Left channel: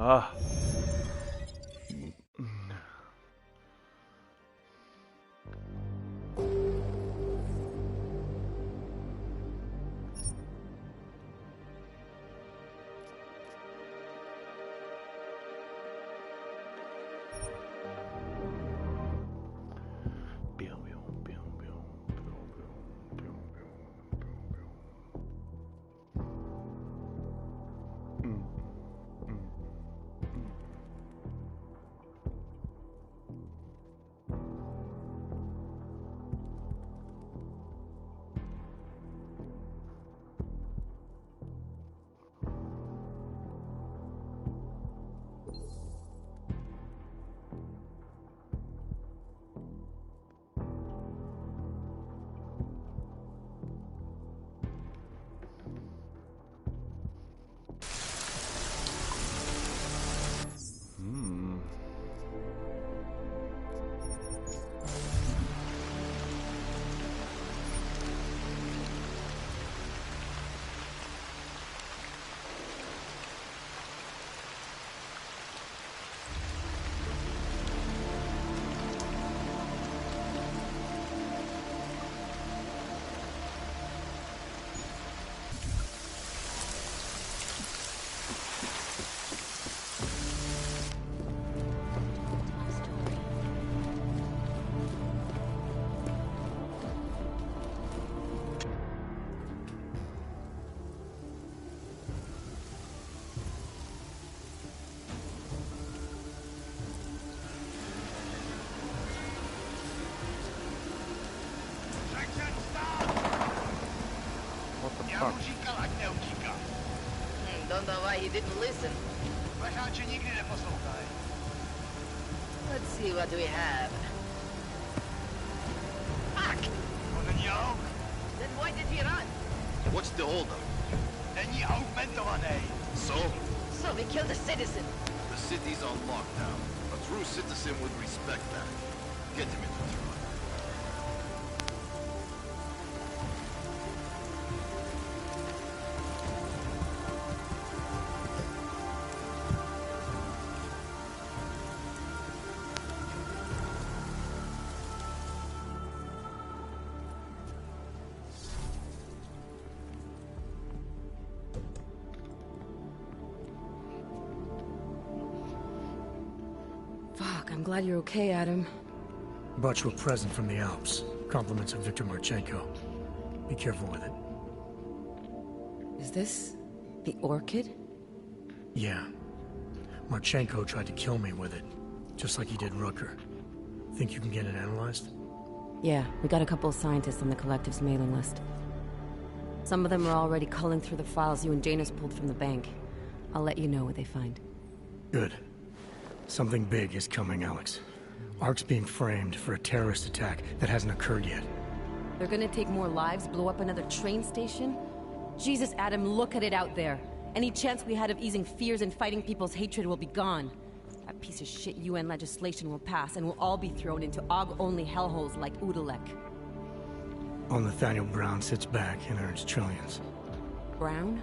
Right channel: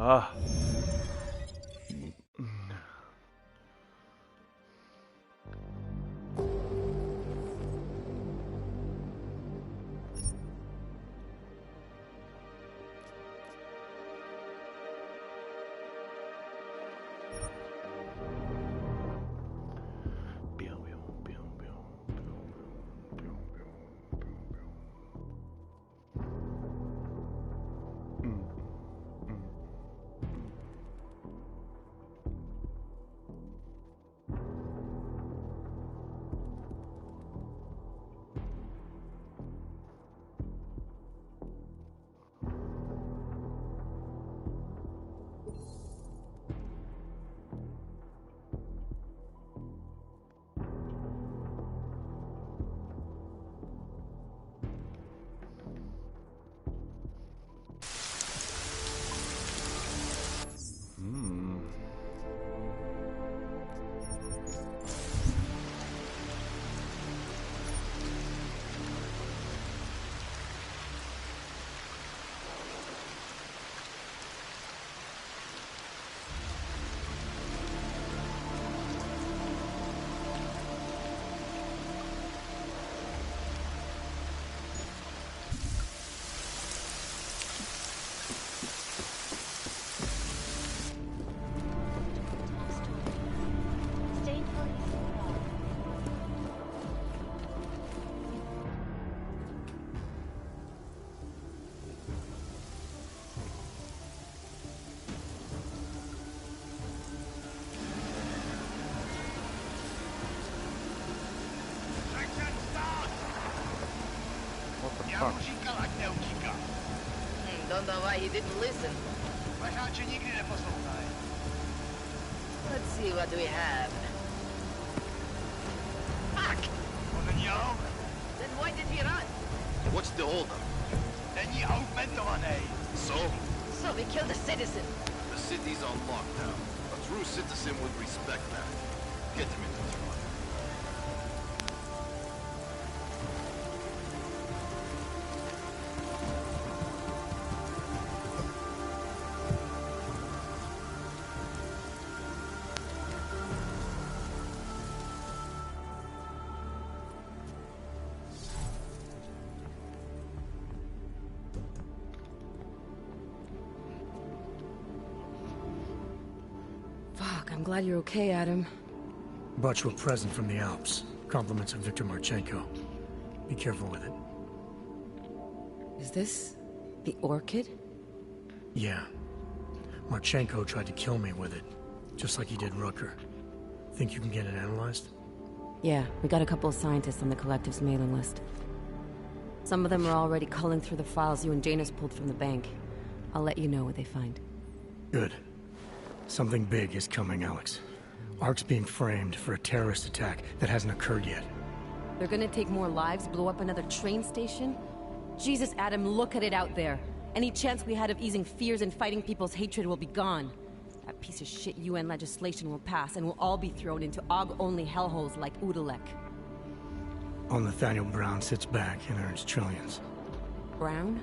Ah. Fuck. Don't know why he didn't listen. Let's see what we have. Fuck! Then why did he run? What's the holdup? So? So we killed a citizen. The city's on lockdown. A true citizen would respect that. Get him in the truck. Fuck, I'm glad you're okay, Adam. Brought you a present from the Alps. Compliments of Victor Marchenko. Be careful with it. Is this the orchid? Yeah. Marchenko tried to kill me with it, just like he did Rooker. Think you can get it analyzed? Yeah, we got a couple of scientists on the Collective's mailing list. Some of them are already culling through the files you and Janus pulled from the bank. I'll let you know what they find. Good. Something big is coming, Alex. Ark's being framed for a terrorist attack that hasn't occurred yet. They're gonna take more lives, blow up another train station? Jesus, Adam, look at it out there. Any chance we had of easing fears and fighting people's hatred will be gone. That piece of shit UN legislation will pass, and we'll all be thrown into AUG-only hellholes like Udalek. All Nathaniel Brown sits back and earns trillions. Brown?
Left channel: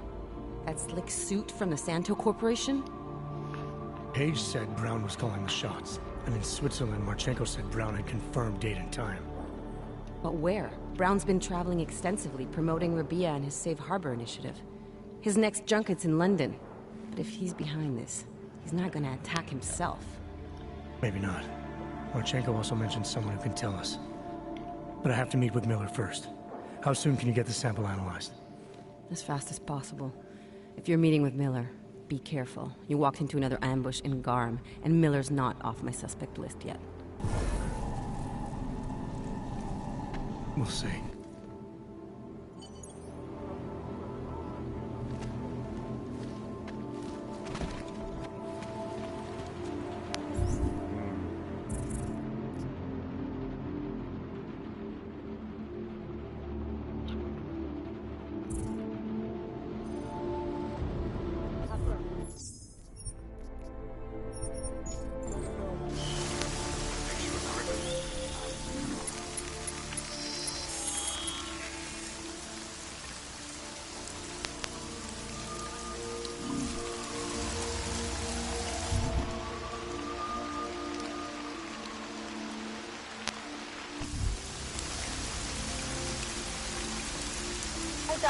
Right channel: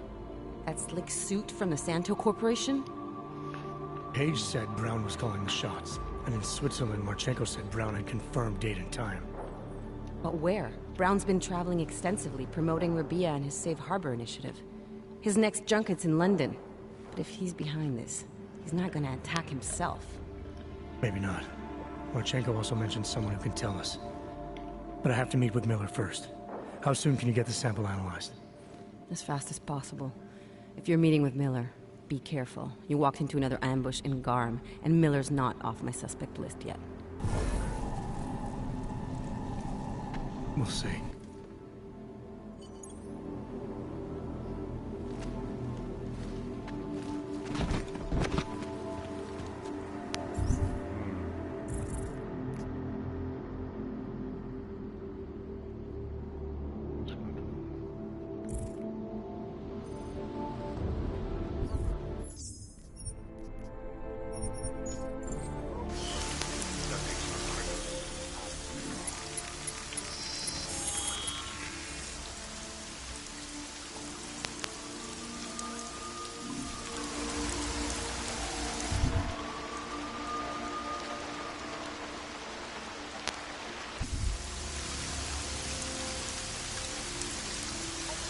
That slick suit from the Santo Corporation? Page said Brown was calling the shots, and in Switzerland, Marchenko said Brown had confirmed date and time. But where? Brown's been traveling extensively, promoting Rabia and his Safe Harbor initiative. His next junket's in London. But if he's behind this, he's not gonna attack himself. Maybe not. Marchenko also mentioned someone who can tell us. But I have to meet with Miller first. How soon can you get the sample analyzed? As fast as possible. If you're meeting with Miller, be careful. You walked into another ambush in Garm, and Miller's not off my suspect list yet. We'll see.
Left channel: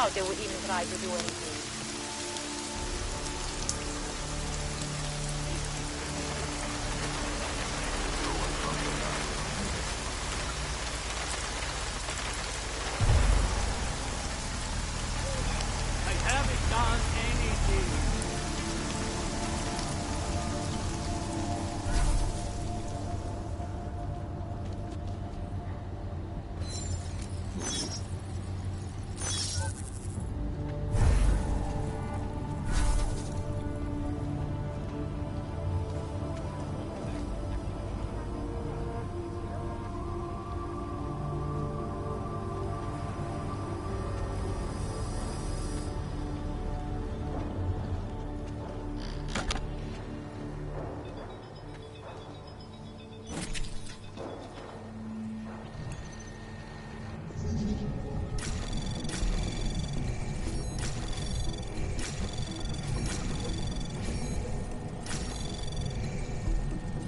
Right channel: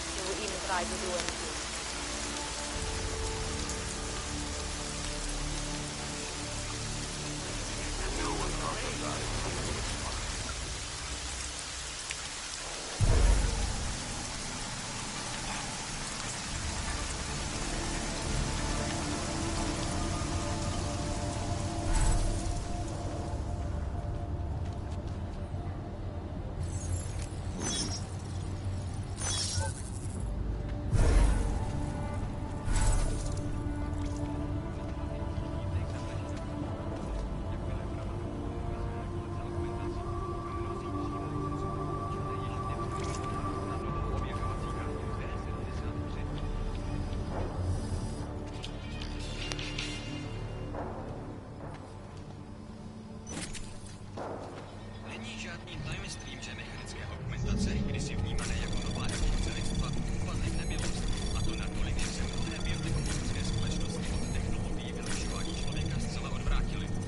doubt they would even try to do anything.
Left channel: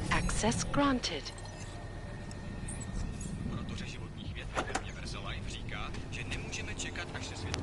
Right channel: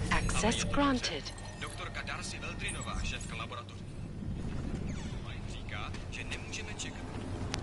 Access granted. Doktorka Darcy Eldrinová, šéfka laboratoře životních věd Universal Life, říká, že nemůžeme čekat, až se svět...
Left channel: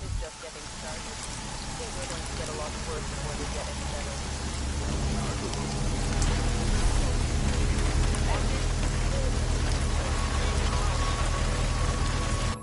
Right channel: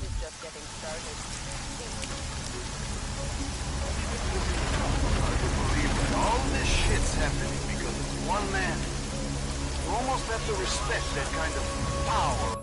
This is just getting started. I think we're going to get a lot worse when we get Hard to believe that all this shit's happening because of one man. You almost have to respect that kind of power.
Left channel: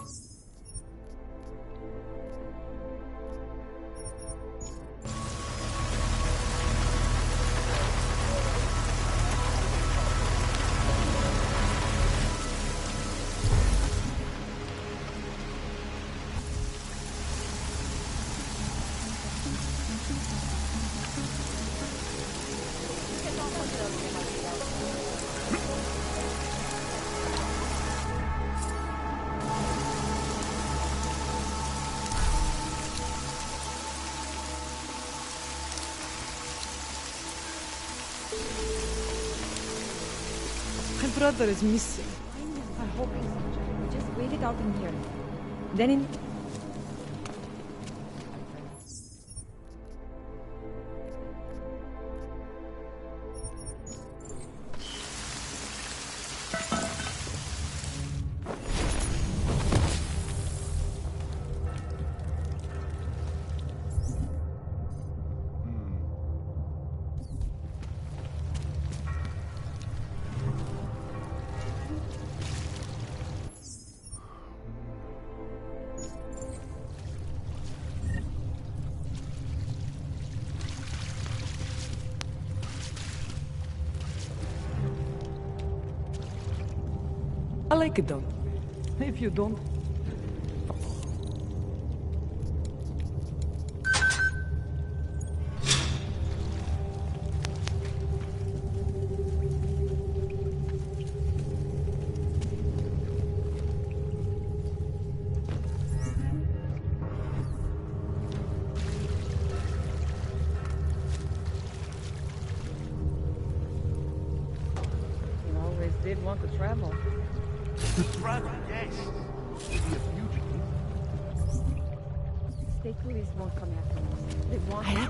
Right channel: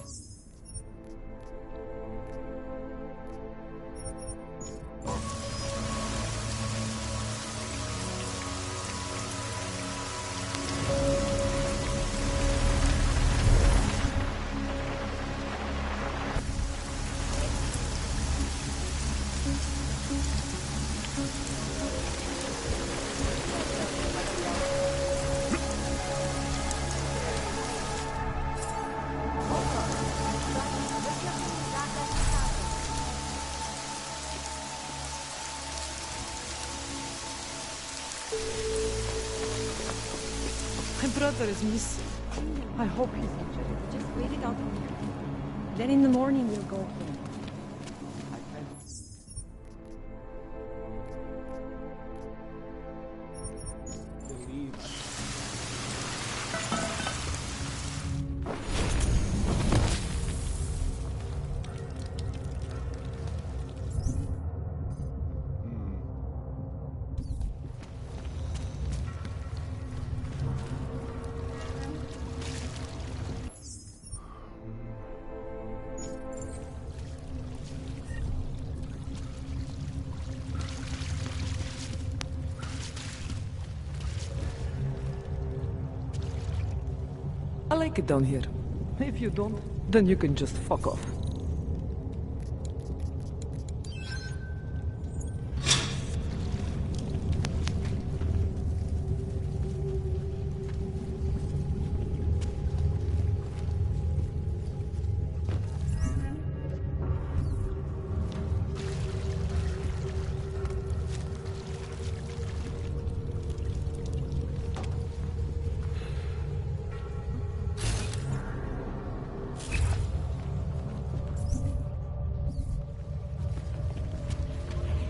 My brother is missing. I hope he's injured. We just wait it out in here. Then in the morning we'll go home. I like it down here. If you don't, then you can just fuck off. You always did want to travel.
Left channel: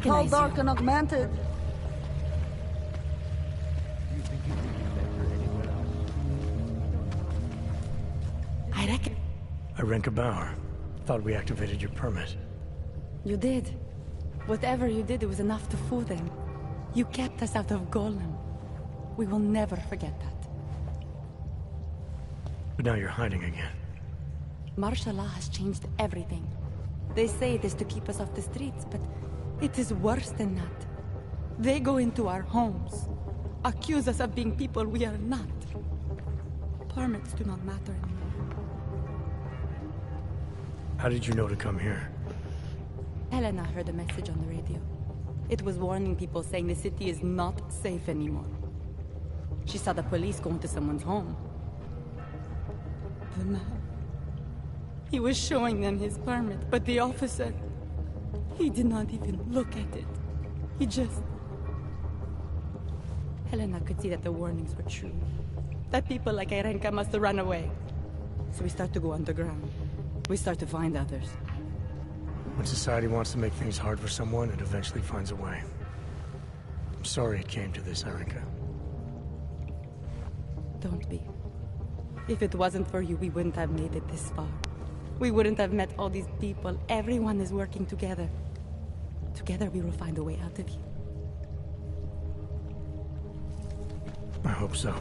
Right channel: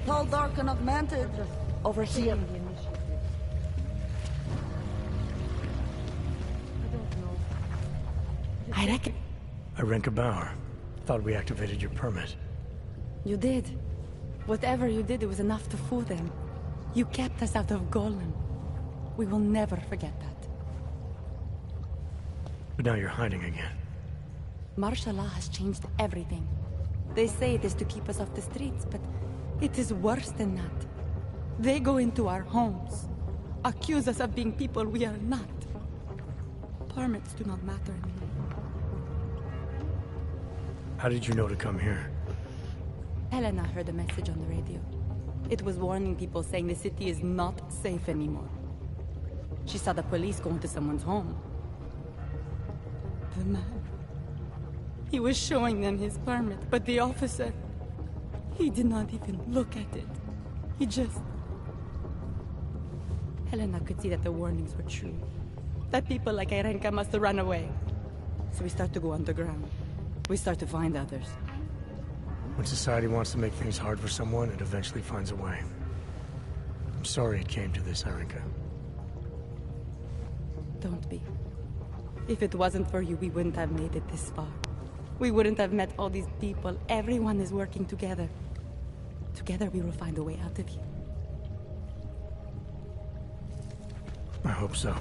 All dark and augmented. Over here. I reckon... Irenka Bauer. Thought we activated your permit. You did. Whatever you did, it was enough to fool them. You kept us out of Golem. We will never forget that. But now you're hiding again. Martial law has changed everything. They say it is to keep us off the streets, but it is worse than that. They go into our homes, accuse us of being people we are not. Permits do not matter anymore. How did you know to come here? Helena heard a message on the radio. It was warning people, saying the city is not safe anymore. She saw the police go into someone's home. The man... he was showing them his permit, but the officer... he did not even look at it. He just... Helena could see that the warnings were true. That people like Erenka must have run away. So we start to go underground. We start to find others. When society wants to make things hard for someone, it eventually finds a way. I'm sorry it came to this, Erenka. Don't be. If it wasn't for you, we wouldn't have made it this far. We wouldn't have met all these people. Everyone is working together. Together we will find a way out of here. I hope so.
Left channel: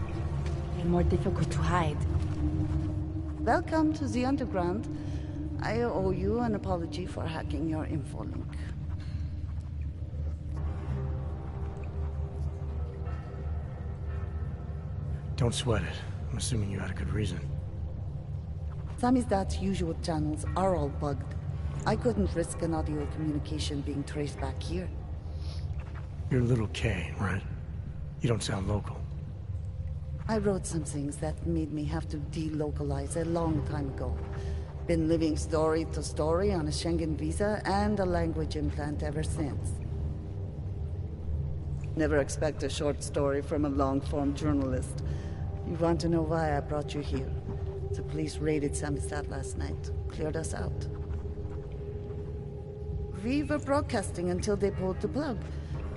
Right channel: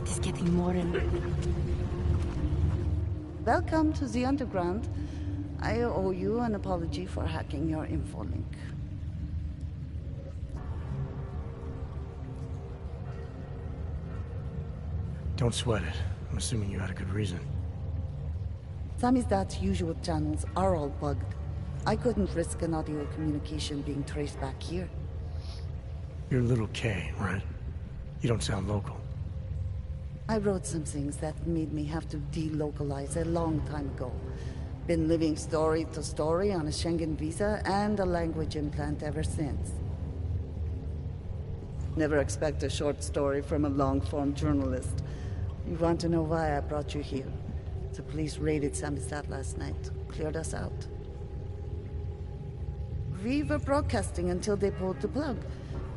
It is getting more and more difficult to hide. Welcome to the Underground. I owe you an apology for hacking your info link. Don't sweat it. I'm assuming you had a good reason. Samizdat's usual channels are all bugged. I couldn't risk an audio communication being traced back here. You're Little K, right? You don't sound local. I wrote some things that made me have to delocalize a long time ago. Been living story to story on a Schengen visa and a language implant ever since. Never expect a short story from a long-form journalist. You want to know why I brought you here? The police raided Samizdat last night. Cleared us out. We were broadcasting until they pulled the plug.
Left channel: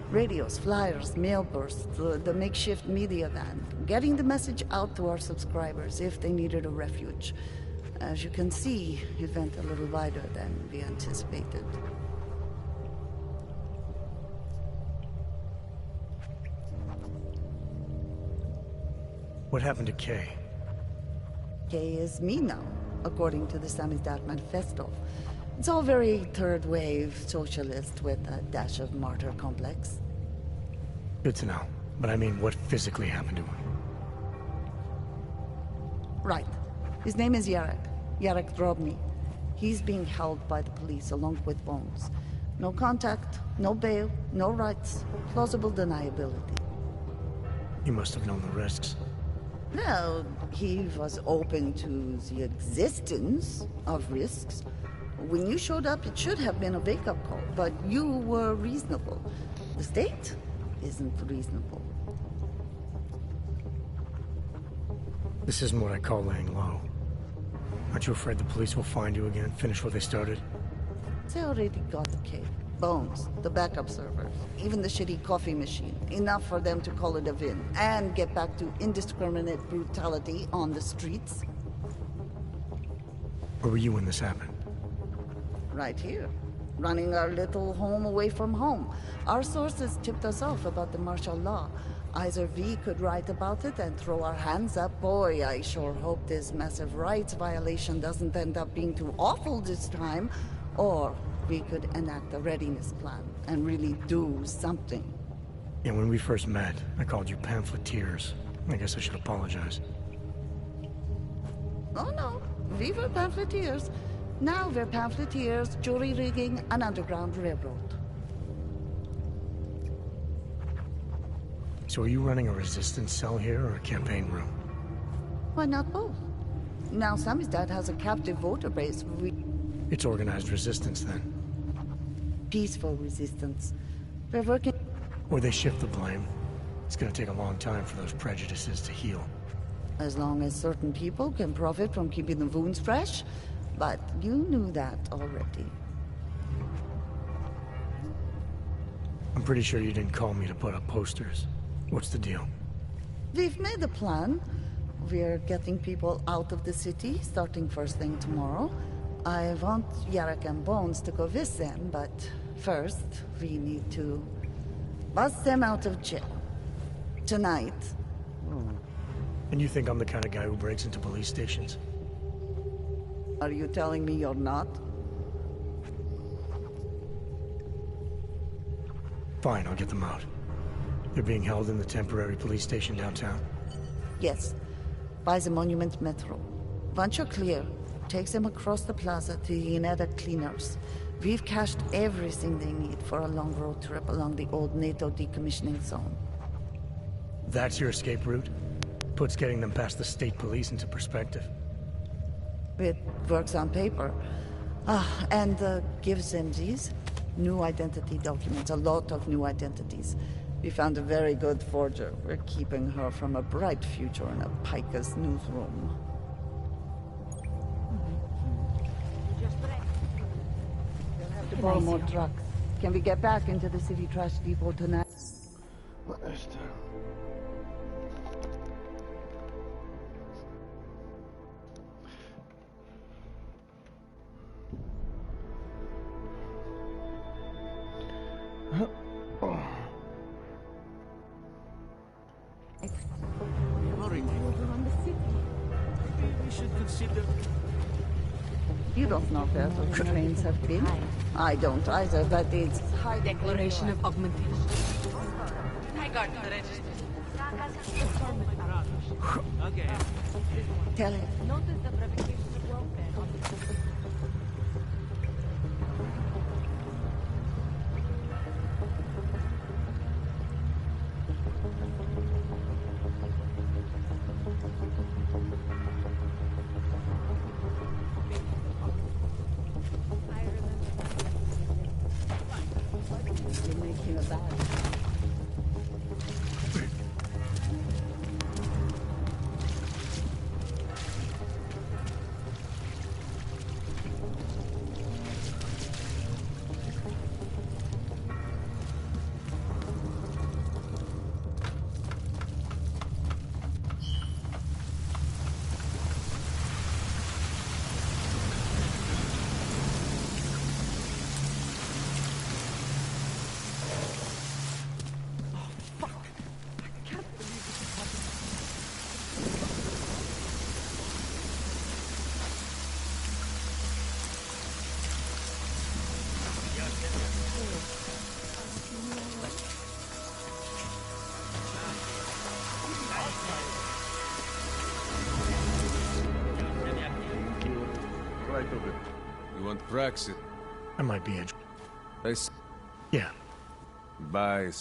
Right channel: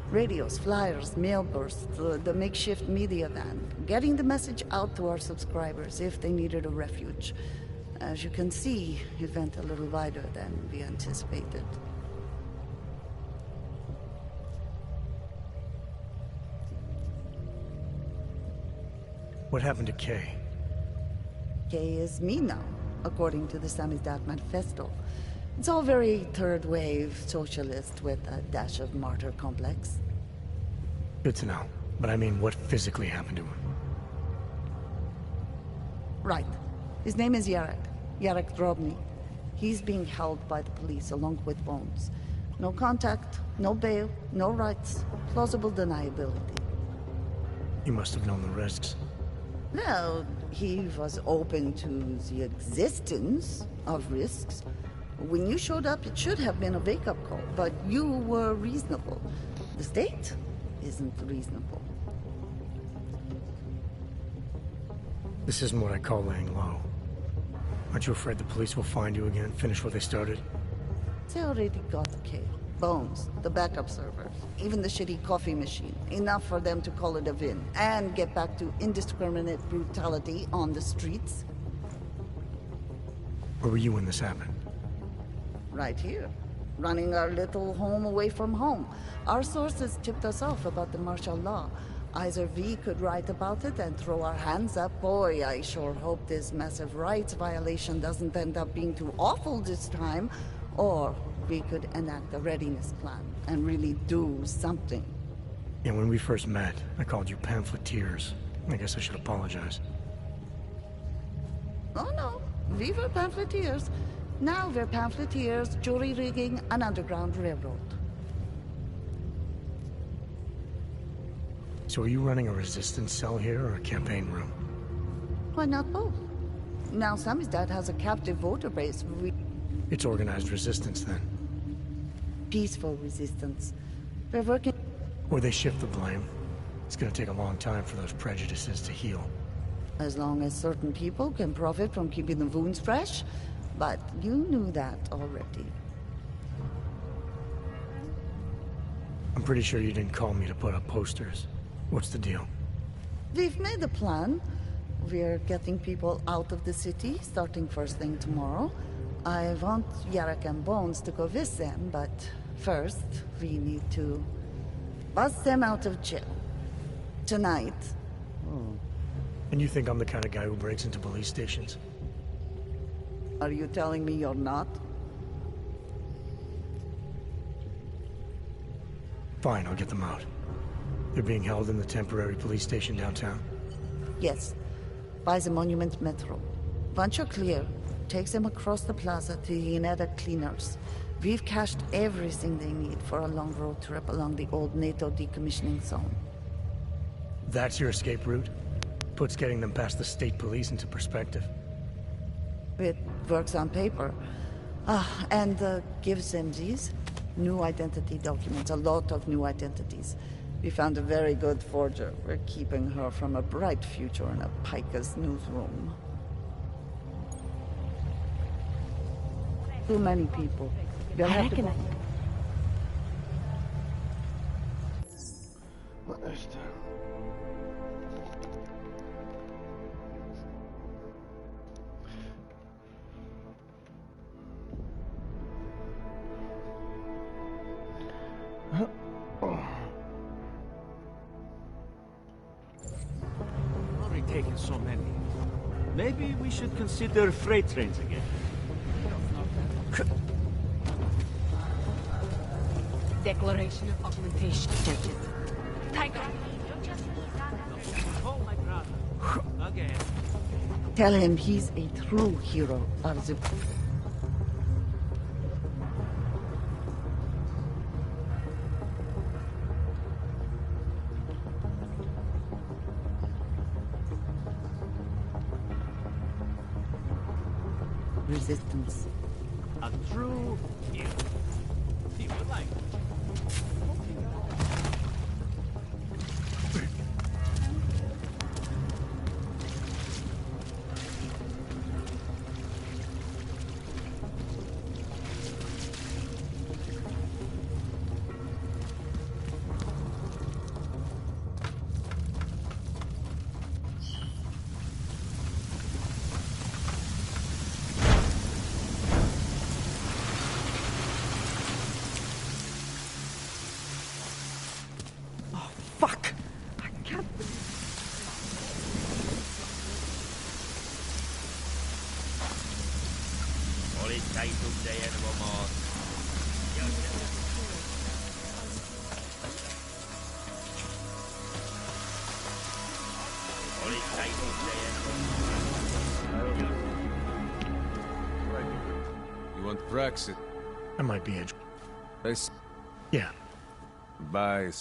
Radios, flyers, mail bursts, the makeshift media van. Getting the message out to our subscribers if they needed a refuge. As you can see, it went a little wider than we anticipated. What happened to Kay? Kay is me now, according to the Samizdat Manifesto. It's all very third-wave socialist with a dash of martyr complex. Good to know. But I mean, what physically happened to him? Right. His name is Yarek. Yarek Drobny. He's being held by the police along with Bones. No contact, no bail, no rights. Plausible deniability. You must have known the risks. Well, he was open to the existence of risks. When you showed up, it should have been a wake-up call, but you were reasonable. The state isn't reasonable. This isn't what I call laying low. Aren't you afraid the police will find you again, finish what they started? They already got the K. Bones, the backup servers, even the shitty coffee machine. Enough for them to call it a win, and get back to indiscriminate brutality on the streets. Where were you when this happened? Right here. Running our little home away from home. Our sources tipped us off about the martial law. Either we could write about it and throw our hands up. Boy, I sure hope this massive rights violation doesn't end up being too awful this time. Or we could enact a readiness plan and really do something. Yeah, when we first met, I called you pamphleteers. I guess I should apologize. Oh no, we were pamphleteers. Now we're pamphleteers, jury rigging an underground railroad. So are you running a resistance cell here or a campaign room? Why not both? Now Samizdat has a captive voter base. It's organized resistance then. Peaceful resistance. We're working... Or they shift the blame. It's gonna take a long time for those prejudices to heal. As long as certain people can profit from keeping the wounds fresh. But you knew that already. I'm pretty sure you didn't call me to put up posters. What's the deal? We've made a plan. We're getting people out of the city, starting first thing tomorrow. I want Yarek and Bones to go with them, but first, we need to bust them out of jail. Tonight. And you think I'm the kind of guy who breaks into police stations? Are you telling me you're not? Fine, I'll get them out. They're being held in the temporary police station downtown? Yes. By the Monument Metro. Once you're clear, takes them across the plaza to the Ineda cleaners. We've cached everything they need for a long road trip along the old NATO decommissioning zone. That's your escape route? Puts getting them past the state police into perspective. It works on paper. And gives them these new identity documents, a lot of new identities. We found a very good forger. We're keeping her from a bright future in a Pika's newsroom. Too many people. We'll have to borrow more trucks. Can we get back into the city trash depot tonight? Wat is er? We've already taken so many. Maybe we should consider freight trains again. You don't know where the trains have been. I don't either, but it's... Declaration of augmentation. Oh, my brothers. Again. Tell him he's a true hero of the... resistance. A true hero. If you like. You make him bad. Fuck! I can't believe You want Praxis? I might be edge. Yeah. Bye.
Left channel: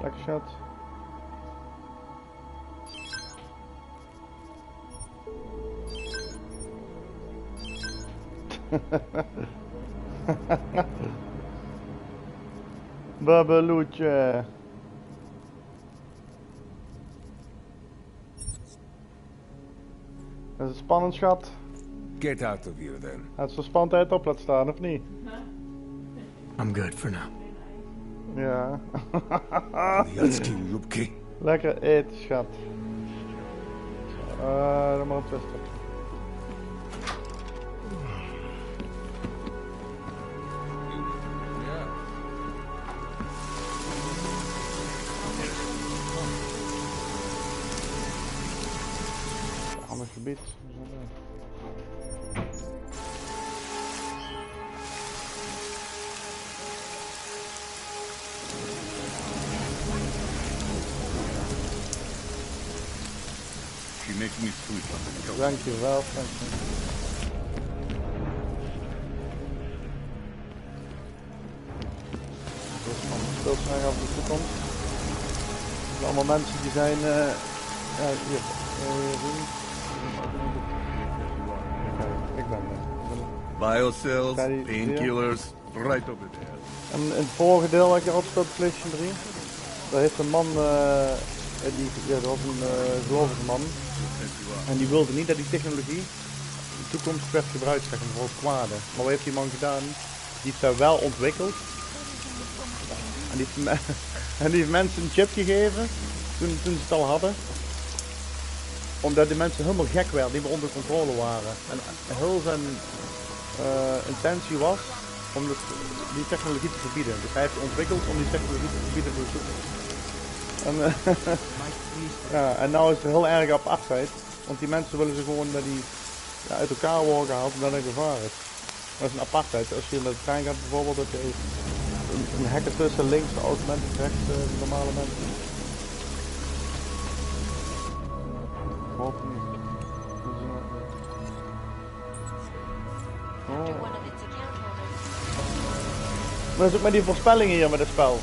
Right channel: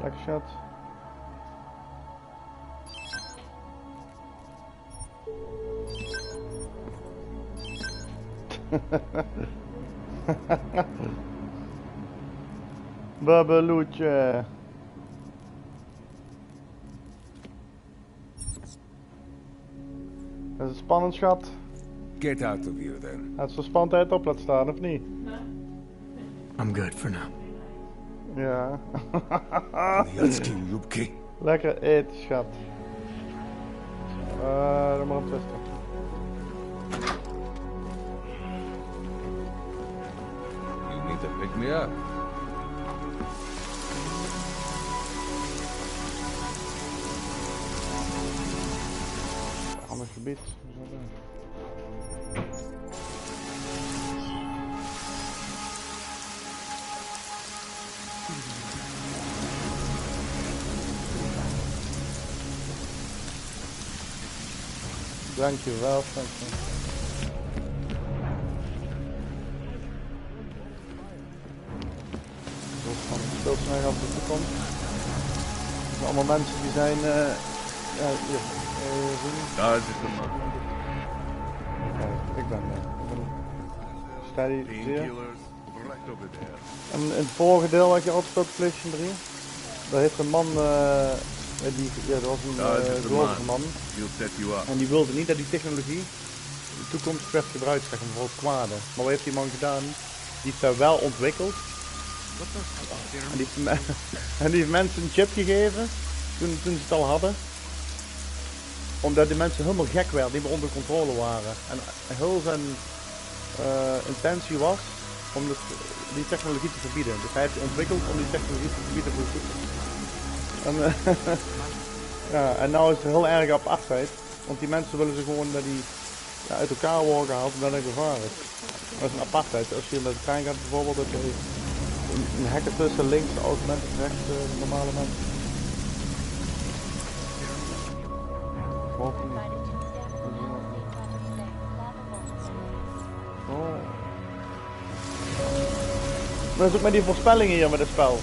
Black shot. Babeloetje. Dat is het spannend, schat. Get out of here then. Gaat ze spannendheid op laten staan, of niet? I'm good for now. Ja. Lubki. Lekker eten, schat. Dan maar een twister. You need to pick me up. Ander gebied. Dankjewel, Frank. beeld zijn over de toekomst. Het zijn allemaal mensen die zijn... ja, hier. Daar zit de man. Oké, ik ben Biocells, painkillers, right over there. En in het vorige deel had je altijd gespeeld PlayStation 3. Daar heeft een man, dat was een gelovige man. En die wilde niet dat die technologie in de toekomst werd gebruikt, zeg maar, voor het kwade. Maar wat heeft die man gedaan? Die heeft dat wel ontwikkeld. En die heeft mensen een chip gegeven, toen ze het al hadden. Omdat die mensen helemaal gek werden, niet meer onder controle waren. En heel zijn intentie was om die technologie te verbieden. Dus hij heeft die ontwikkeld om die technologie te verbieden voor de toekomst. En, ja, en nou is het heel erg apartheid. Want die mensen willen ze gewoon dat die uit elkaar worden gehaald omdat er gevaar is. Dat is een apartheid. Als je met de trein gaat bijvoorbeeld, heb je een hek ertussen, links de oude mensen, rechts de normale mensen. Of niet. Oh. Maar dat is ook met die voorspellingen hier met het spel.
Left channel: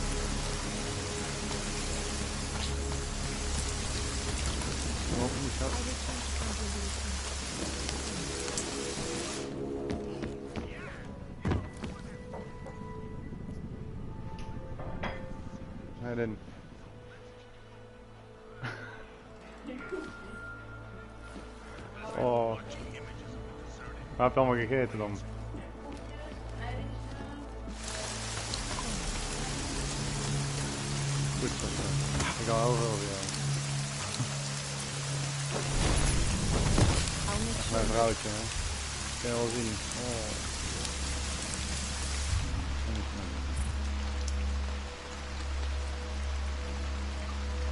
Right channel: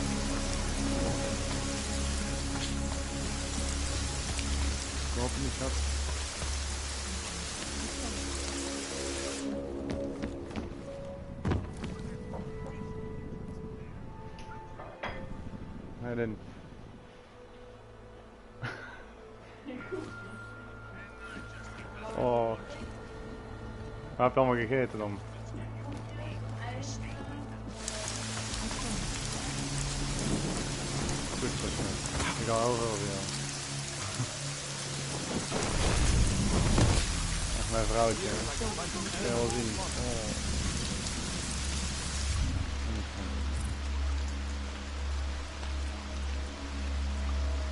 Of niet, schat. Nee, dan. Oh. Waar heb je allemaal gegeten dan? Goed zo, schat. Ik hou heel veel van jou. Echt mijn vrouwtje, hè. Dat kun je wel zien. Oh.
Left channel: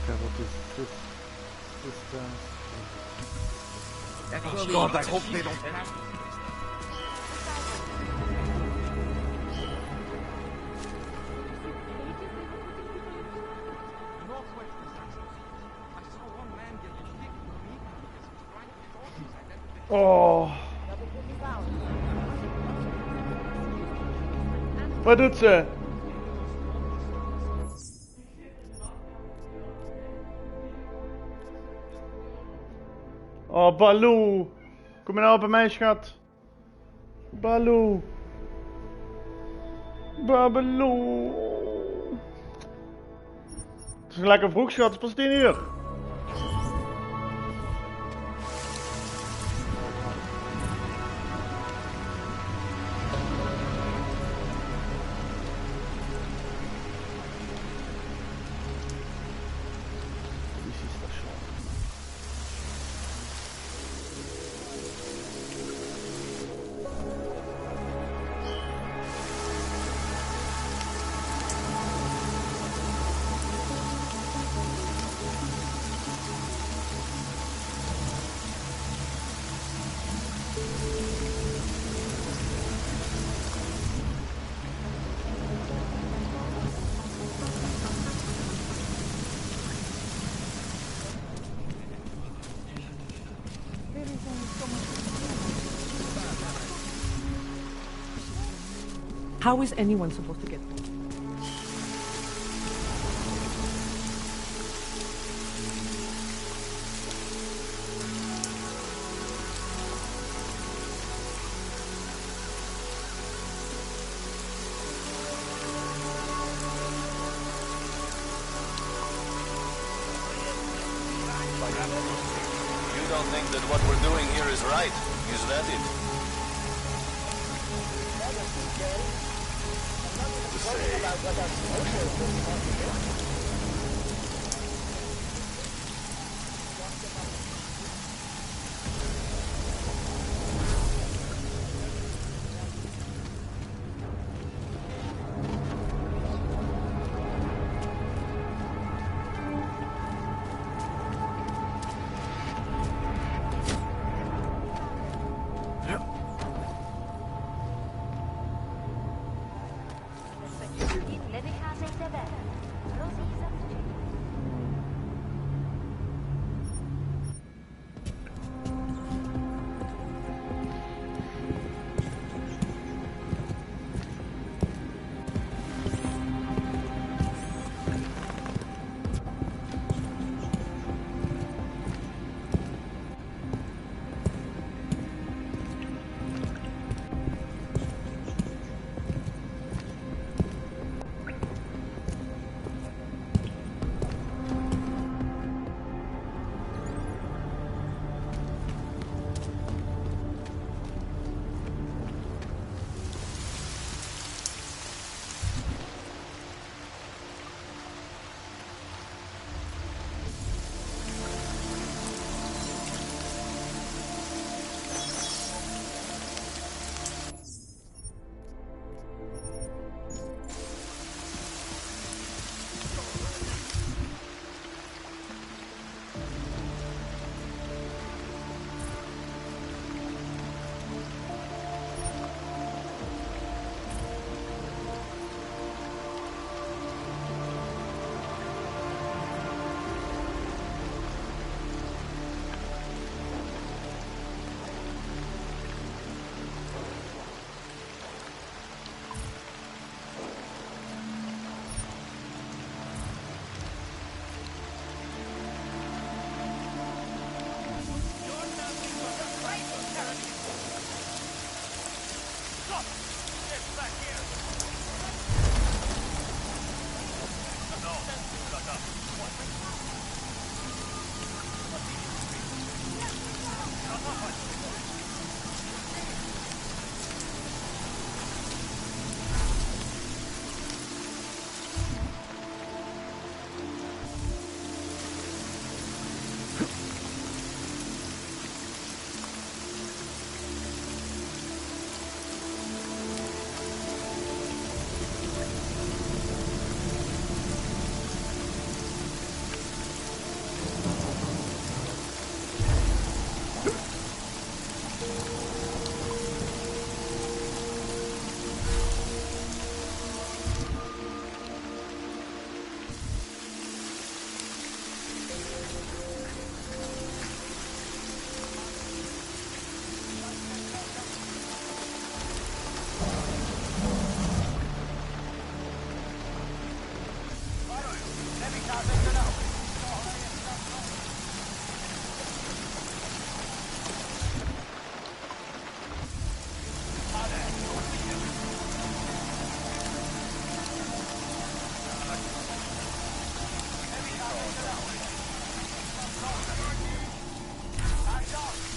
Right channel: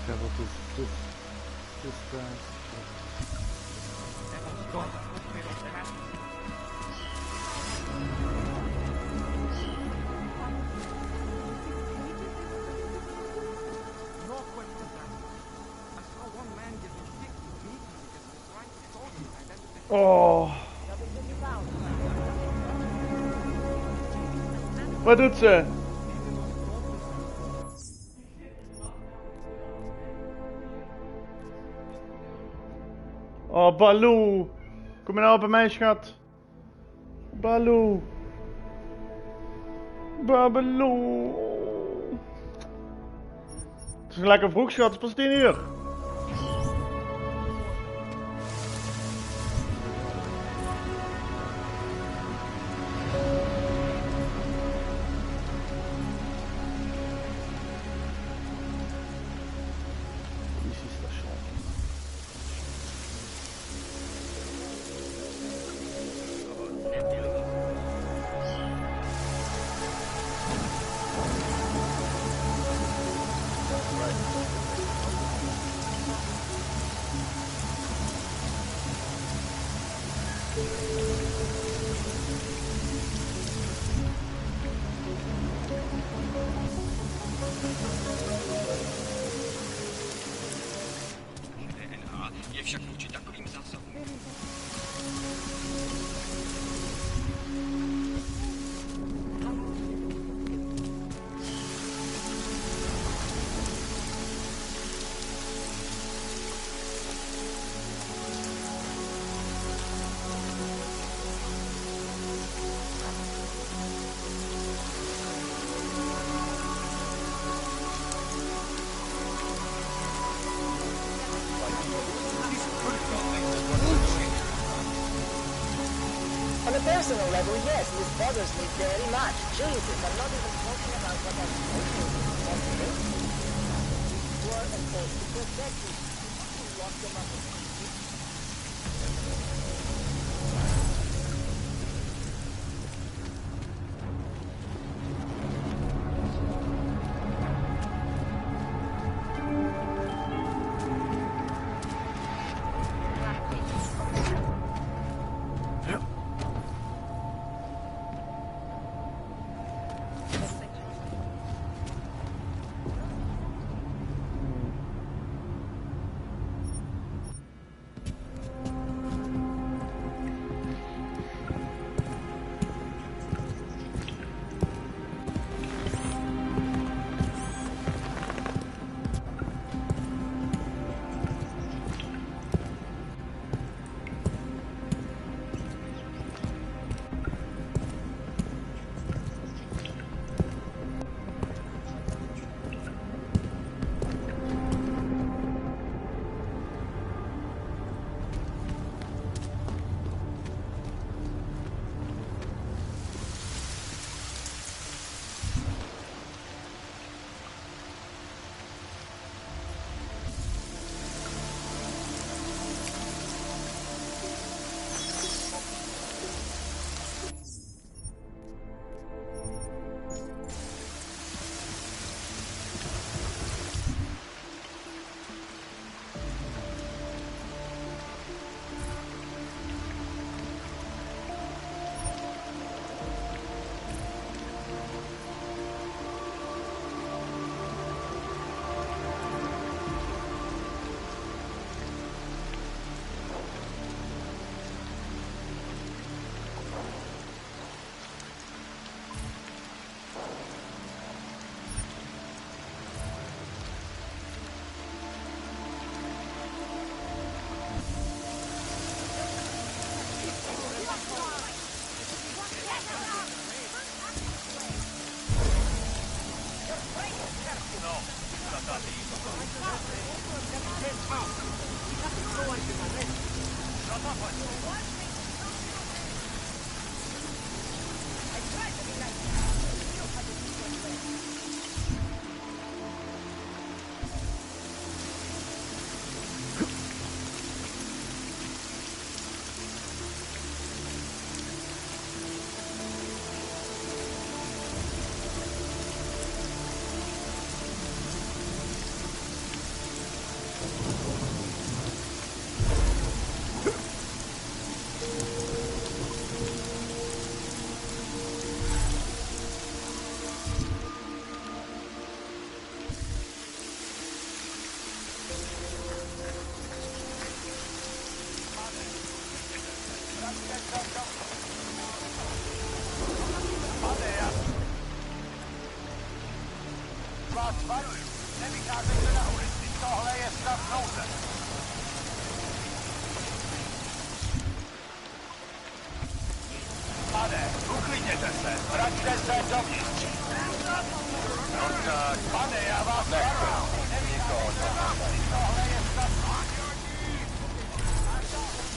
Kijk, wat is Oh God, I hope they don't catch me. No questions asked. I saw one man getting kicked to me because he was trying to short his identity. Oh. Wat doet ze? Oh, Baloo. Kom je nou bij mij, schat? Baloo. Baloo. Het is lekker vroeg, schat. Het is pas 10 uur. Politiestation. How is anyone supposed to get through? You don't think that what we're doing here is right, is that it? On a personal level, yes, this bothers me very much. Jesus, I'm not even talking about what our social responsibility. You are the first to protect me. You lock them up in pieces. Varuju, nevycházejte na ulici, tohle je stav nouze. Pane, uklidněte se, vraťte se dovnitř. No tak, pane, já vás varuju, nevycházejte na ulici, tohle je stav nouze. A to,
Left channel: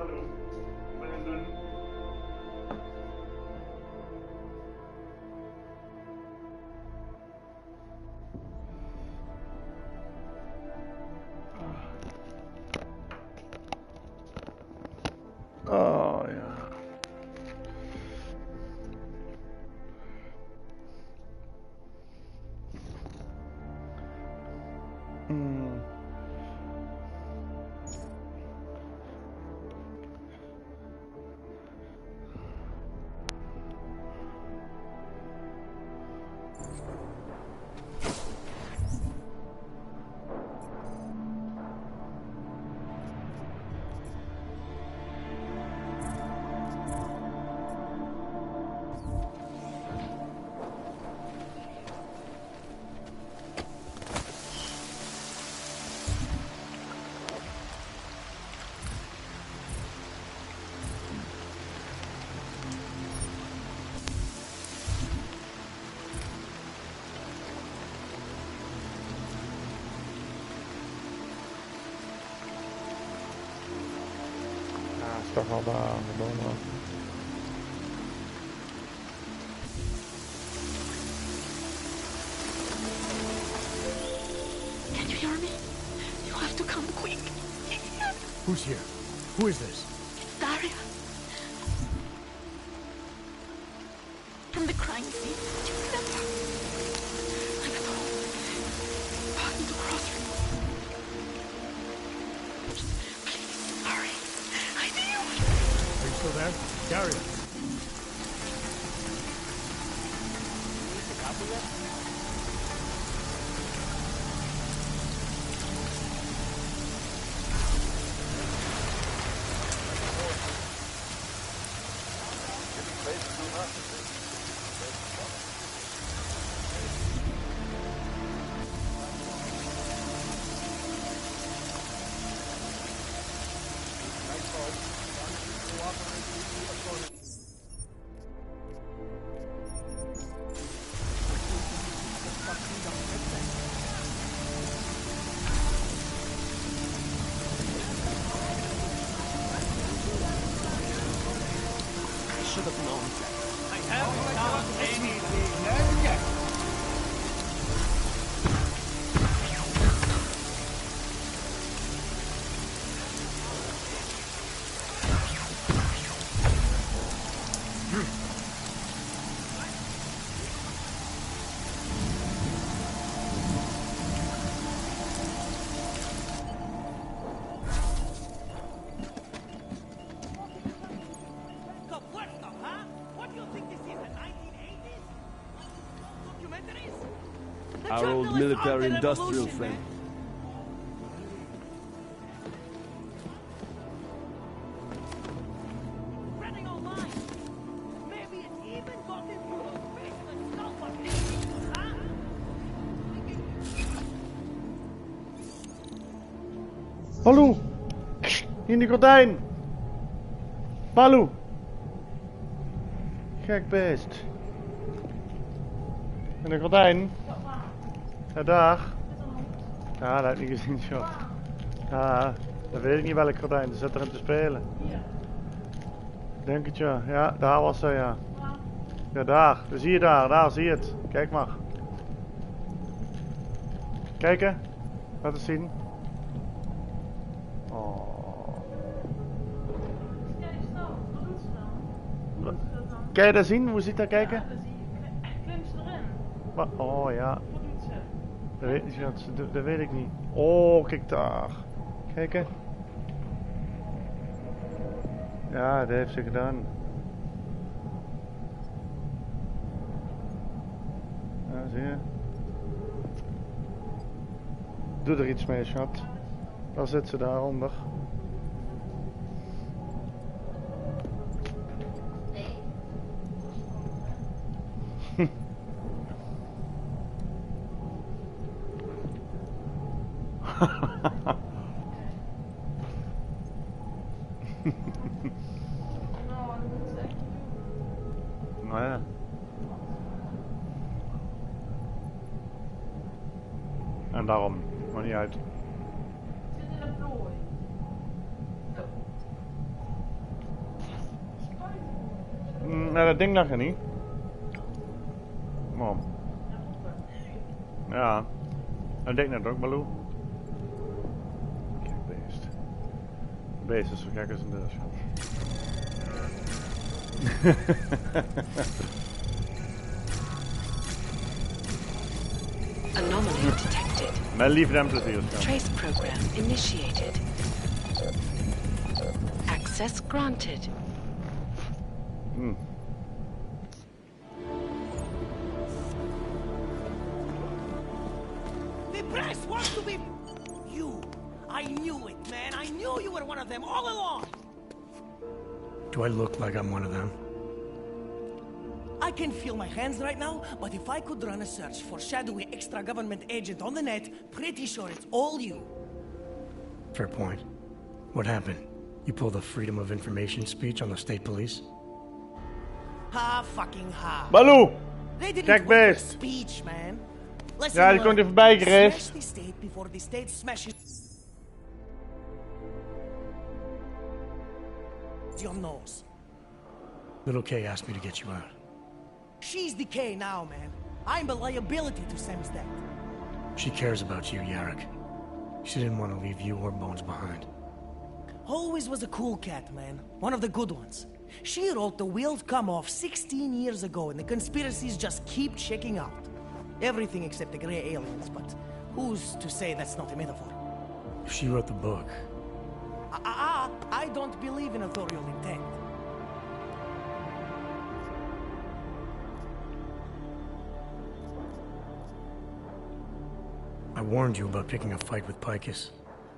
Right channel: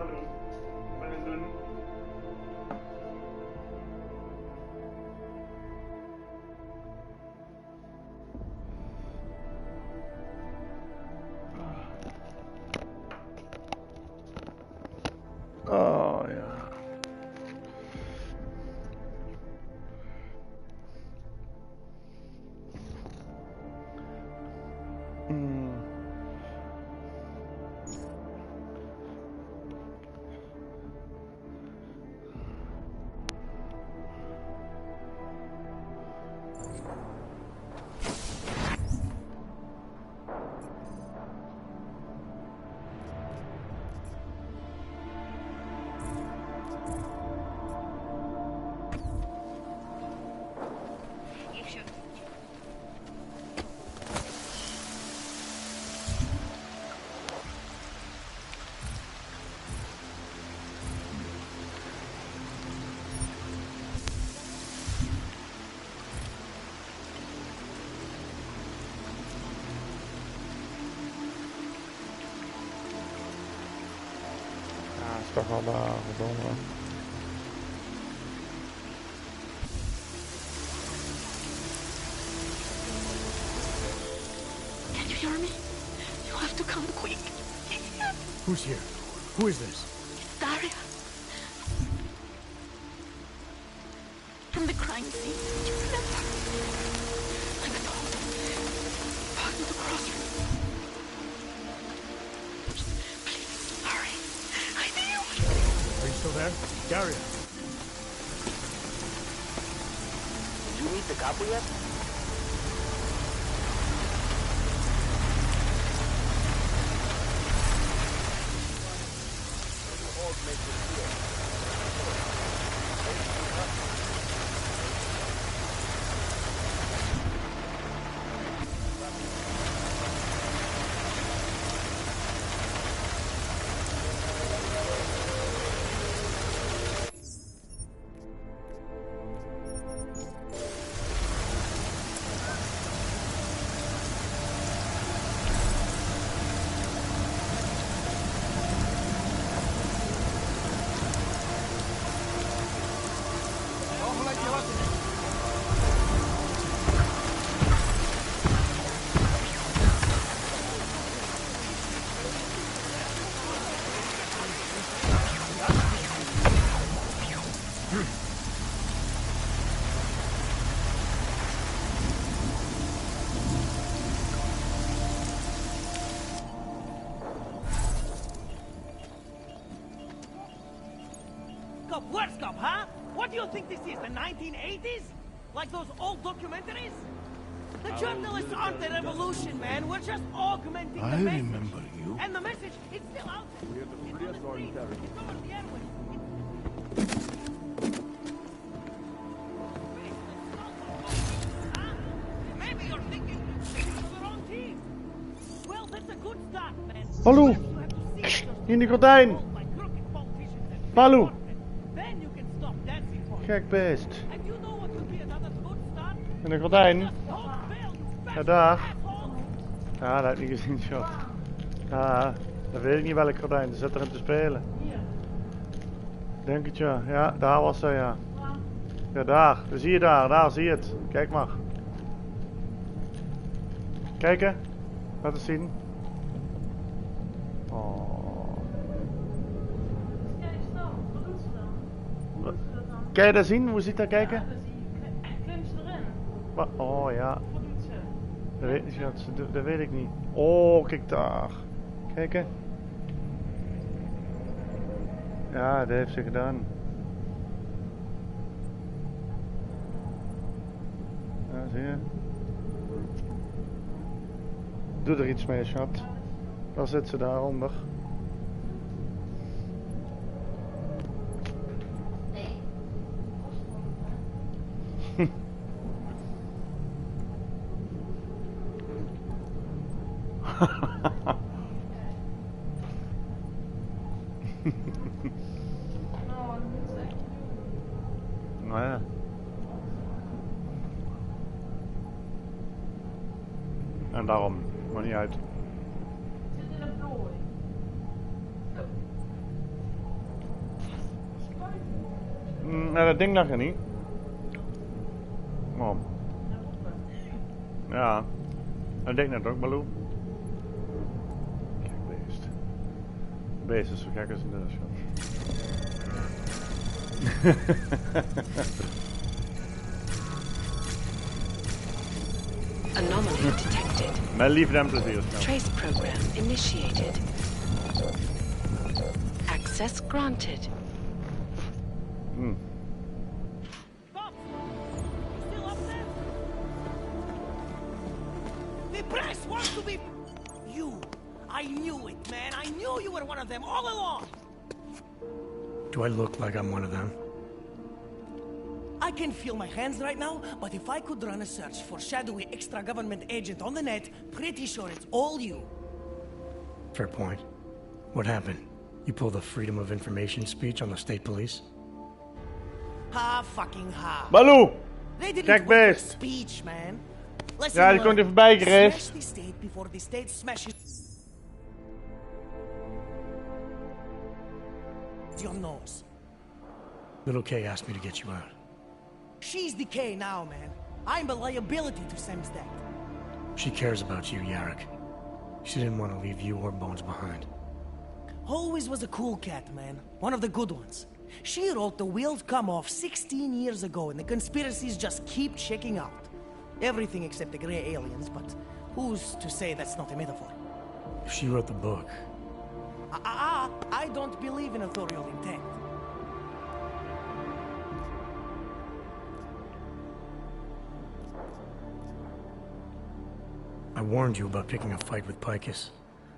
Hallo, ik ben aan het doen. Oh ja. Ja, is toch wel daar, verdomme. Can you hear me? You have to come quick. Who's here? Who is this? Daria. From the crime scene. Do you remember? I'm at home. Behind the crossroom. Please, hurry. I need you. Are you still there? Daria. You need the copy yet? What do you think this is, the 1980s? Like those old documentaries? The Our old journalists aren't the military-industrial revolution, man. thing. We're just augmenting I the message. remember you. And the message, it's still out there. It's on the streets. It's on the cameras. It's spreading online. Maybe it's even gotten through a faceless skull button. Huh? Maybe you're thinking you're the wrong team. Well, that's a good start, man. Baloo! In die gordijn! Baloo! Gek beest. In de gordijn? Ja, daar. Ja, dat heb ik niet gezien, schat. Ja, dat weet ik niet welk gordijn. Ze zit erin te spelen. Denk het ja. Ja, daar was hij, ja. Ja, daar. Dat zie je daar. Daar zie je het. Kijk maar. Kijken. Laat het zien. Oh. Kan je dat zien? Hoe ziet dat kijken? Ja, dat zie je. Klim ze erin. Wat? Oh ja. Wat doet ze? Dat weet, dat weet ik niet. Oh, kijk daar. Kijken. Ja, dat heeft ze gedaan. Ja, zie je. Doe er iets mee, schat. Daar zit ze daaronder. Nou ja. En daarom, maar niet uit. Zit in een plooi. Nou, dat ding lag er niet. Oh. Ja. Dat deed net ook, Baloo. Kijk, beest. De beest is zo gek als een deur, schat. Anomaly detected. Met liefde en plezier, schat. Trace program initiated. Access granted. The press wants to be... You. I knew it, man. I knew you were one of them all along. Do I look like I'm one of them? I can feel my hands right now, but if I could run a search for shadowy extra-government agent on the net, pretty sure it's all you. Fair point. What happened? You pulled a Freedom of Information speech on the state police? Ha fucking ha. Baloo! They didn't Kijk, want a beest. speech, man. Listen, Ja, die komt er voorbij gereden. smash the state before the state smashes your nose. Little K asked me to get you out. She's the K now, man. I'm a liability to Samstad. She cares about you, Yarrick. She didn't want to leave you or Bones behind. Always was a cool cat, man. One of the good ones. She wrote The Wheels Come Off 16 years ago, and the conspiracies just keep checking out. Everything except the gray aliens, but who's to say that's not a metaphor? If she wrote the book, I don't believe in authorial intent. I warned you about picking a fight with Picus.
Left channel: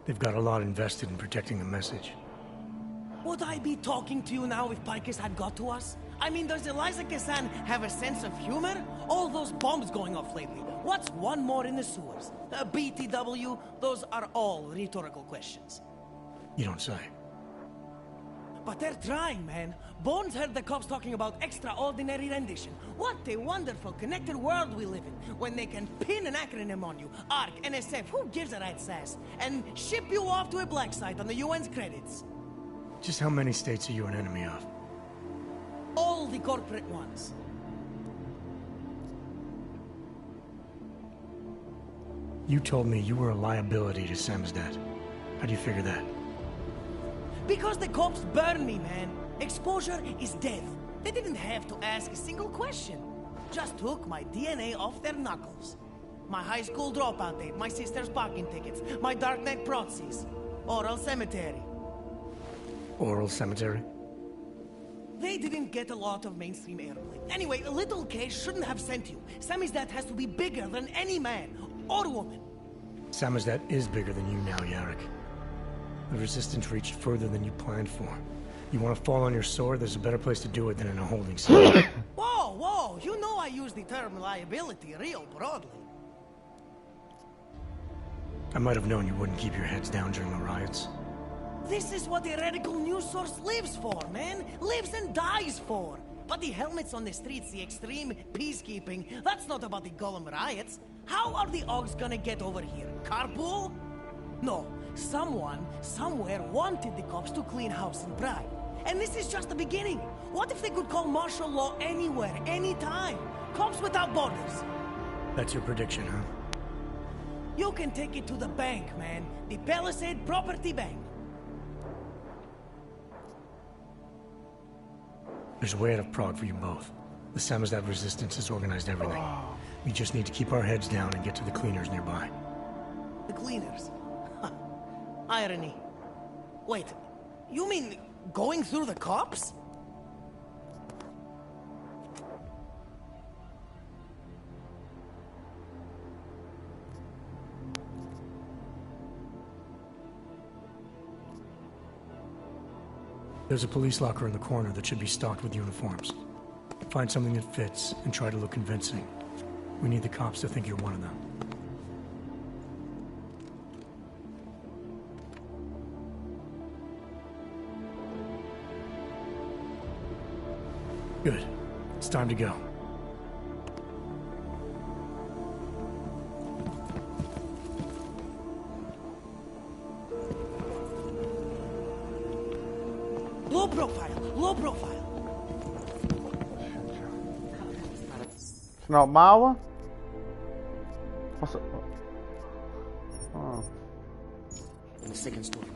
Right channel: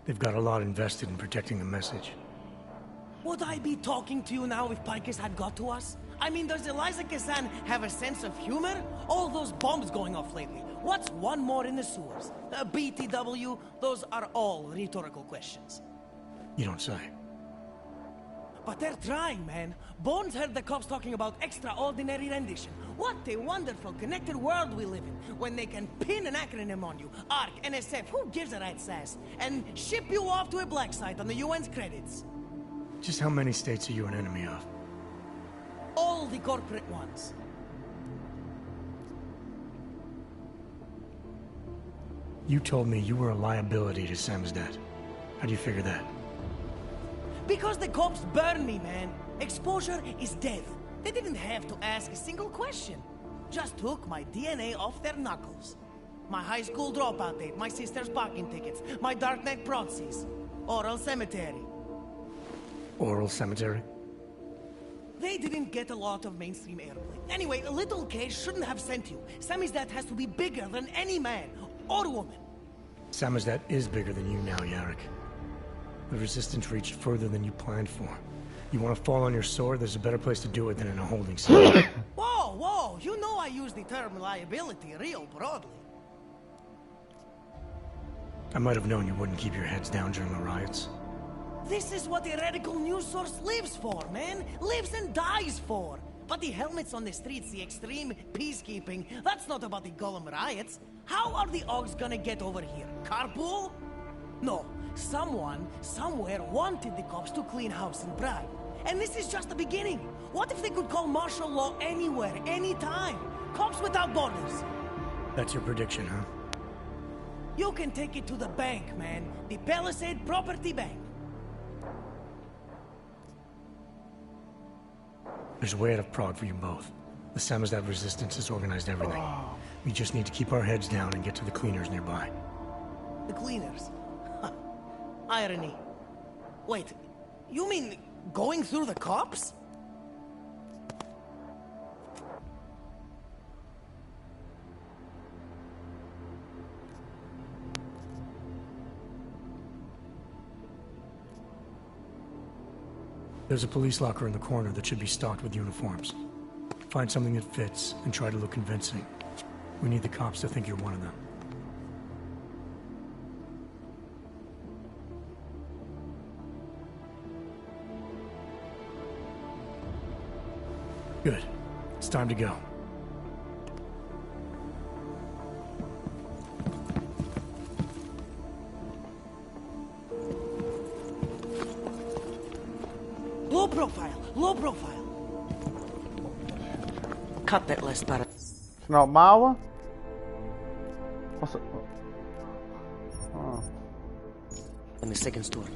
They've got a lot invested in protecting the message. Would I be talking to you now if Picus had got to us? I mean, does Eliza Kazan have a sense of humor? All those bombs going off lately. What's one more in the sewers? BTW? Those are all rhetorical questions. You don't say. But they're trying, man. Bones heard the cops talking about extraordinary rendition. What a wonderful connected world we live in, when they can pin an acronym on you. ARC, NSF, who gives a rat's ass? And ship you off to a black site on the UN's credits. Just how many states are you an enemy of? All the corporate ones. You told me you were a liability to Samstad. How do you figure that? Because the cops burn me, man. Exposure is death. They didn't have to ask a single question. Just took my DNA off their knuckles. My high school dropout date, my sister's parking tickets, my darknet proxies. Oral cemetery. Oral cemetery? They didn't get a lot of mainstream airplay. Anyway, Little K shouldn't have sent you. Samizdat has to be bigger than any man or woman. Samizdat is bigger than you now, Yarrick. The Resistance reached further than you planned for. You want to fall on your sword? There's a better place to do it than in a holding cell. Whoa, whoa! You know I use the term liability real broadly. I might have known you wouldn't keep your heads down during the riots. This is what a radical news source lives for, man! Lives and dies for! But the helmets on the streets, the extreme peacekeeping, that's not about the Golem riots. How are the Augs gonna get over here? Carpool? No. Someone, somewhere, wanted the cops to clean house in Prague. And this is just the beginning. What if they could call martial law anywhere, anytime? Cops without borders. That's your prediction, huh? You can take it to the bank, man. The Palisade Property Bank. There's a way out of Prague for you both. The Samizdat Resistance has organized everything. We just need to keep our heads down and get to the cleaners nearby. The cleaners? Irony. Wait, you mean going through the cops? There's a police locker in the corner that should be stocked with uniforms. Find something that fits and try to look convincing. We need the cops to think you're one of them. Good. It's time to go. Low profile, low profile. cut that last part. Snel mouwen. Was het? Oh. In the second store.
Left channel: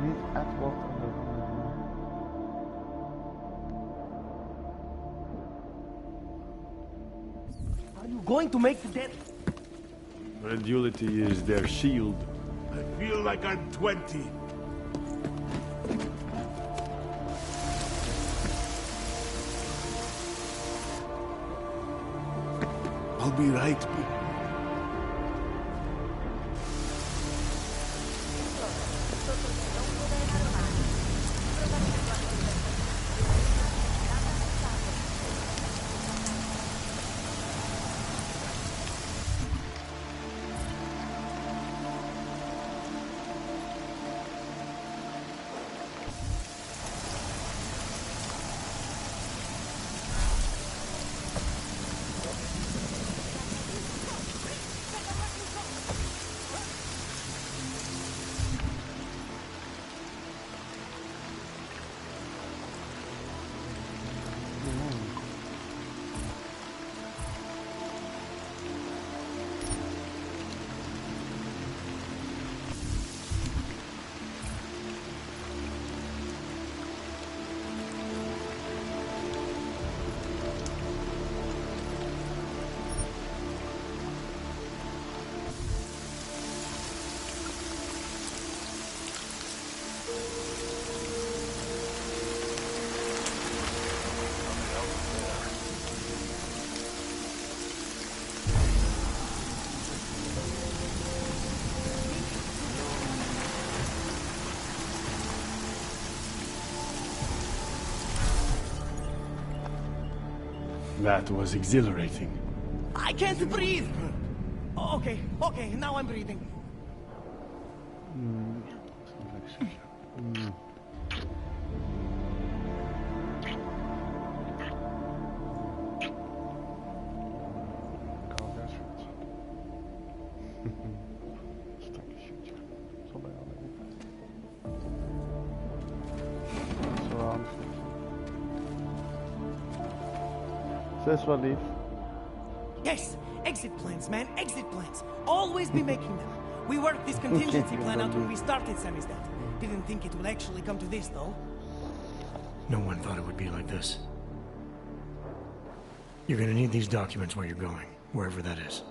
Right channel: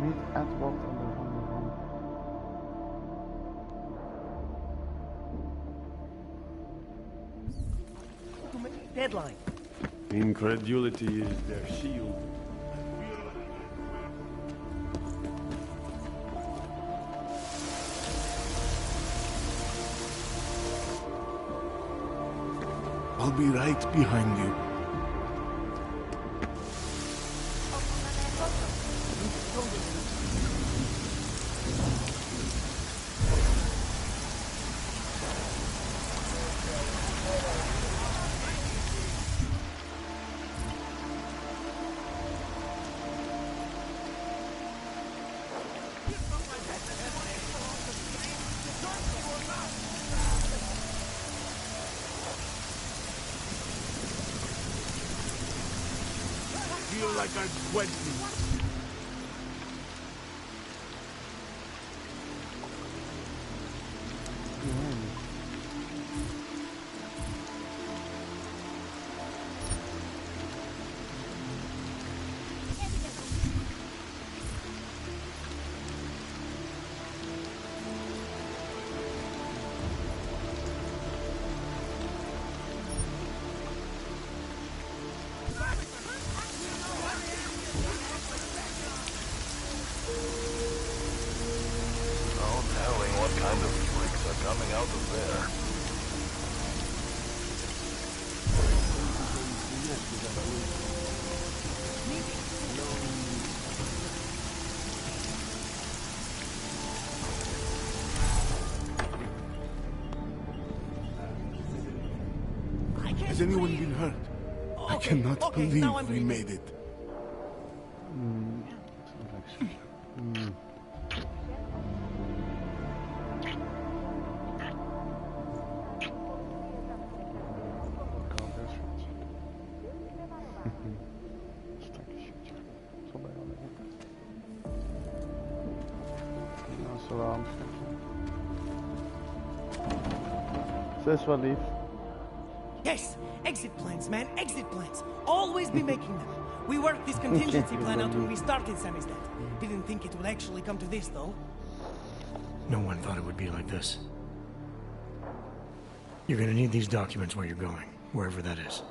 Niet Edward en de handen van. Are you going to make the deadline? Incredulity is their shield. I feel like I'm 20. I'll be right behind you. Like I'm 20. That was exhilarating. I can't Is anyone breathe. been hurt? Okay, I cannot okay, believe now I'm we breathing. made it. Sterke shit, ja. Zal bij jou liggen. Dat is wel handig. Ze is wel lief. Yes, exit plans, man, exit plans. Always be making them. We worked this contingency plan out when we started Samizdat. Didn't think it would actually come to this, though. No one thought it would be like this. You're gonna need these documents where you're going, wherever that is.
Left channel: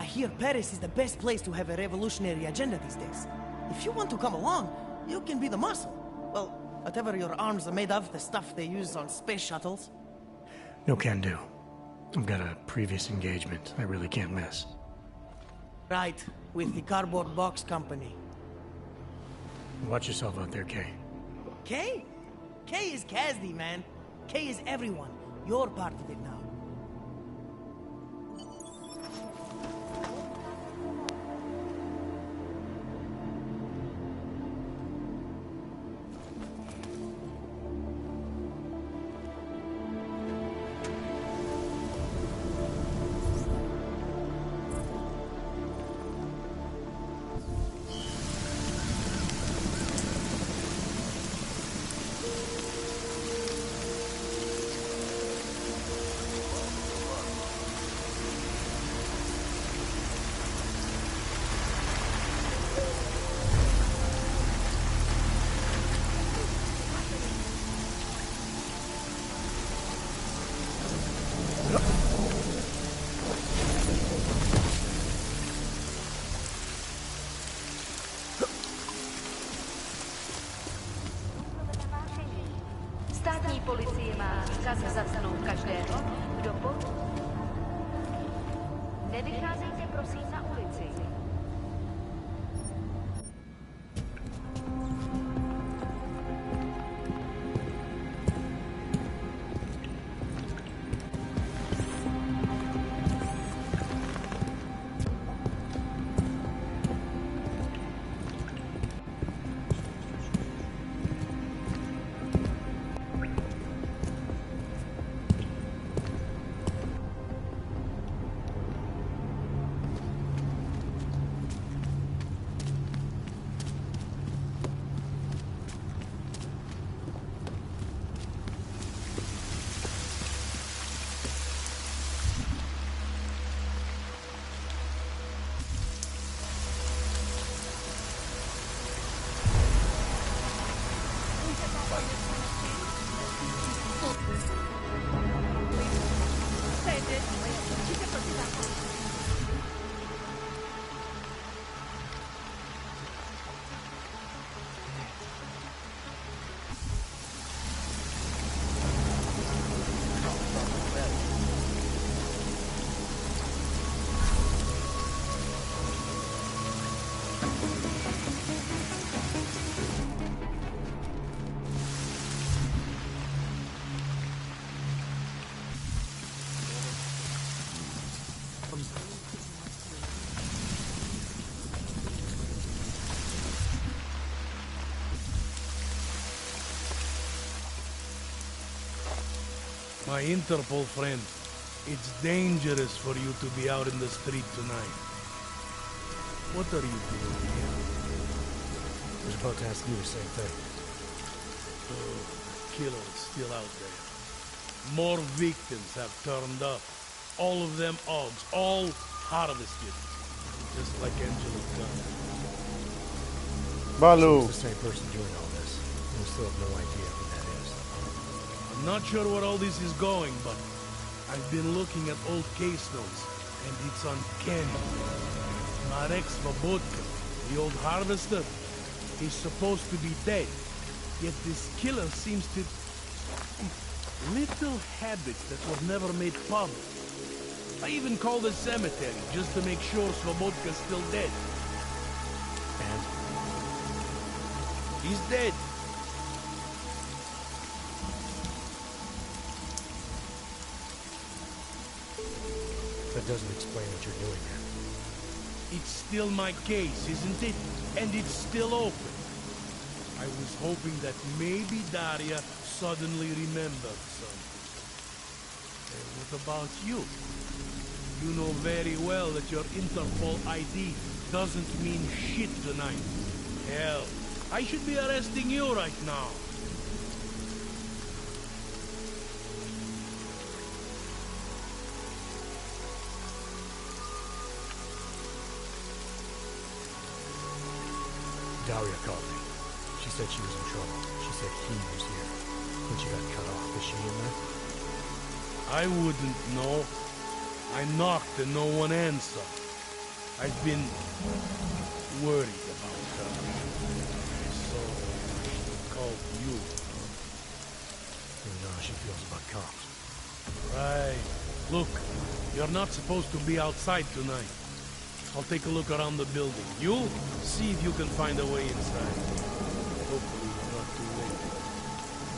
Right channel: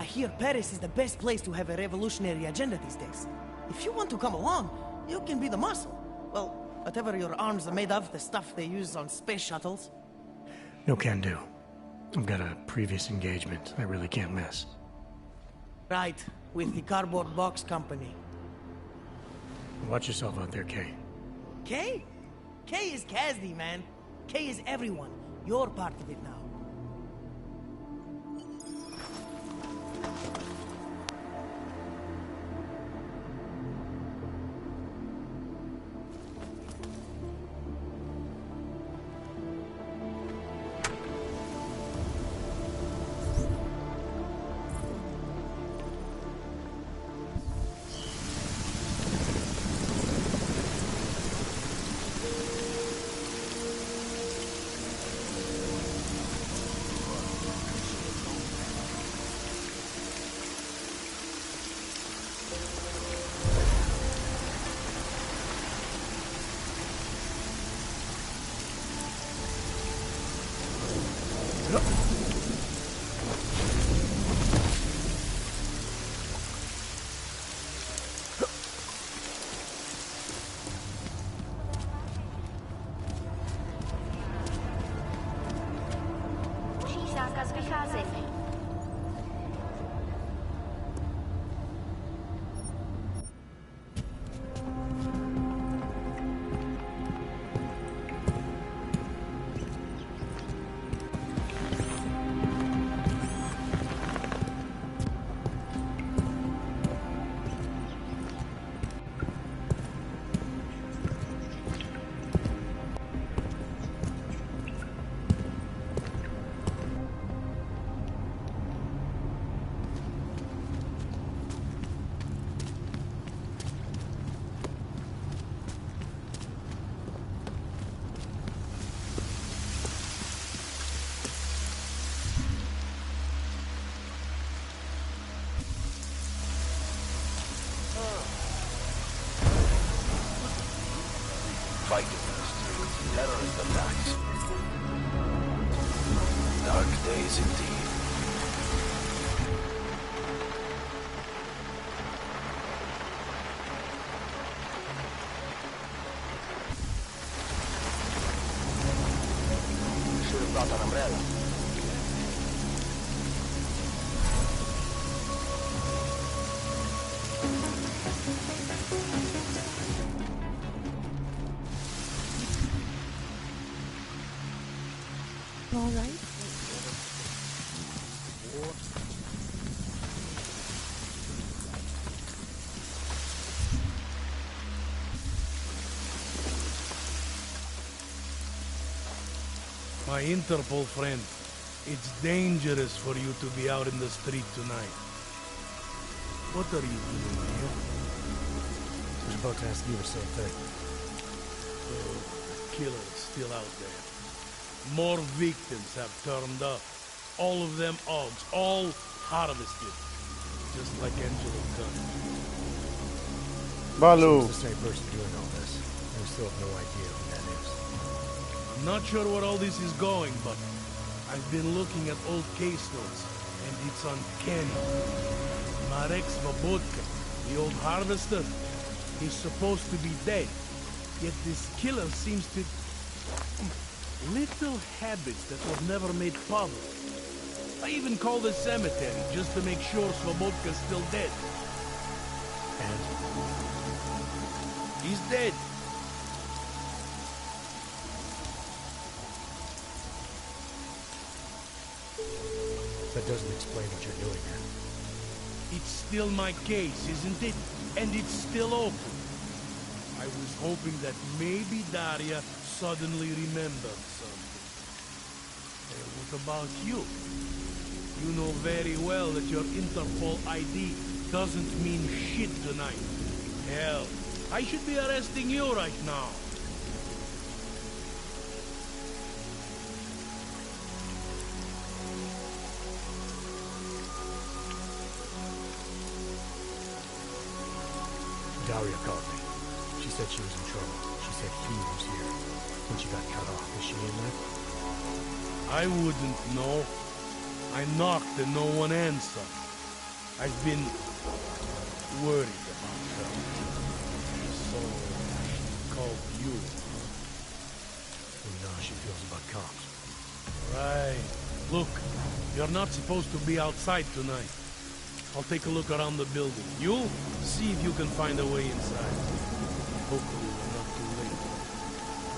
I hear Paris is the best place to have a revolutionary agenda these days. If you want to come along, you can be the muscle. Well, whatever your arms are made of, the stuff they use on space shuttles. No can do. I've got a previous engagement I really can't miss. Right, with the cardboard box company. Watch yourself out there, Kay. Kay? Kay is Kazdi, man. Kay is everyone. You're part of it now. Státní policie má příkaz zatknout každého, kdo poruší zákaz vycházení. Nevycházejte prosím na ulici. All right. My Interpol friend, it's dangerous for you to be out in the street tonight. What are you doing here? I was about to ask you the same thing. Oh, the killer is still out there. More victims have turned up. All of them Augs, all harvested. Just like Angela Gunn. Balu. It's the same person doing all this. And we still have no idea who that is. I'm not sure where all this is going, but I've been looking at old case notes, and it's uncanny. Marek Svobodka, the old harvester, he's supposed to be dead. Yet this killer seems to... little habits that were never made public. I even called the cemetery just to make sure Svobodka's still dead. And? He's dead. That doesn't explain what you're doing here. It's still my case, isn't it? And it's still open. I was hoping that maybe Daria suddenly remembered something. Hey, what about you? You know very well that your Interpol ID doesn't mean shit tonight. Hell, I should be arresting you right now. Daria called me. She said she was in trouble. She said he was here. When she got cut off, is she in there? I wouldn't know. I knocked and no one answered. I've been worried about her. So she called you. You know how she feels about cops. Right. Look, you're not supposed to be outside tonight. I'll take a look around the building. You see if you can find a way inside. Hopefully we're not too late.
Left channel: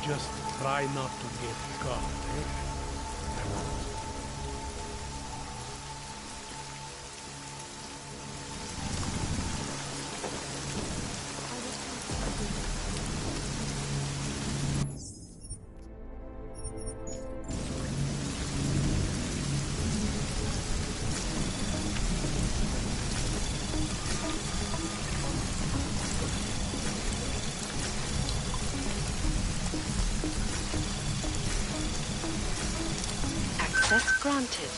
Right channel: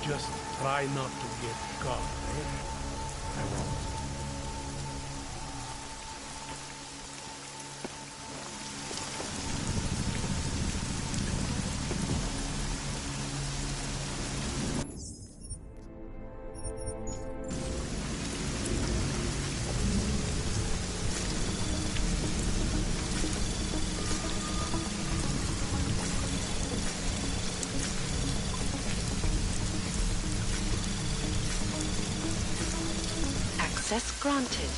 Just try not to get caught, eh? I won't. Access granted.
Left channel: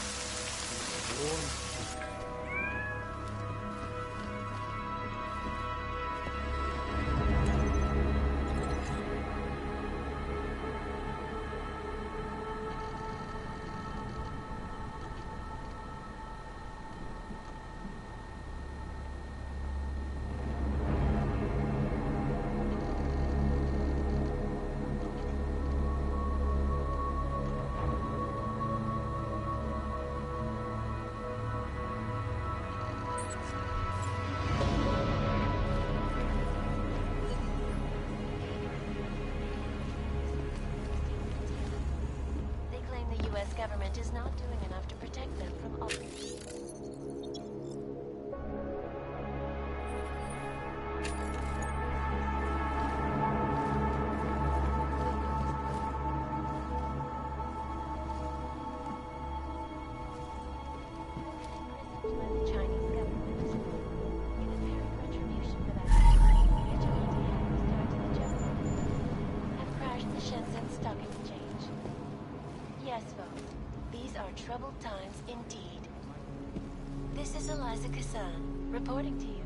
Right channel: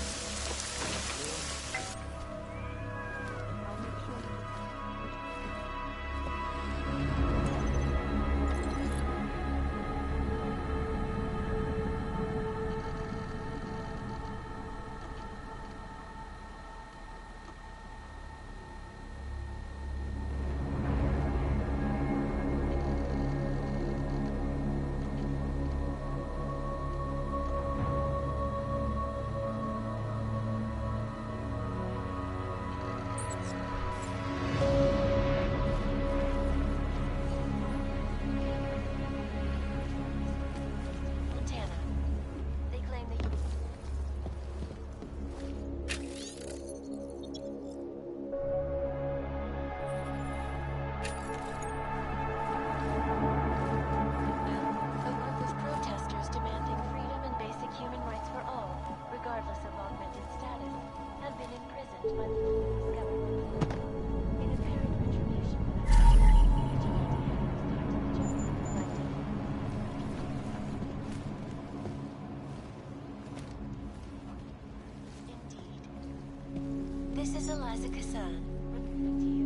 Reporting to you.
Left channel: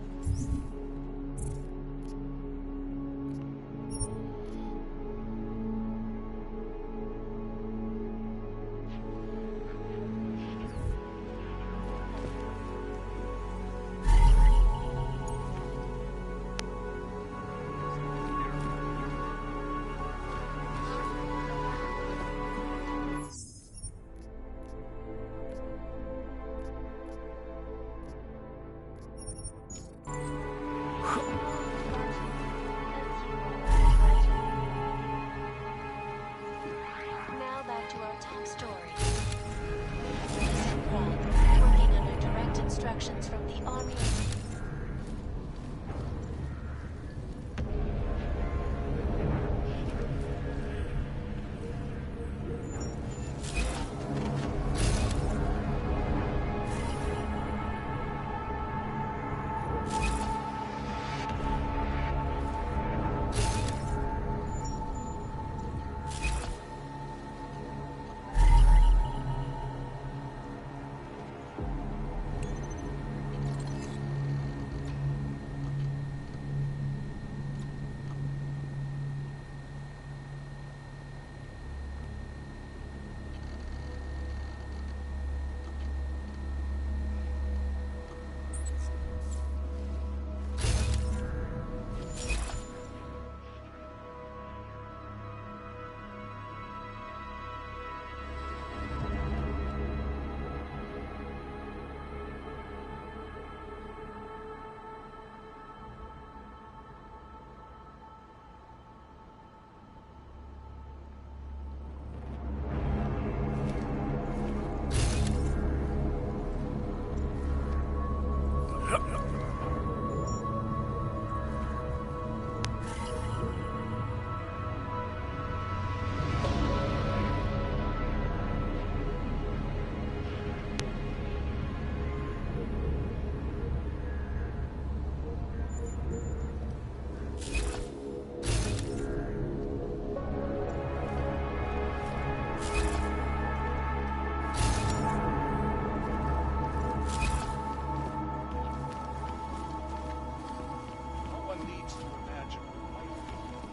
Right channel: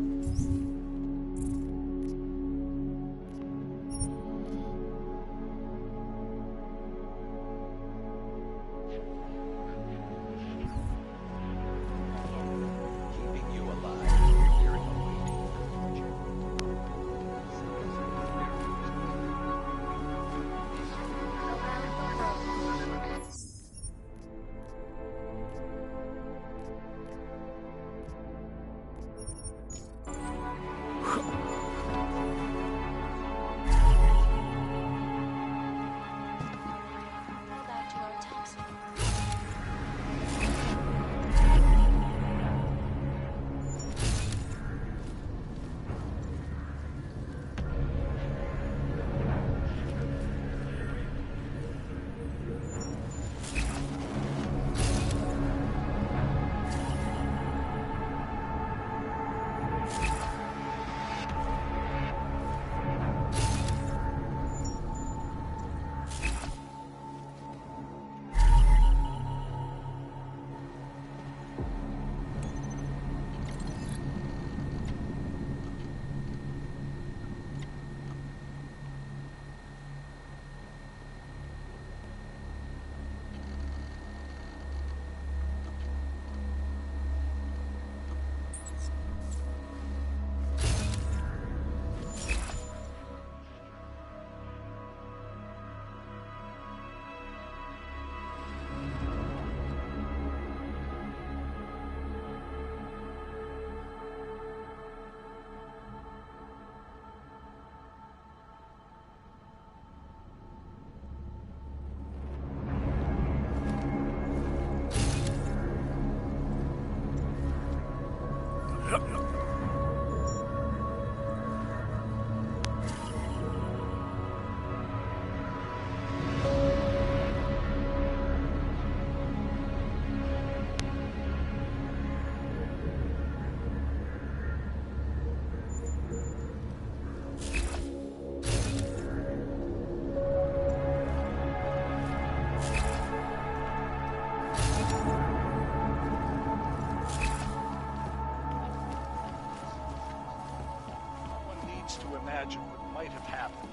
imagine what might have happened.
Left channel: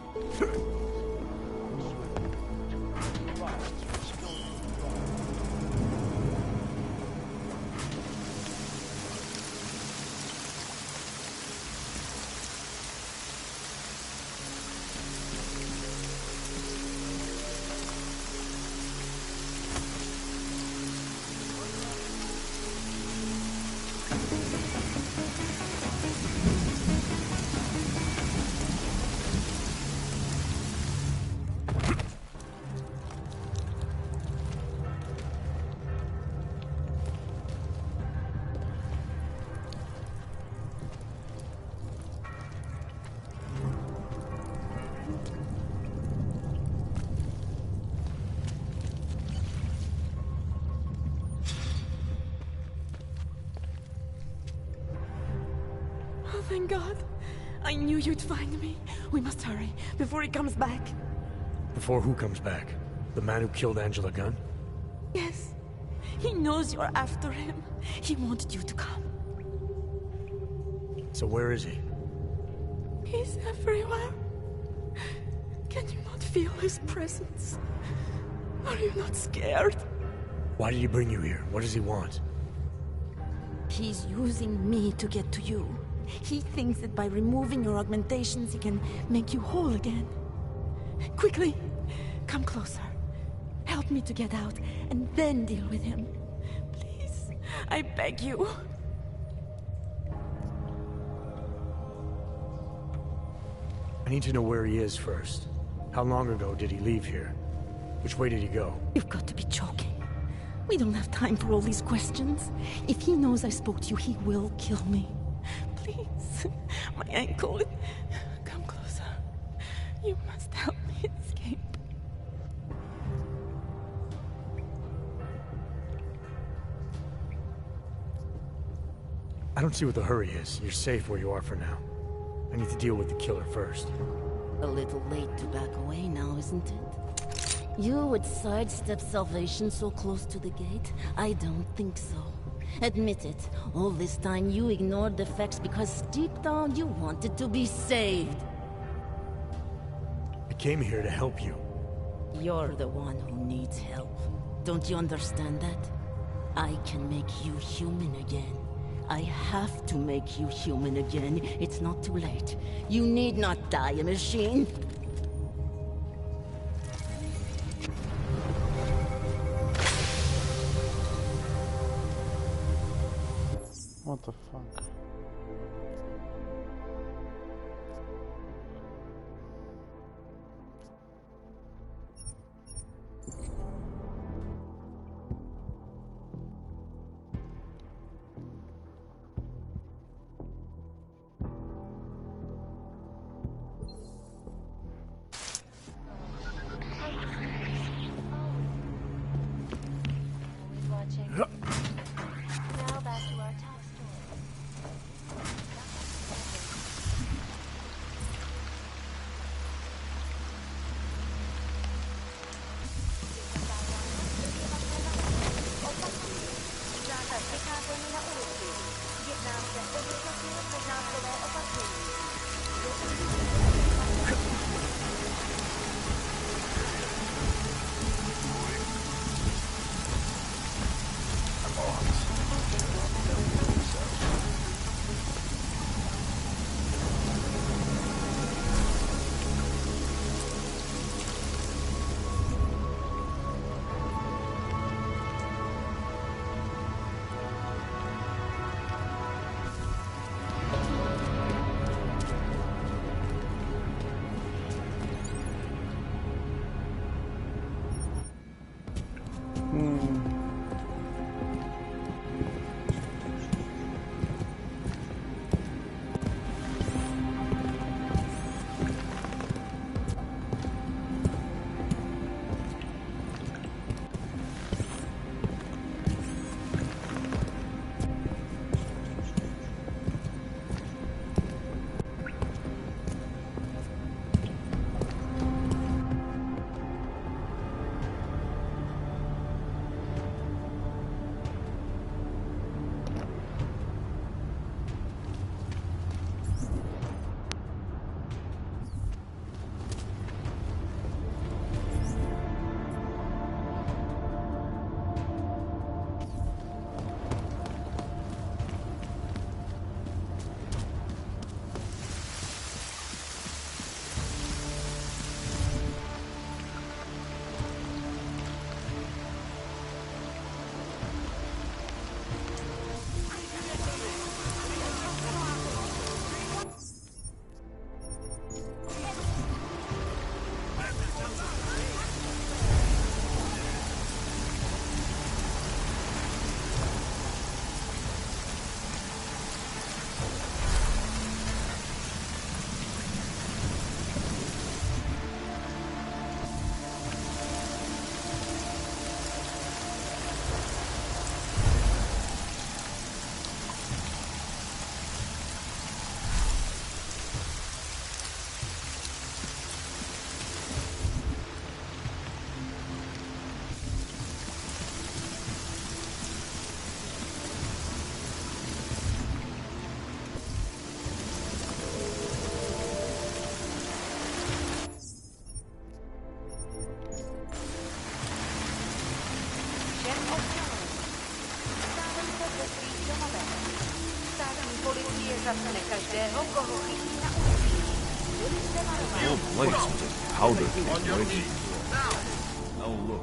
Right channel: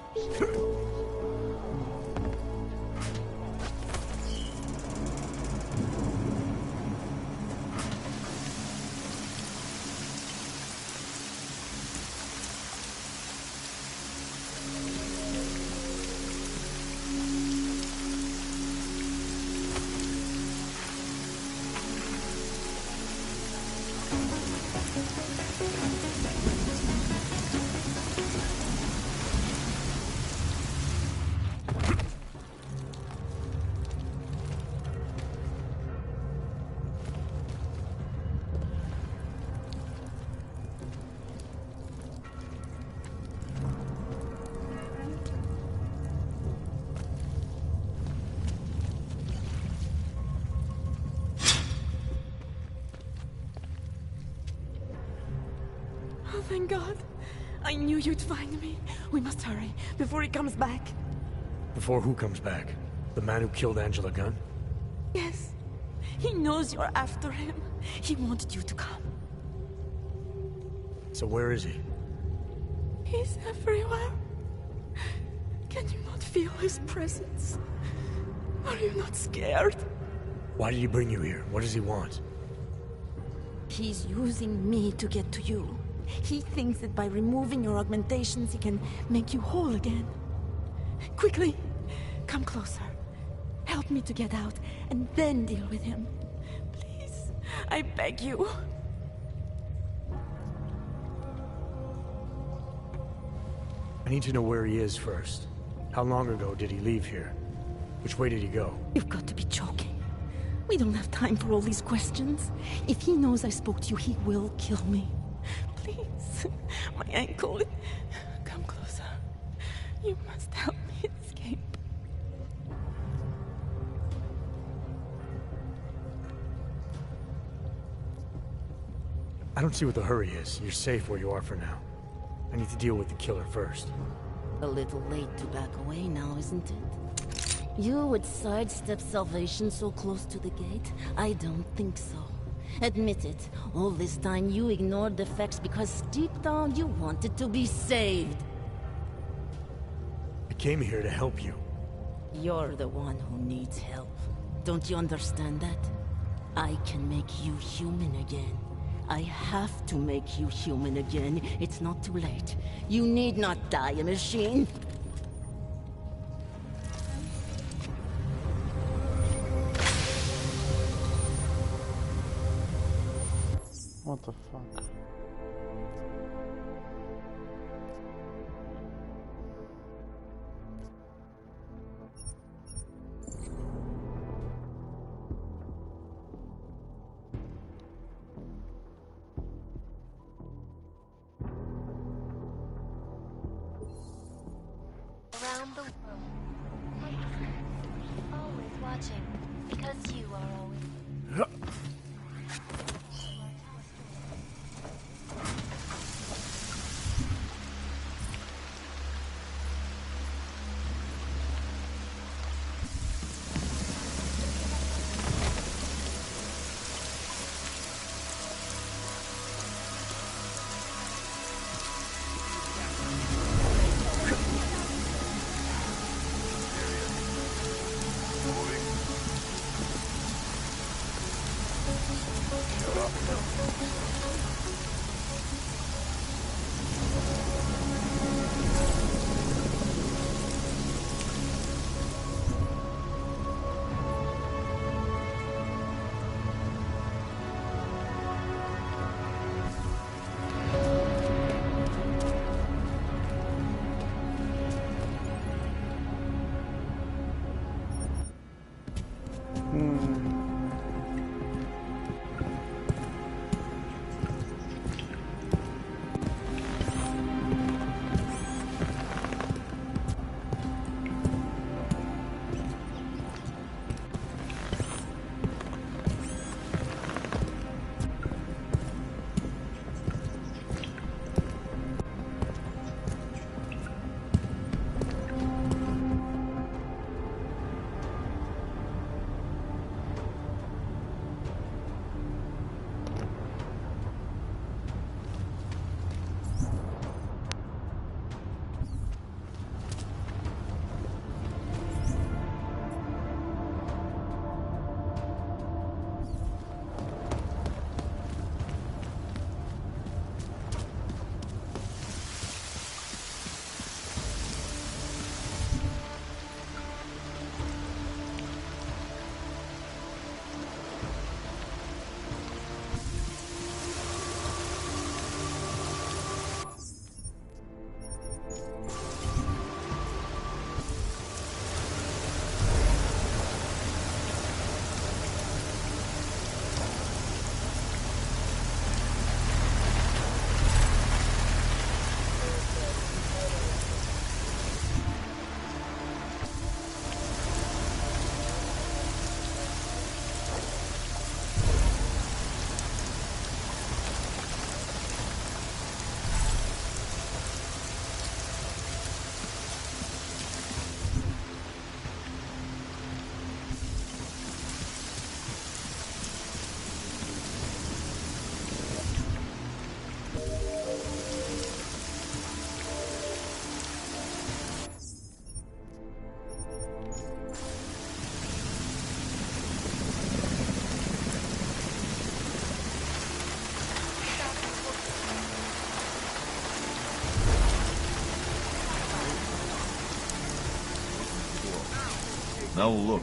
Oh, thank God. I knew you'd find me. We must hurry, before he comes back. Before who comes back? The man who killed Angela Gunn? Yes. He knows you're after him. He wanted you to come. So where is he? He's everywhere. Can you not feel his presence? Are you not scared? Why did he bring you here? What does he want? He's using me to get to you. He thinks that by removing your augmentations, he can make you whole again. Quickly, come closer. Help me to get out, and then deal with him. Please, I beg you. I need to know where he is first. How long ago did he leave here? Which way did he go? You've got to be joking. We don't have time for all these questions. If he knows I spoke to you, he will kill me. Please, my ankle. Come closer. You must help me escape. I don't see what the hurry is. You're safe where you are for now. I need to deal with the killer first. A little late to back away now, isn't it? You would sidestep salvation so close to the gate? I don't think so. Admit it, all this time you ignored the facts because deep down you wanted to be saved. I came here to help you. You're the one who needs help. Don't you understand that? I can make you human again. I have to make you human again. It's not too late. You need not die a machine. What the fuck? Around the world, always watching, because you are always watching. Now back to our top story. place was just powder waiting to blow. Now look.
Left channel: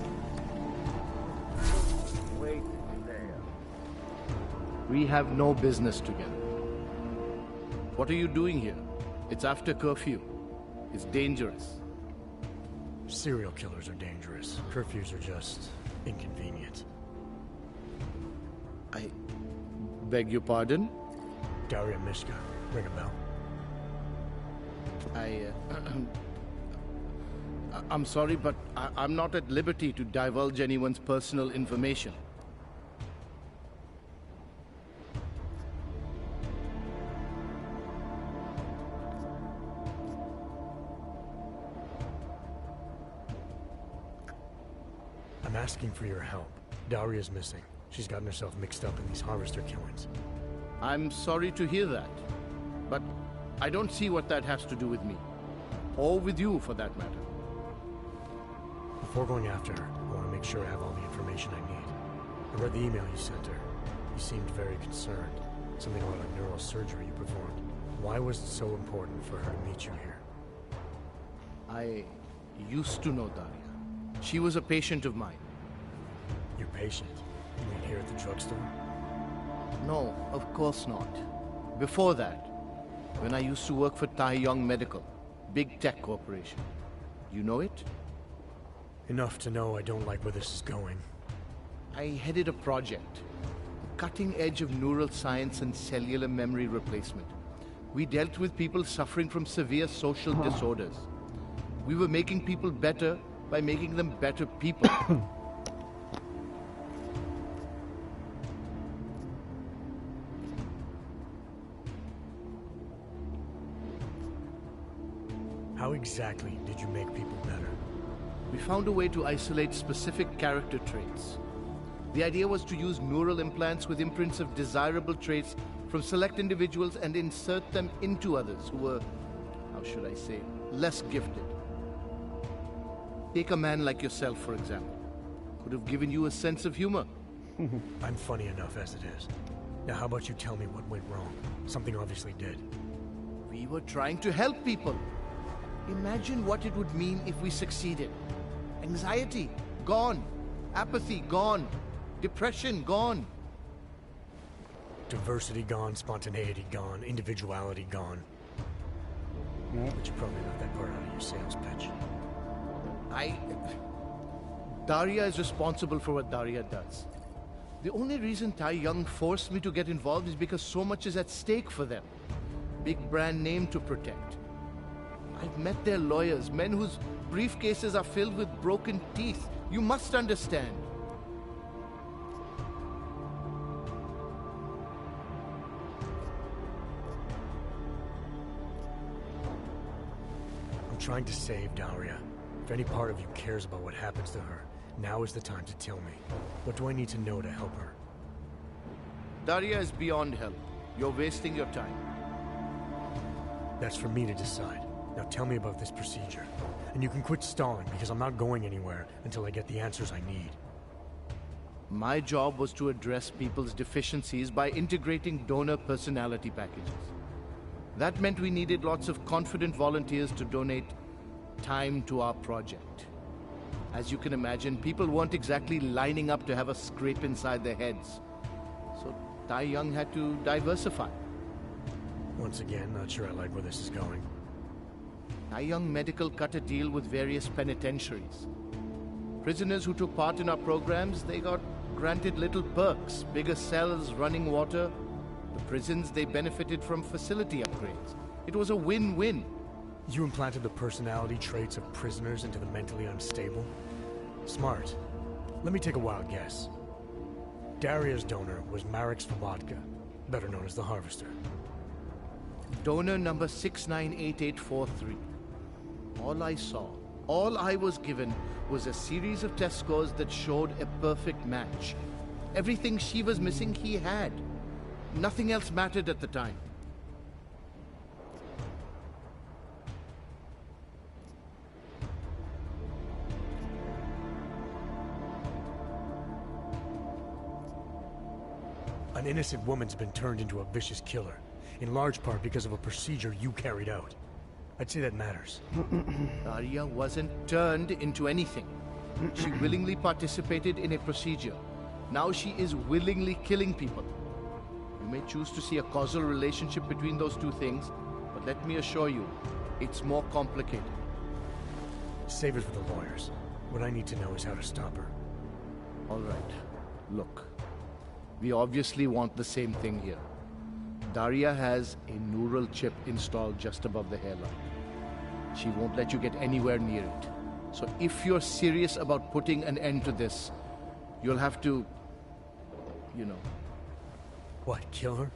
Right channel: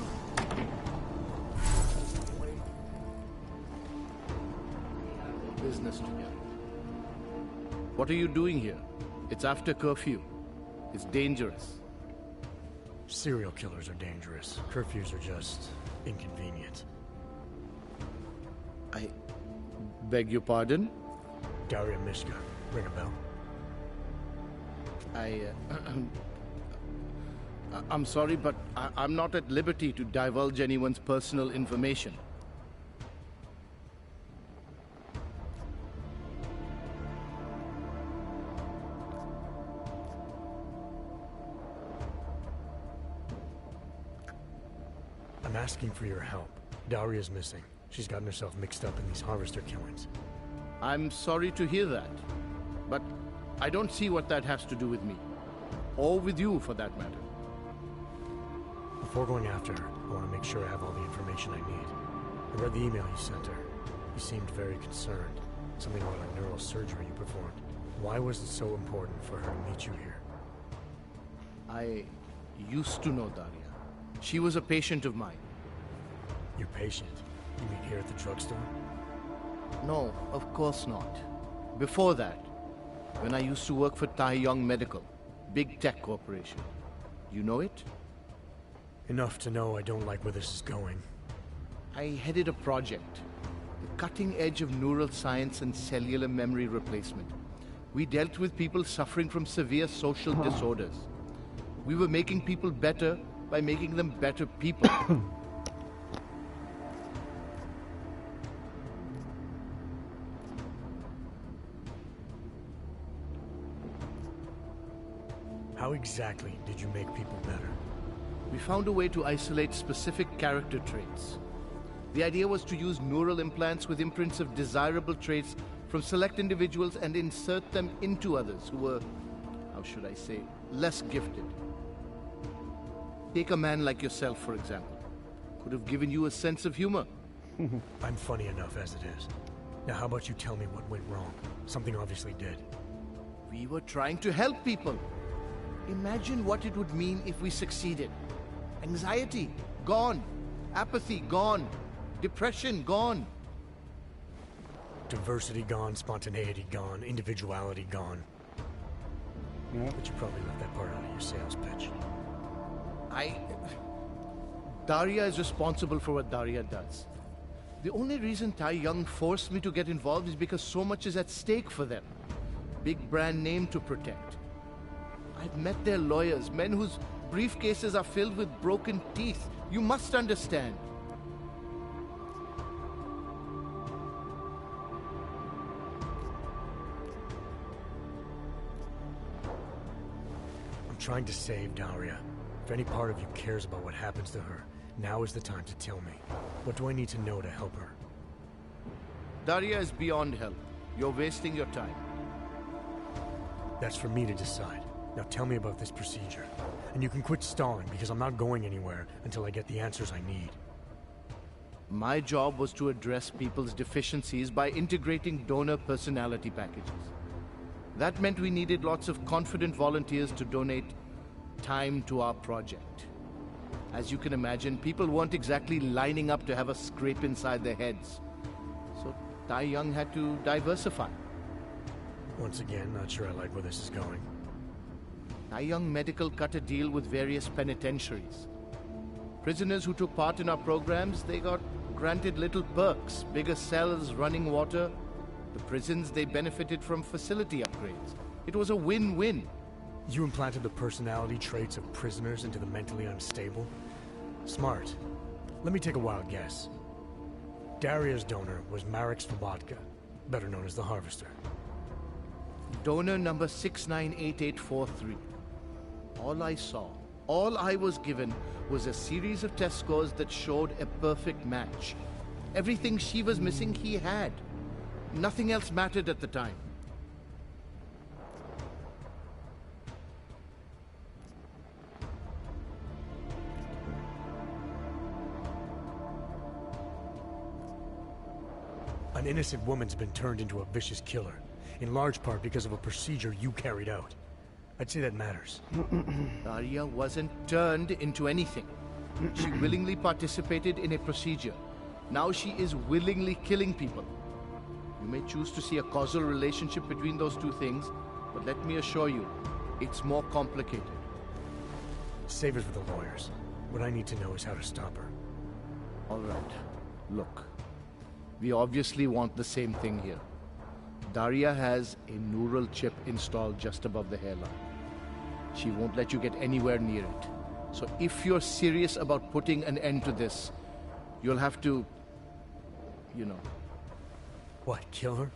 Wait there. We have no business together. What are you doing here? It's after curfew. It's dangerous. Serial killers are dangerous. Curfews are just inconvenient. I beg your pardon? Daria Mishka. Ring a bell. I'm sorry, but I'm not at liberty to divulge anyone's personal information. I'm asking for your help. Daria's missing. She's gotten herself mixed up in these harvester killings. I'm sorry to hear that, but I don't see what that has to do with me. Or with you, for that matter. Before going after her, I want to make sure I have all the information I need. I read the email you sent her. You seemed very concerned. Something about a neural surgery you performed. Why was it so important for her to meet you here? I used to know Daria. She was a patient of mine. Your patient? You mean here at the drugstore? No, of course not. Before that, when I used to work for Tai Yong Medical, big tech corporation. You know it? Enough to know I don't like where this is going. I headed a project, the cutting edge of neural science and cellular memory replacement. We dealt with people suffering from severe social disorders. We were making people better by making them better people. How exactly did you make people better? We found a way to isolate specific character traits. The idea was to use neural implants with imprints of desirable traits from select individuals and insert them into others who were, how should I say, less gifted. Take a man like yourself, for example. Could have given you a sense of humor. I'm funny enough as it is. Now how about you tell me what went wrong? Something obviously did. We were trying to help people. Imagine what it would mean if we succeeded. Anxiety, gone. Apathy, gone. Depression, gone. Diversity gone, spontaneity gone, individuality gone. Yeah. But you probably left that part out of your sales pitch. Daria is responsible for what Daria does. The only reason Tai Yong forced me to get involved is because so much is at stake for them. Big brand name to protect. I've met their lawyers, men whose briefcases are filled with broken teeth. You must understand. I'm trying to save Daria. If any part of you cares about what happens to her, now is the time to tell me. What do I need to know to help her? Daria is beyond help. You're wasting your time. That's for me to decide. Now tell me about this procedure. And you can quit stalling, because I'm not going anywhere until I get the answers I need. My job was to address people's deficiencies by integrating donor personality packages. That meant we needed lots of confident volunteers to donate time to our project. As you can imagine, people weren't exactly lining up to have a scrape inside their heads. So Tai Yong had to diversify. Once again, not sure I like where this is going. Tai Yong Medical cut a deal with various penitentiaries. Prisoners who took part in our programs, they got granted little perks, bigger cells, running water. The prisons, they benefited from facility upgrades. It was a win-win. You implanted the personality traits of prisoners into the mentally unstable? Smart. Let me take a wild guess. Daria's donor was Marek Svobotka, better known as the Harvester. Donor number 698843. All I saw, all I was given, was a series of test scores that showed a perfect match. Everything she was missing, he had. Nothing else mattered at the time. An innocent woman's been turned into a vicious killer, in large part because of a procedure you carried out. I'd say that matters. Daria wasn't turned into anything. She willingly participated in a procedure. Now she is willingly killing people. You may choose to see a causal relationship between those two things, but let me assure you, it's more complicated. Save it for the lawyers. What I need to know is how to stop her. All right. Look, we obviously want the same thing here. Daria has a neural chip installed just above the hairline. She won't let you get anywhere near it. So if you're serious about putting an end to this, you'll have to, you know... What, kill her?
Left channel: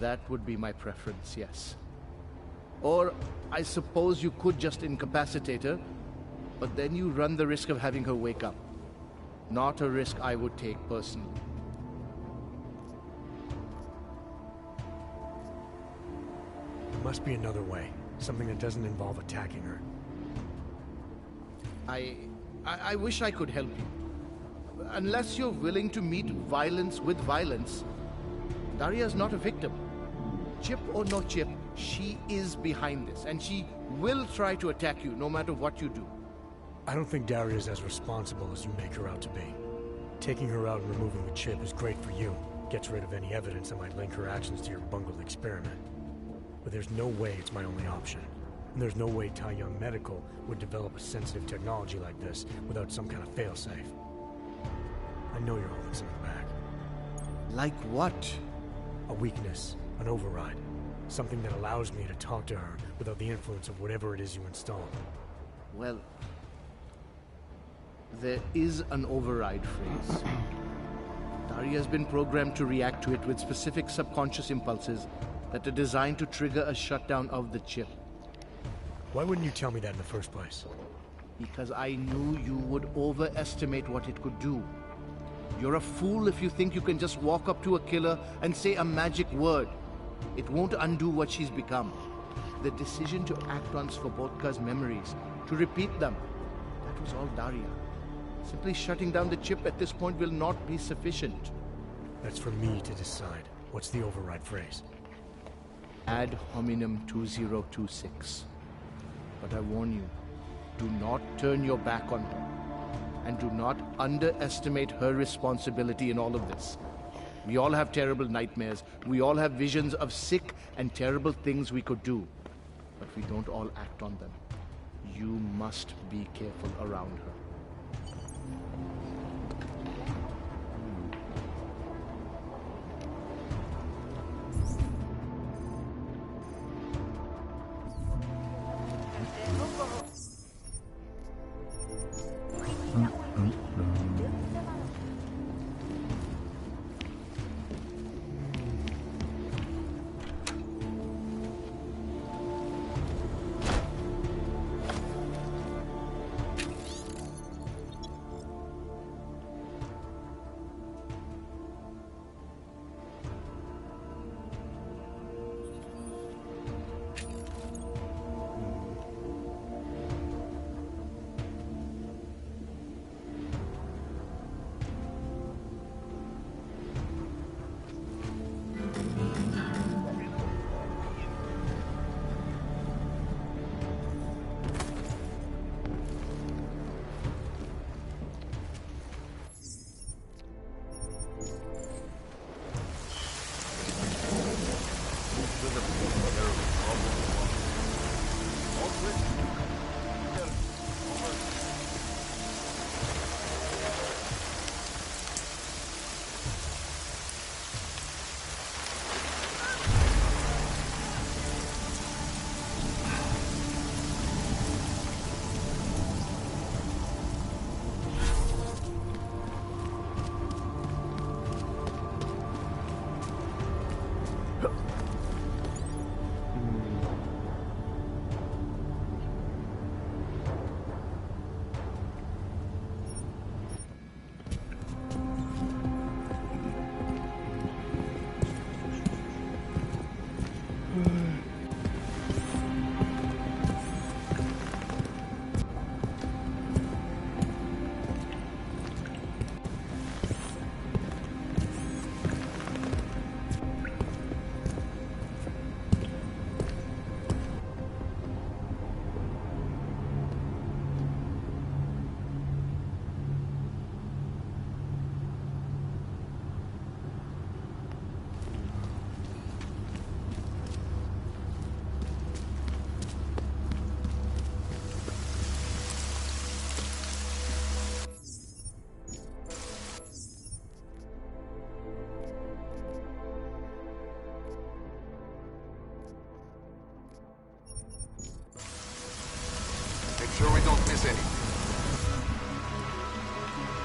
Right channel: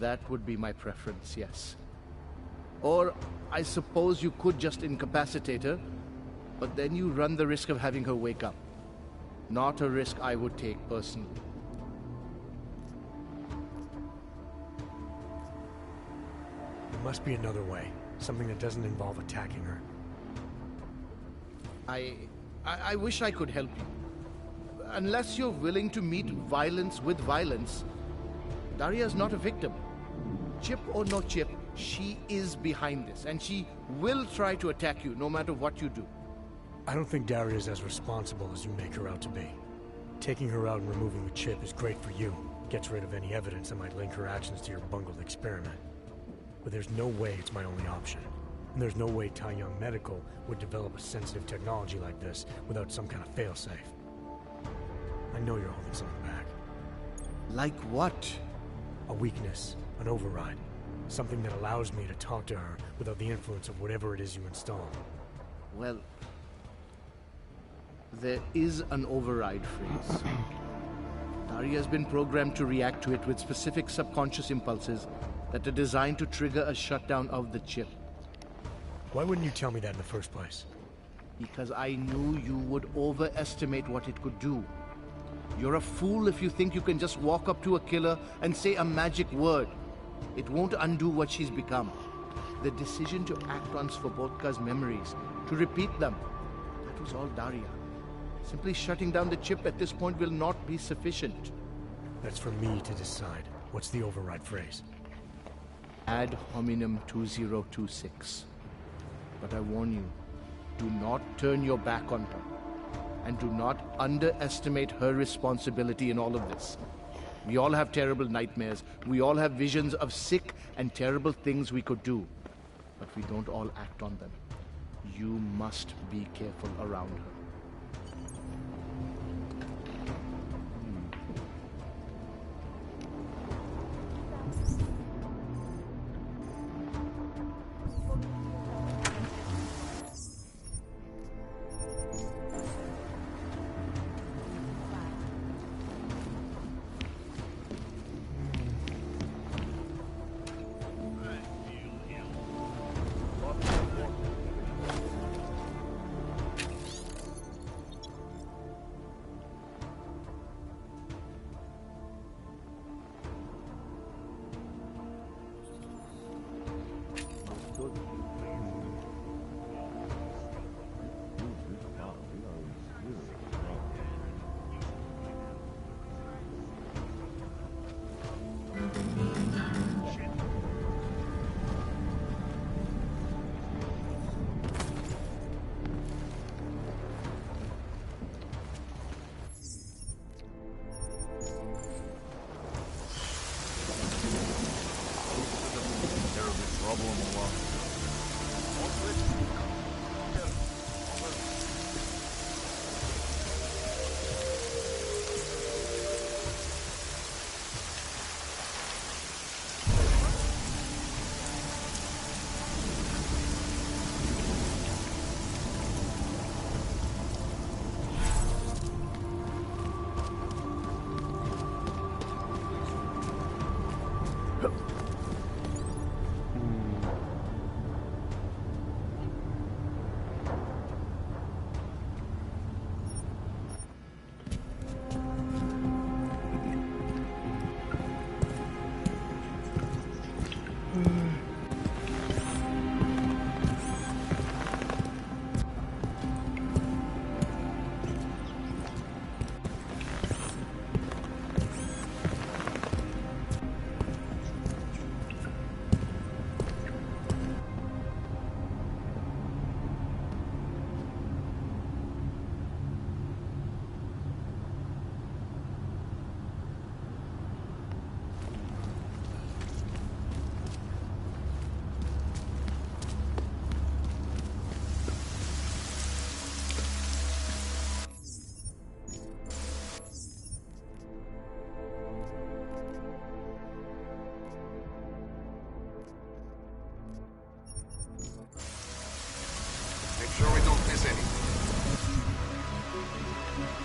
That would be my preference, yes. Or I suppose you could just incapacitate her, but then you run the risk of having her wake up. Not a risk I would take personally. There must be another way. Something that doesn't involve attacking her. I wish I could help you. Unless you're willing to meet violence with violence, Daria's not a victim. Chip or no chip, she is behind this, and she will try to attack you no matter what you do. I don't think Daria's as responsible as you make her out to be. Taking her out and removing the chip is great for you. Gets rid of any evidence that might link her actions to your bungled experiment. But there's no way it's my only option. And there's no way Tai Young Medical would develop a sensitive technology like this without some kind of failsafe. I know you're holding something back. Like what? A weakness, an override. Something that allows me to talk to her without the influence of whatever it is you installed. Well, there is an override phrase. Daria has been programmed to react to it with specific subconscious impulses that are designed to trigger a shutdown of the chip. Why wouldn't you tell me that in the first place? Because I knew you would overestimate what it could do. You're a fool if you think you can just walk up to a killer and say a magic word. It won't undo what she's become. The decision to act on Svobodka's memories, to repeat them, that was all Daria. Simply shutting down the chip at this point will not be sufficient. That's for me to decide. What's the override phrase? Ad hominem 2026. But I warn you, do not turn your back on her. And do not underestimate her responsibility in all of this. We all have terrible nightmares. We all have visions of sick and terrible things we could do. But we don't all act on them. You must be careful around her.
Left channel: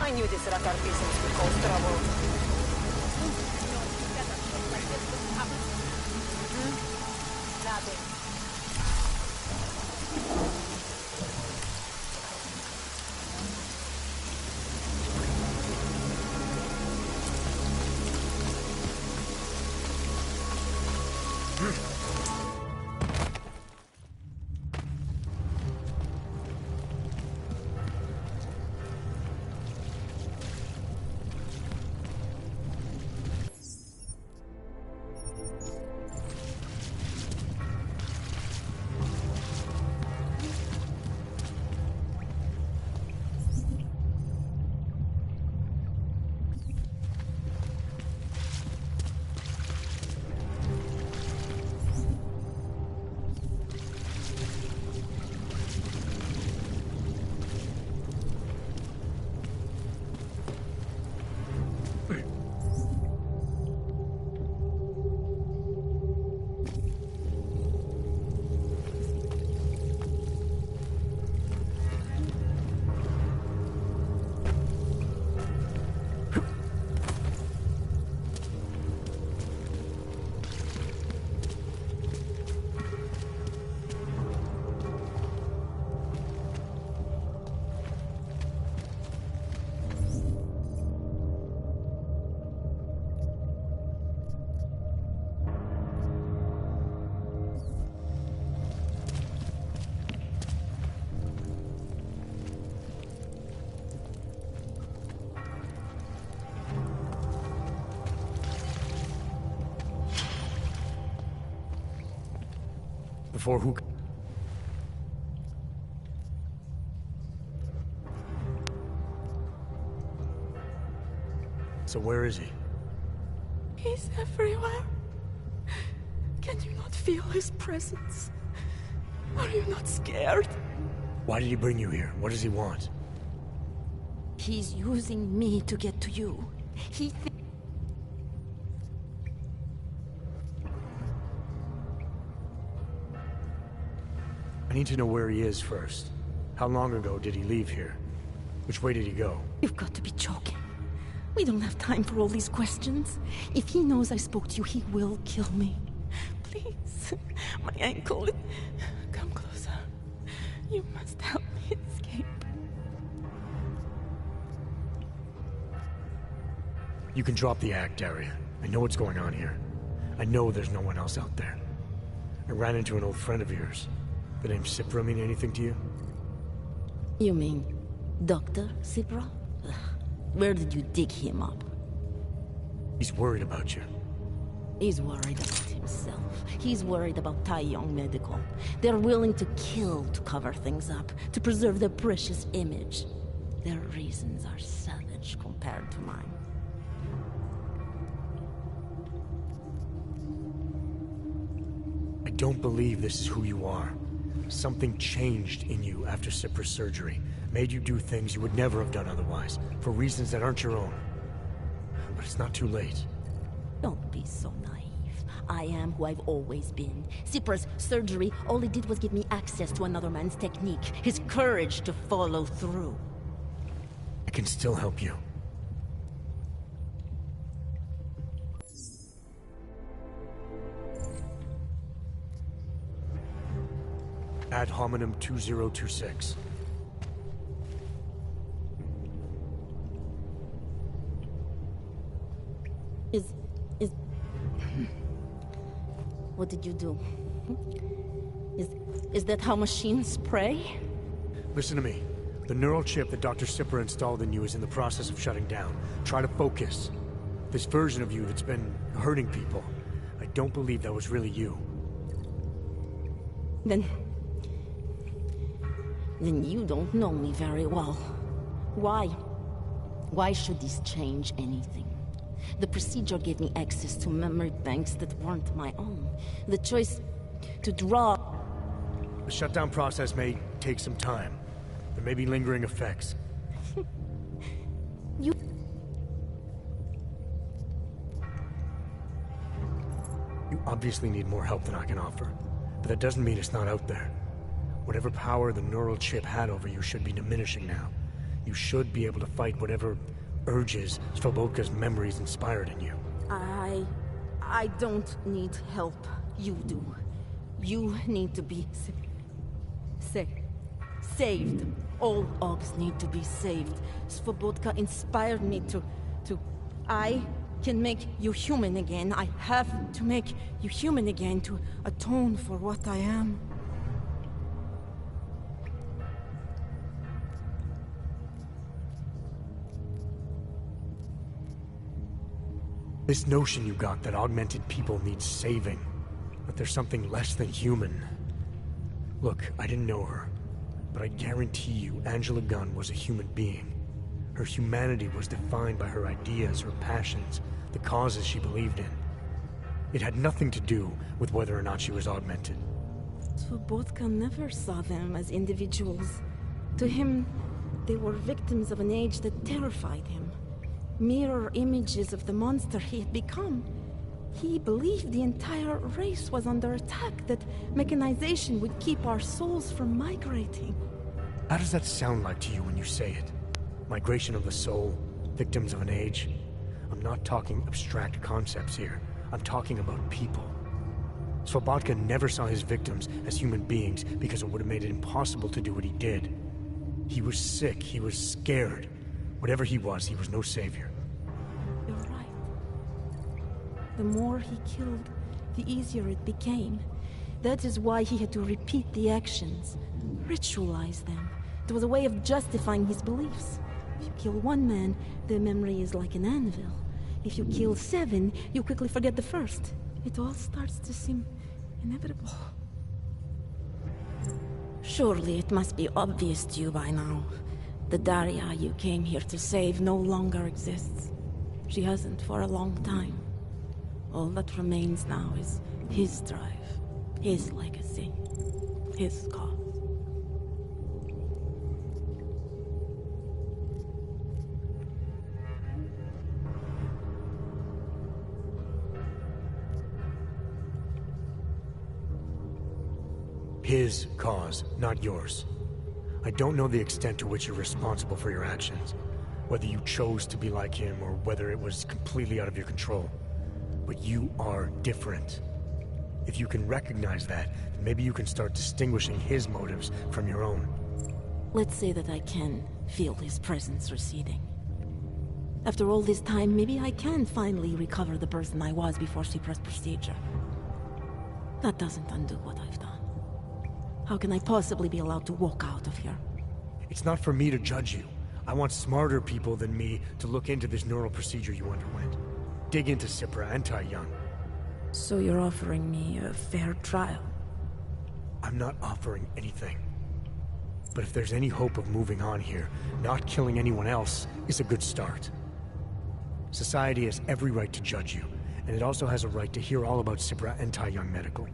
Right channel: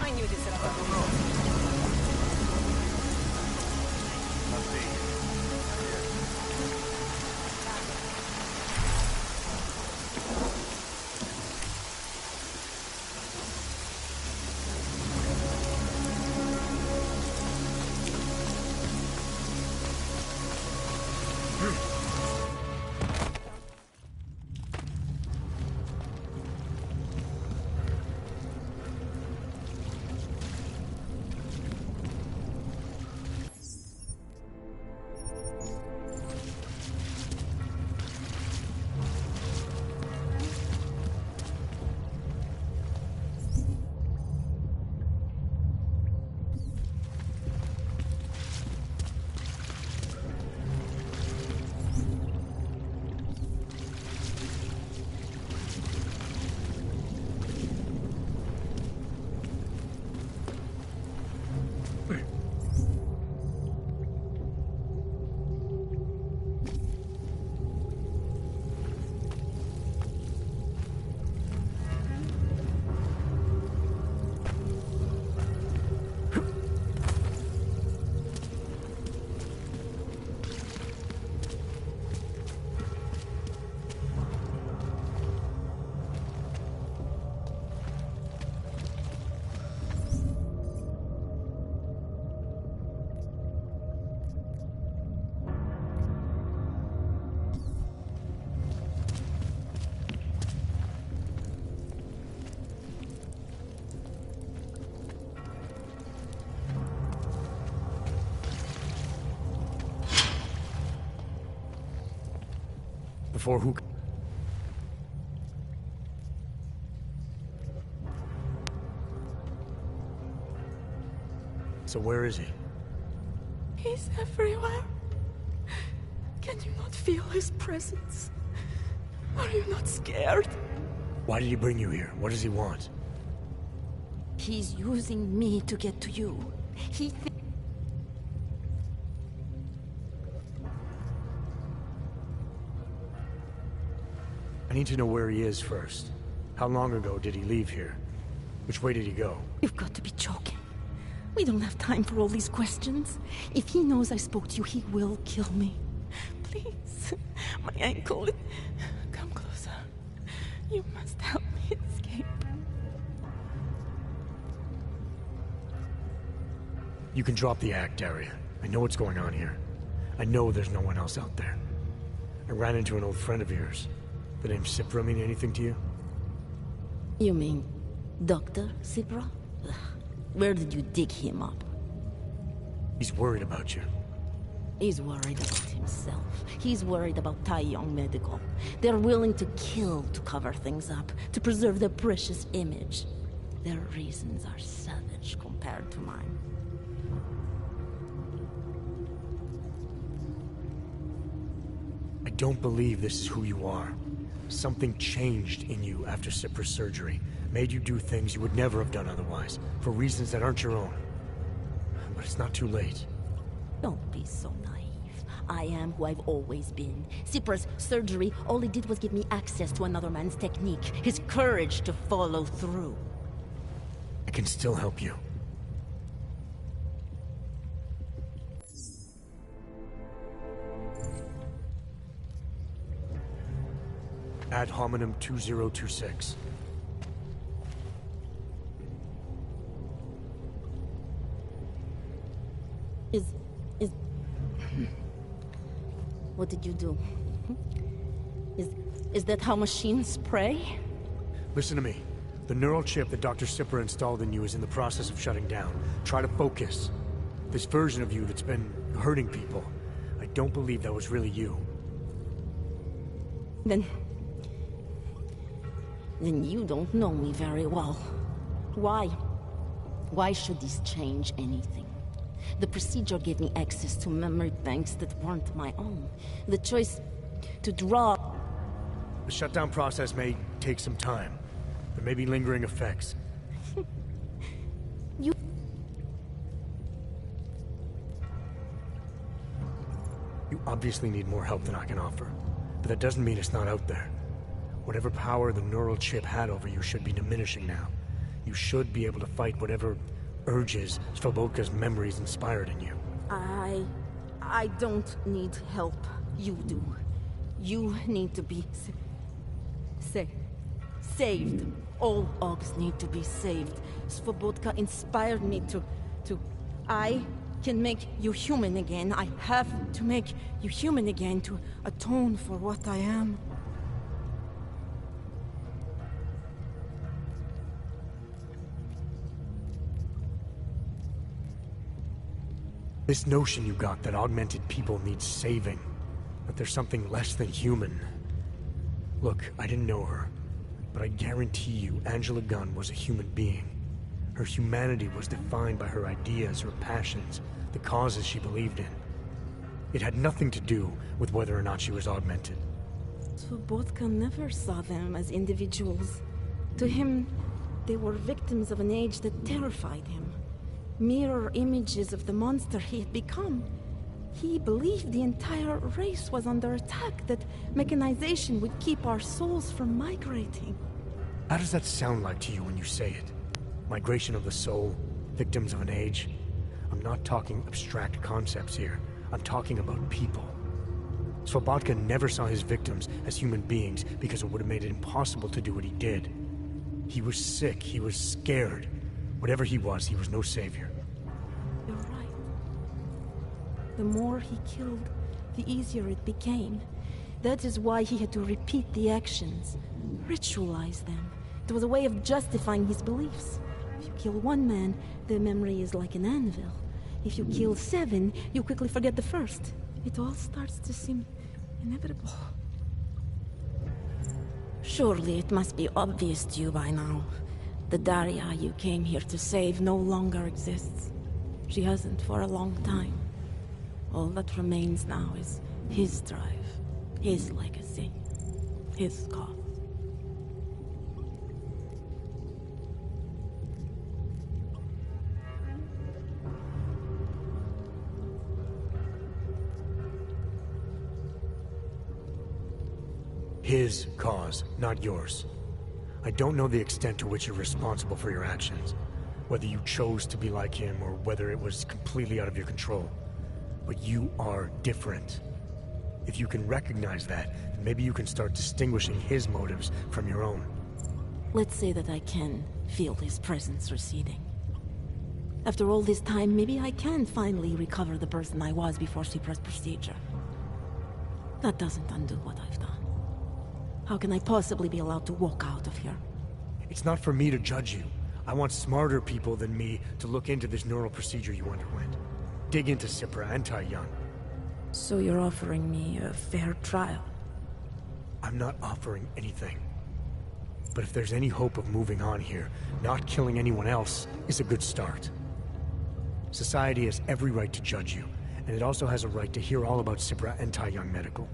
I knew this Ratar peasants would cause trouble. Nothing. Before who? So where is he? He's everywhere. Can you not feel his presence? Are you not scared? Why did he bring you here? What does he want? He's using me to get to you. I need to know where he is first. How long ago did he leave here? Which way did he go? You've got to be joking. We don't have time for all these questions. If he knows I spoke to you, he will kill me. Please. My ankle. Come closer. You must help me escape. You can drop the act, Daria. I know what's going on here. I know there's no one else out there. I ran into an old friend of yours. The name Cipra mean anything to you? You mean Dr. Cipra? Where did you dig him up? He's worried about you. He's worried about himself. He's worried about Tai Yong Medical. They're willing to kill to cover things up, to preserve their precious image. Their reasons are savage compared to mine. I don't believe this is who you are. Something changed in you after Cipra's surgery. Made you do things you would never have done otherwise, for reasons that aren't your own. But it's not too late. Don't be so naive. I am who I've always been. Cipra's surgery, all it did was give me access to another man's technique, his courage to follow through. I can still help you. Ad hominem 2026. What did you do? Is that how machines pray? Listen to me. The neural chip that Dr. Cipra installed in you is in the process of shutting down. Try to focus. This version of you that's been hurting people. I don't believe that was really you. Then you don't know me very well. Why? Why should this change anything? The procedure gave me access to memory banks that weren't my own. The choice to draw... The shutdown process may take some time. There may be lingering effects. You obviously need more help than I can offer. But that doesn't mean it's not out there. Whatever power the neural chip had over you should be diminishing now. You should be able to fight whatever urges Svobodka's memories inspired in you. I don't need help. You do. You need to be saved. All Augs need to be saved. Svobodka inspired me to... I can make you human again. I have to make you human again to atone for what I am. This notion you got that augmented people need saving, that there's something less than human. Look, I didn't know her, but I guarantee you Angela Gunn was a human being. Her humanity was defined by her ideas, her passions, the causes she believed in. It had nothing to do with whether or not she was augmented. Svobodka never saw them as individuals. To him, they were victims of an age that terrified him. Mirror images of the monster he had become. He believed the entire race was under attack, that mechanization would keep our souls from migrating. How does that sound like to you when you say it? Migration of the soul, victims of an age? I'm not talking abstract concepts here. I'm talking about people. Svobodka never saw his victims as human beings because it would have made it impossible to do what he did. He was sick, he was scared. Whatever he was no savior. You're right. The more he killed, the easier it became. That is why he had to repeat the actions, ritualize them. It was a way of justifying his beliefs. If you kill one man, the memory is like an anvil. If you kill 7, you quickly forget the first. It all starts to seem inevitable. Surely it must be obvious to you by now. The Daria you came here to save no longer exists. She hasn't for a long time. All that remains now is his drive, his legacy, his cause. His cause, not yours. I don't know the extent to which you're responsible for your actions, whether you chose to be like him or whether it was completely out of your control. But you are different. If you can recognize that, then maybe you can start distinguishing his motives from your own. Let's say that I can feel his presence receding. After all this time, maybe I can finally recover the person I was before she pressed procedure. That doesn't undo what I've done. How can I possibly be allowed to walk out of here? It's not for me to judge you. I want smarter people than me to look into this neural procedure you underwent. Dig into Cipra and Tai Young. So you're offering me a fair trial? I'm not offering anything. But if there's any hope of moving on here, not killing anyone else is a good start. Society has every right to judge you, and it also has a right to hear all about Cipra and Tai Young Medical.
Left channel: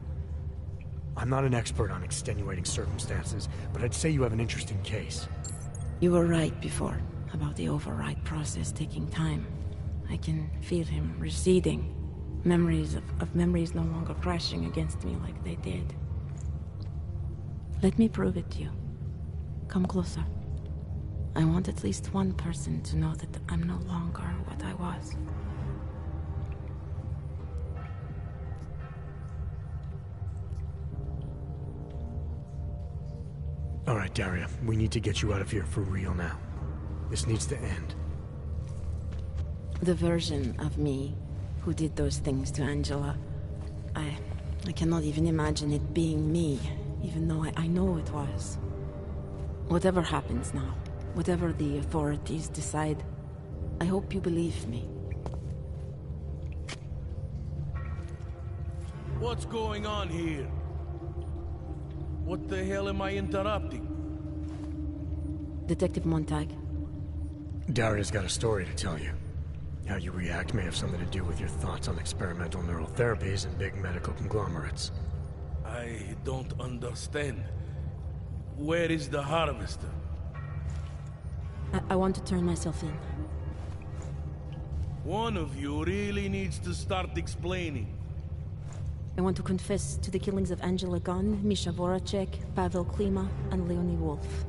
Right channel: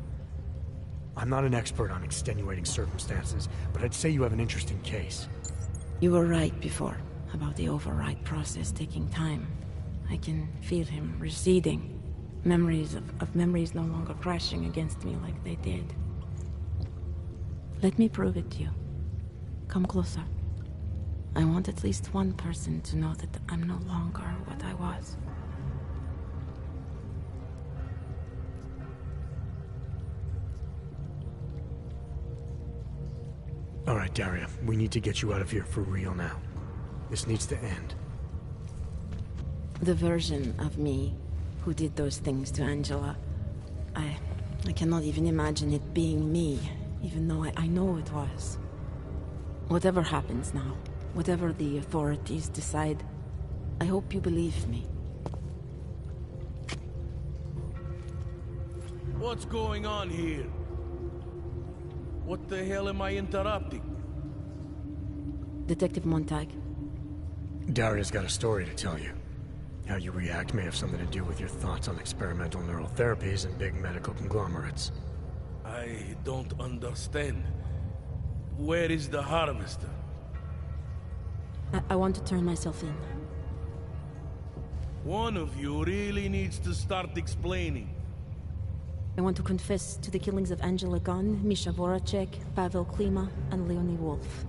I'm not an expert on extenuating circumstances, but I'd say you have an interesting case. You were right before, about the override process taking time. I can feel him receding. Memories of memories no longer crashing against me like they did. Let me prove it to you. Come closer. I want at least one person to know that I'm no longer what I was. All right, Daria, we need to get you out of here for real now. This needs to end. The version of me who did those things to Angela, I cannot even imagine it being me, even though I know it was. Whatever happens now, whatever the authorities decide, I hope you believe me. What's going on here? What the hell am I interrupting? Detective Montag. Daria's got a story to tell you. How you react may have something to do with your thoughts on experimental neural therapies and big medical conglomerates. I don't understand. Where is the harvester? I want to turn myself in. One of you really needs to start explaining. I want to confess to the killings of Angela Gunn, Misha Voracek, Pavel Klima, and Leonie Wolf.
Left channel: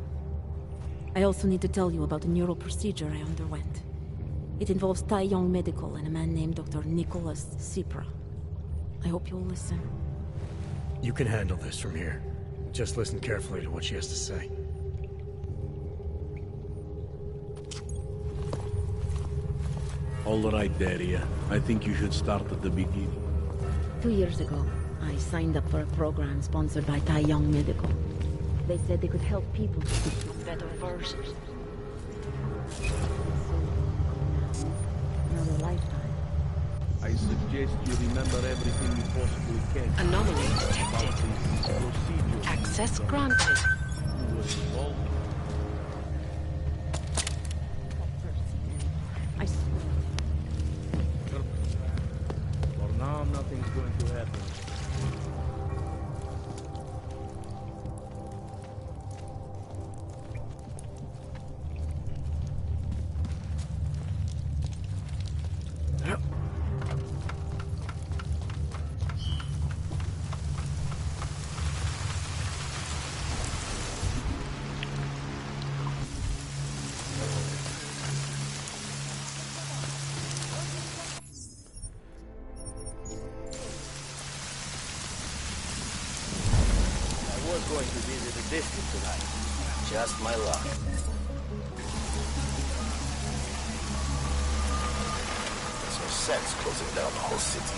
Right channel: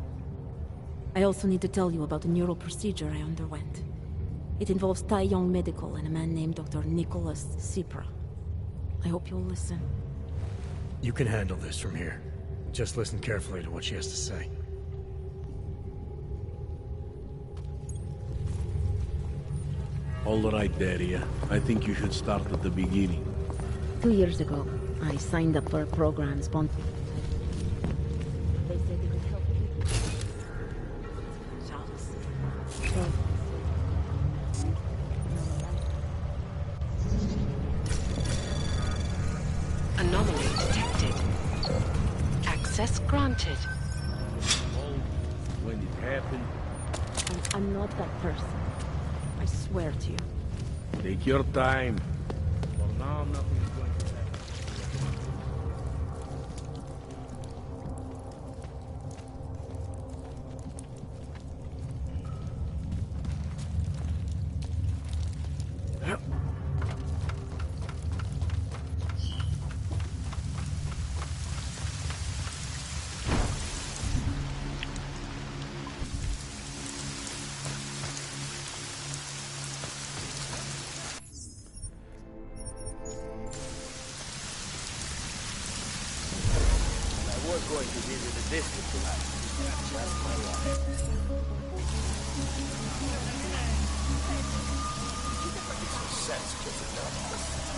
I also need to tell you about a neural procedure I underwent. It involves Tai Yong Medical and a man named Dr. Nicholas Cipra. I hope you'll listen. You can handle this from here. Just listen carefully to what she has to say. All right, Daria. I think you should start at the beginning. 2 years ago, I signed up for a program sponsored by Tai Yong Medical. They said they could help people to become better versions of themselves. Another lifetime. I suggest you remember everything you possibly can. Anomaly detected. Access granted. Who was involved, when it happened. I'm not that person. I swear to you. Take your time. For now, nothing's going to happen. I was going to visit the district tonight. Just my luck. Makes no sense closing down the whole city.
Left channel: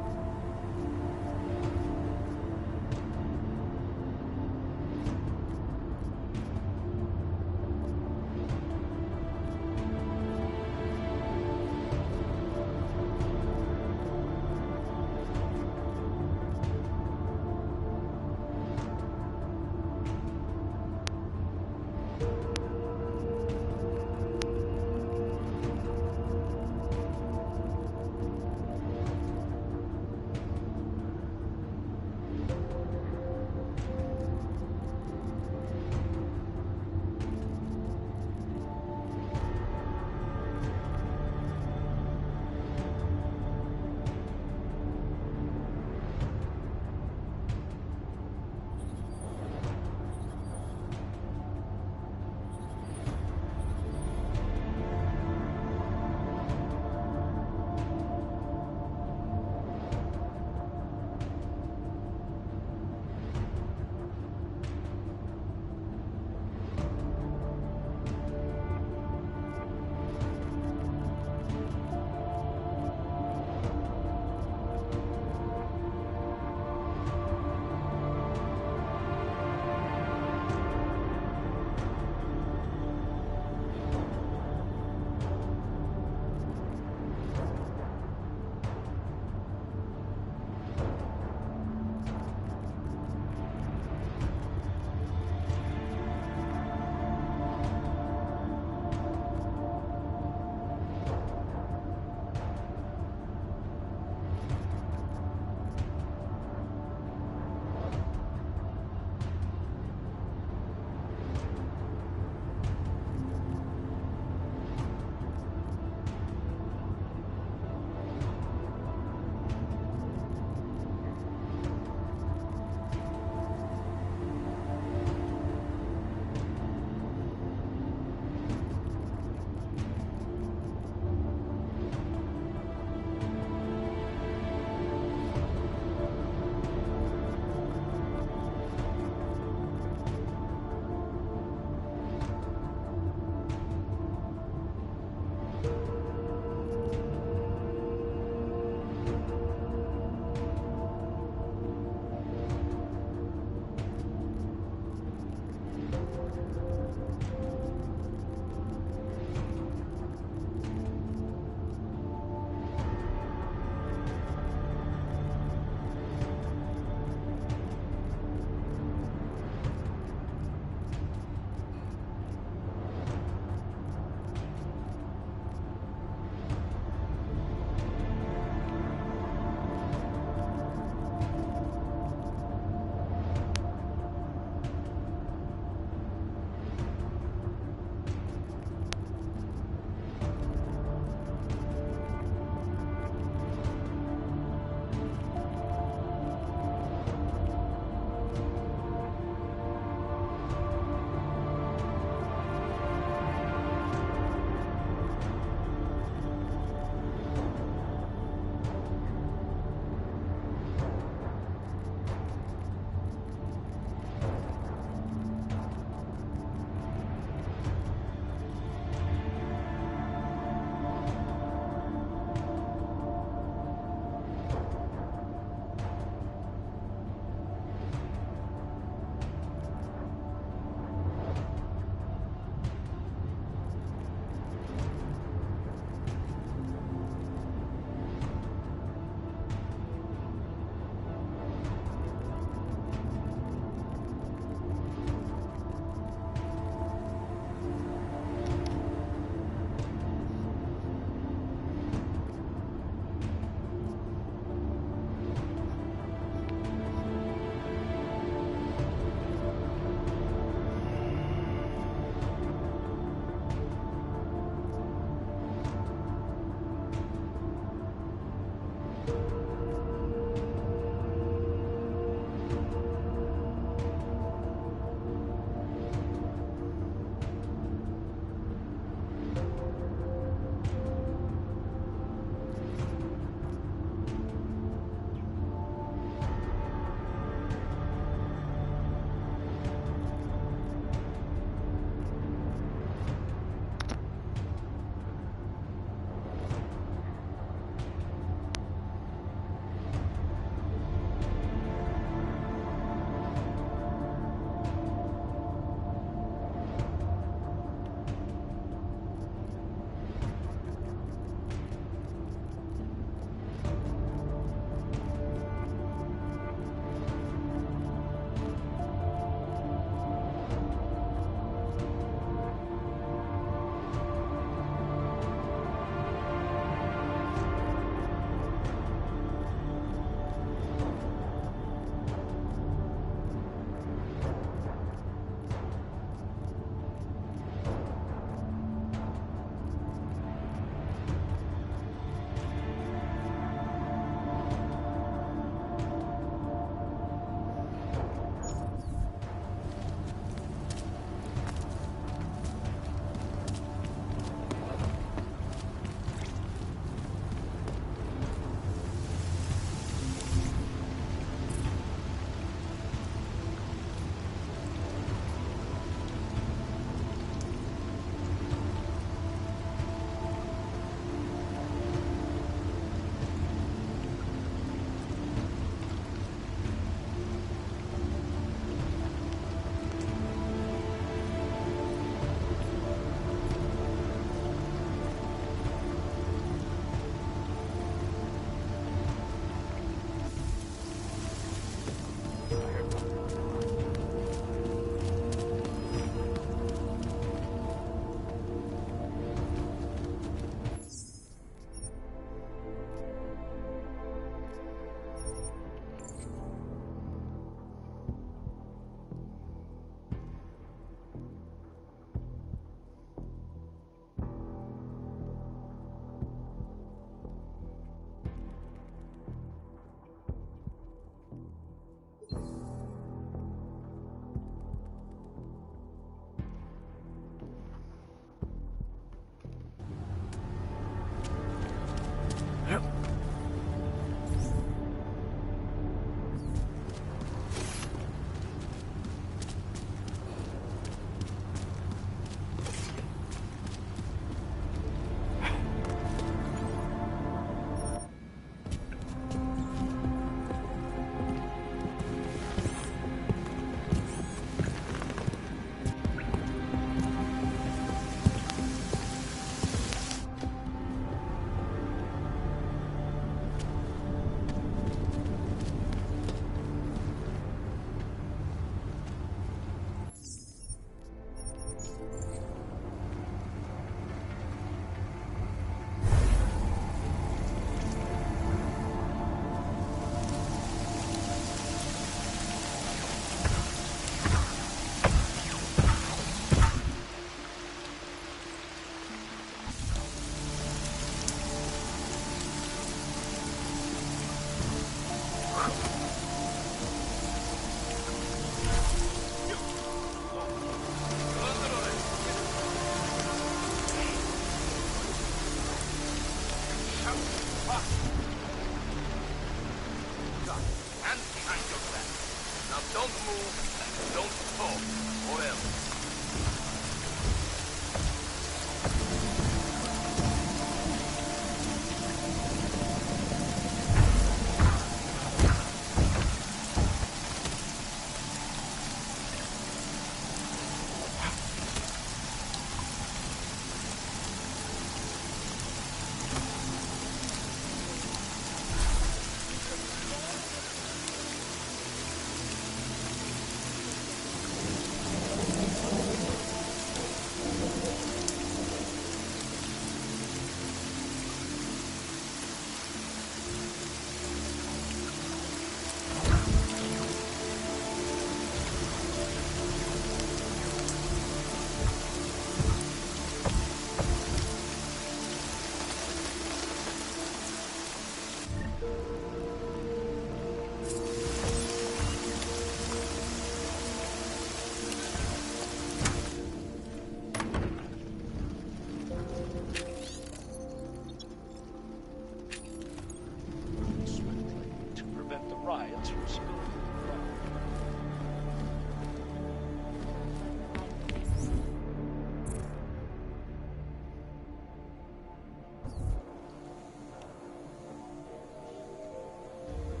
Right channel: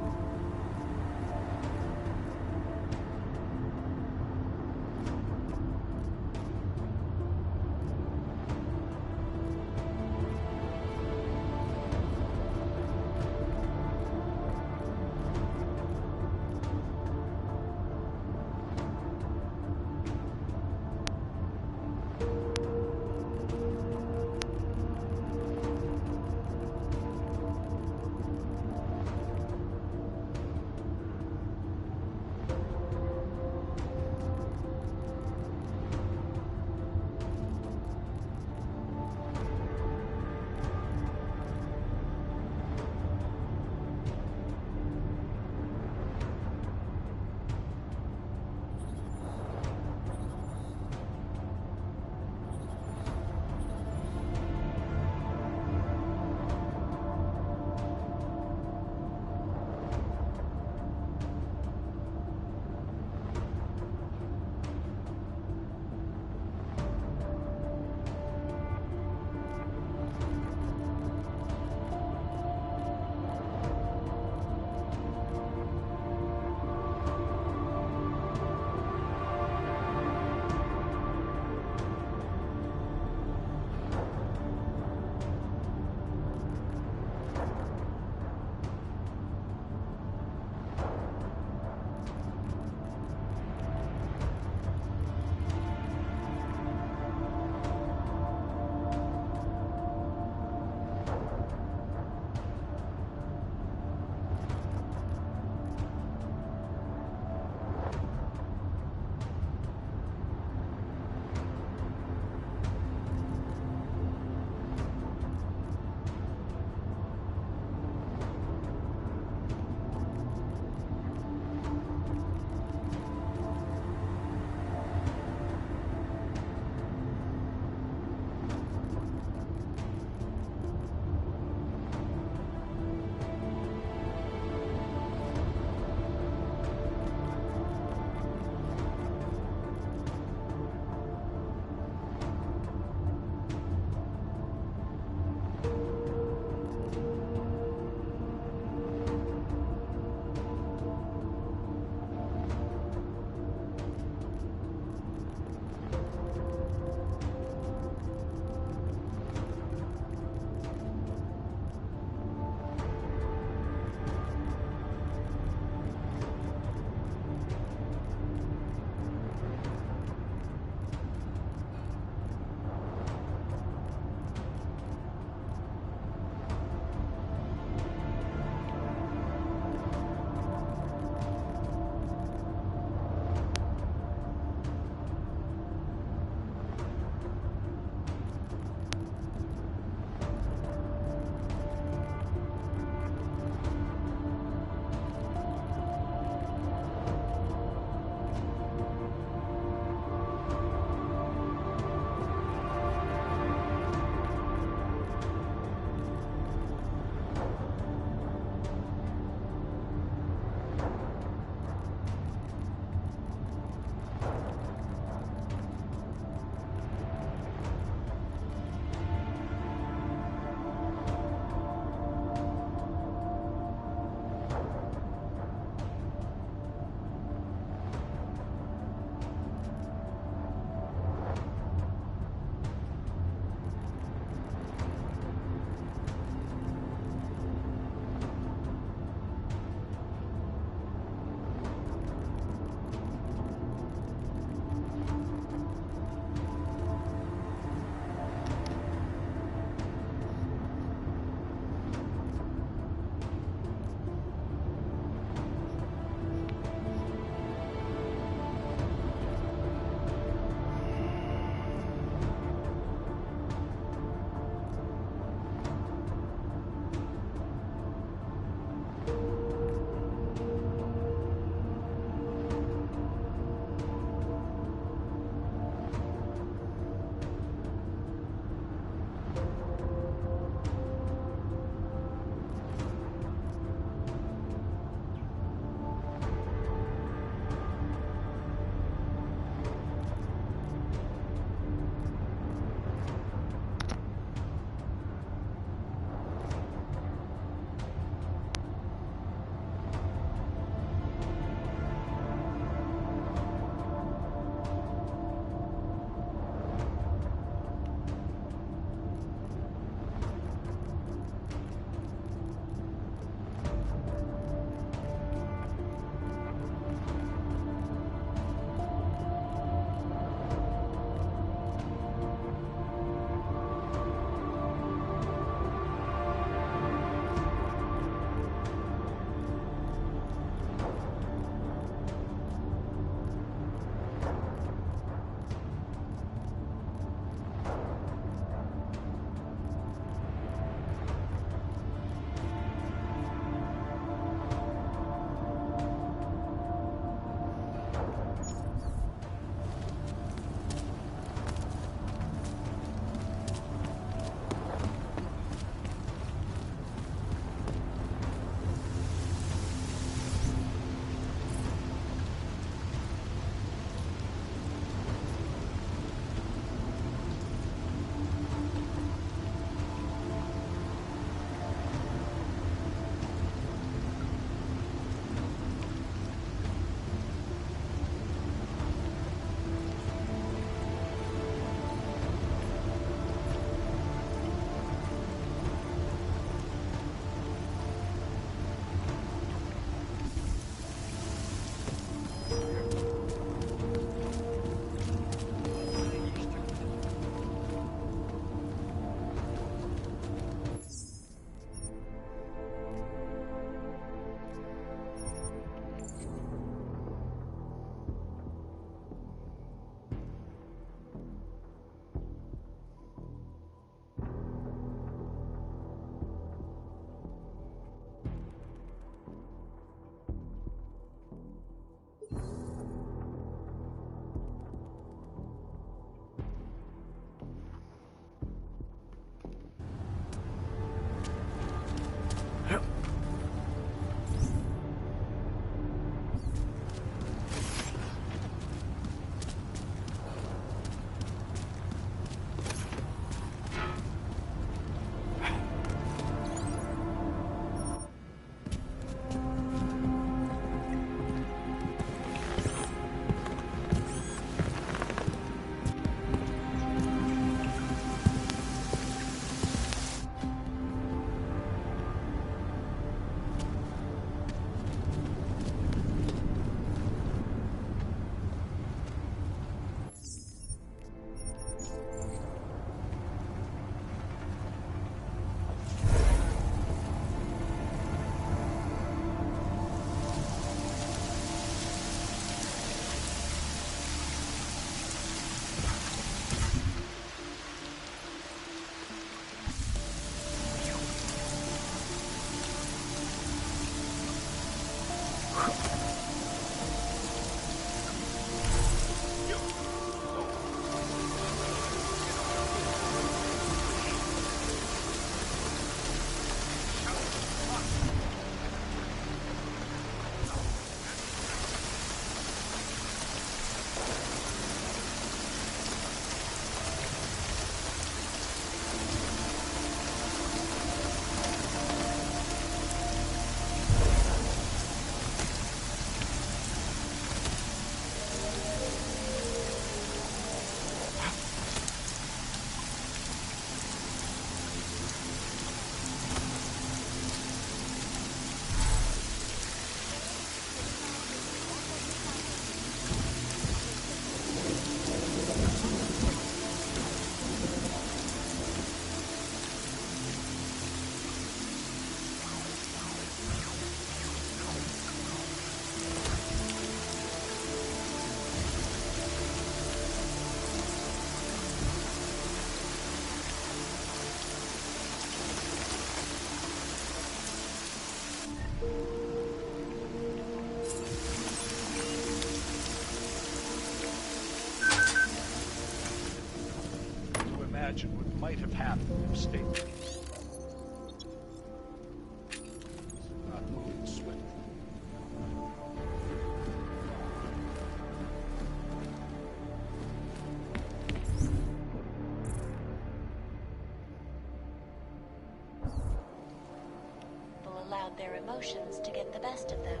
emotions to get the best of them.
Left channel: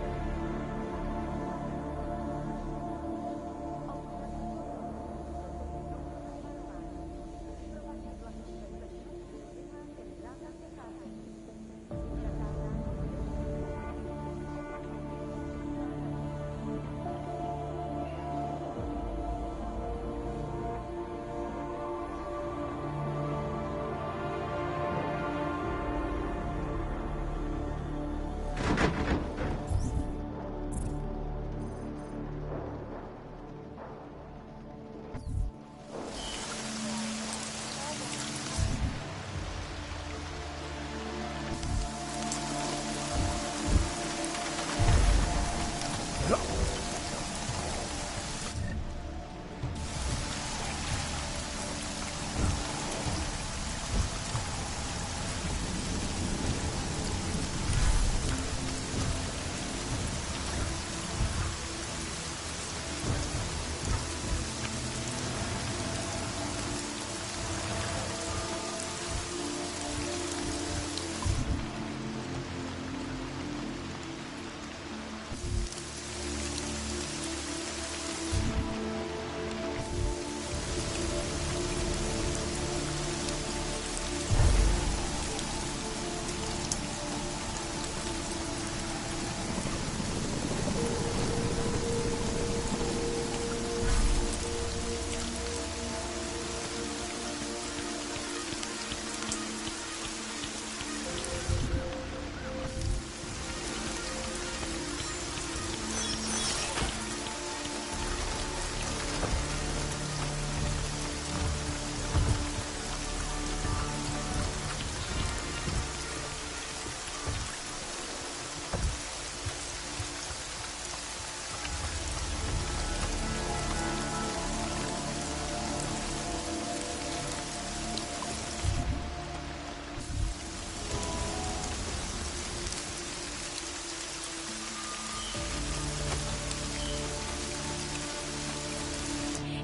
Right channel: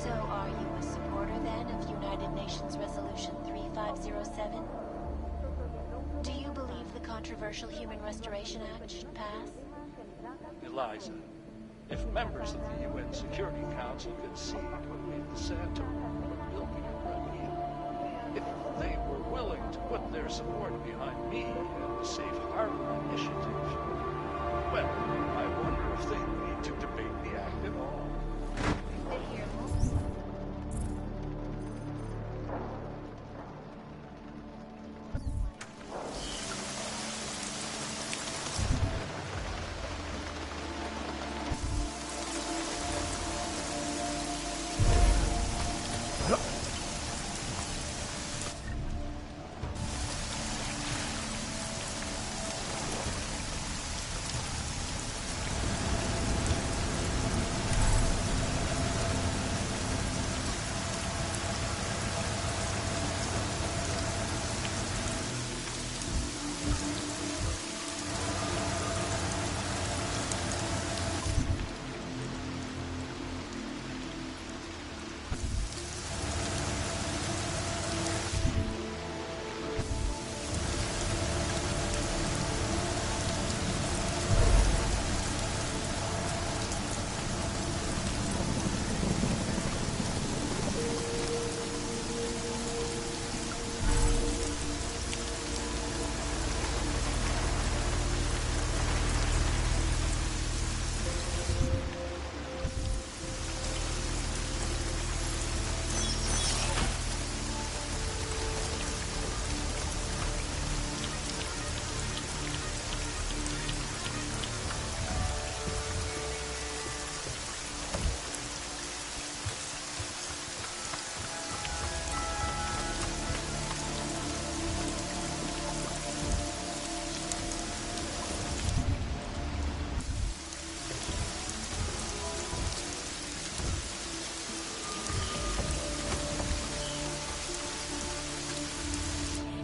So are you a supporter then of United Nations Resolution 3507? Do you believe the controversial Human Restoration Act should pass? Eliza, if members of the UN Security Council could see Putin in the center, if they were willing to put their support behind me on the Safe Harbor Initiative, well, I wonder if they would need to debate the act at all.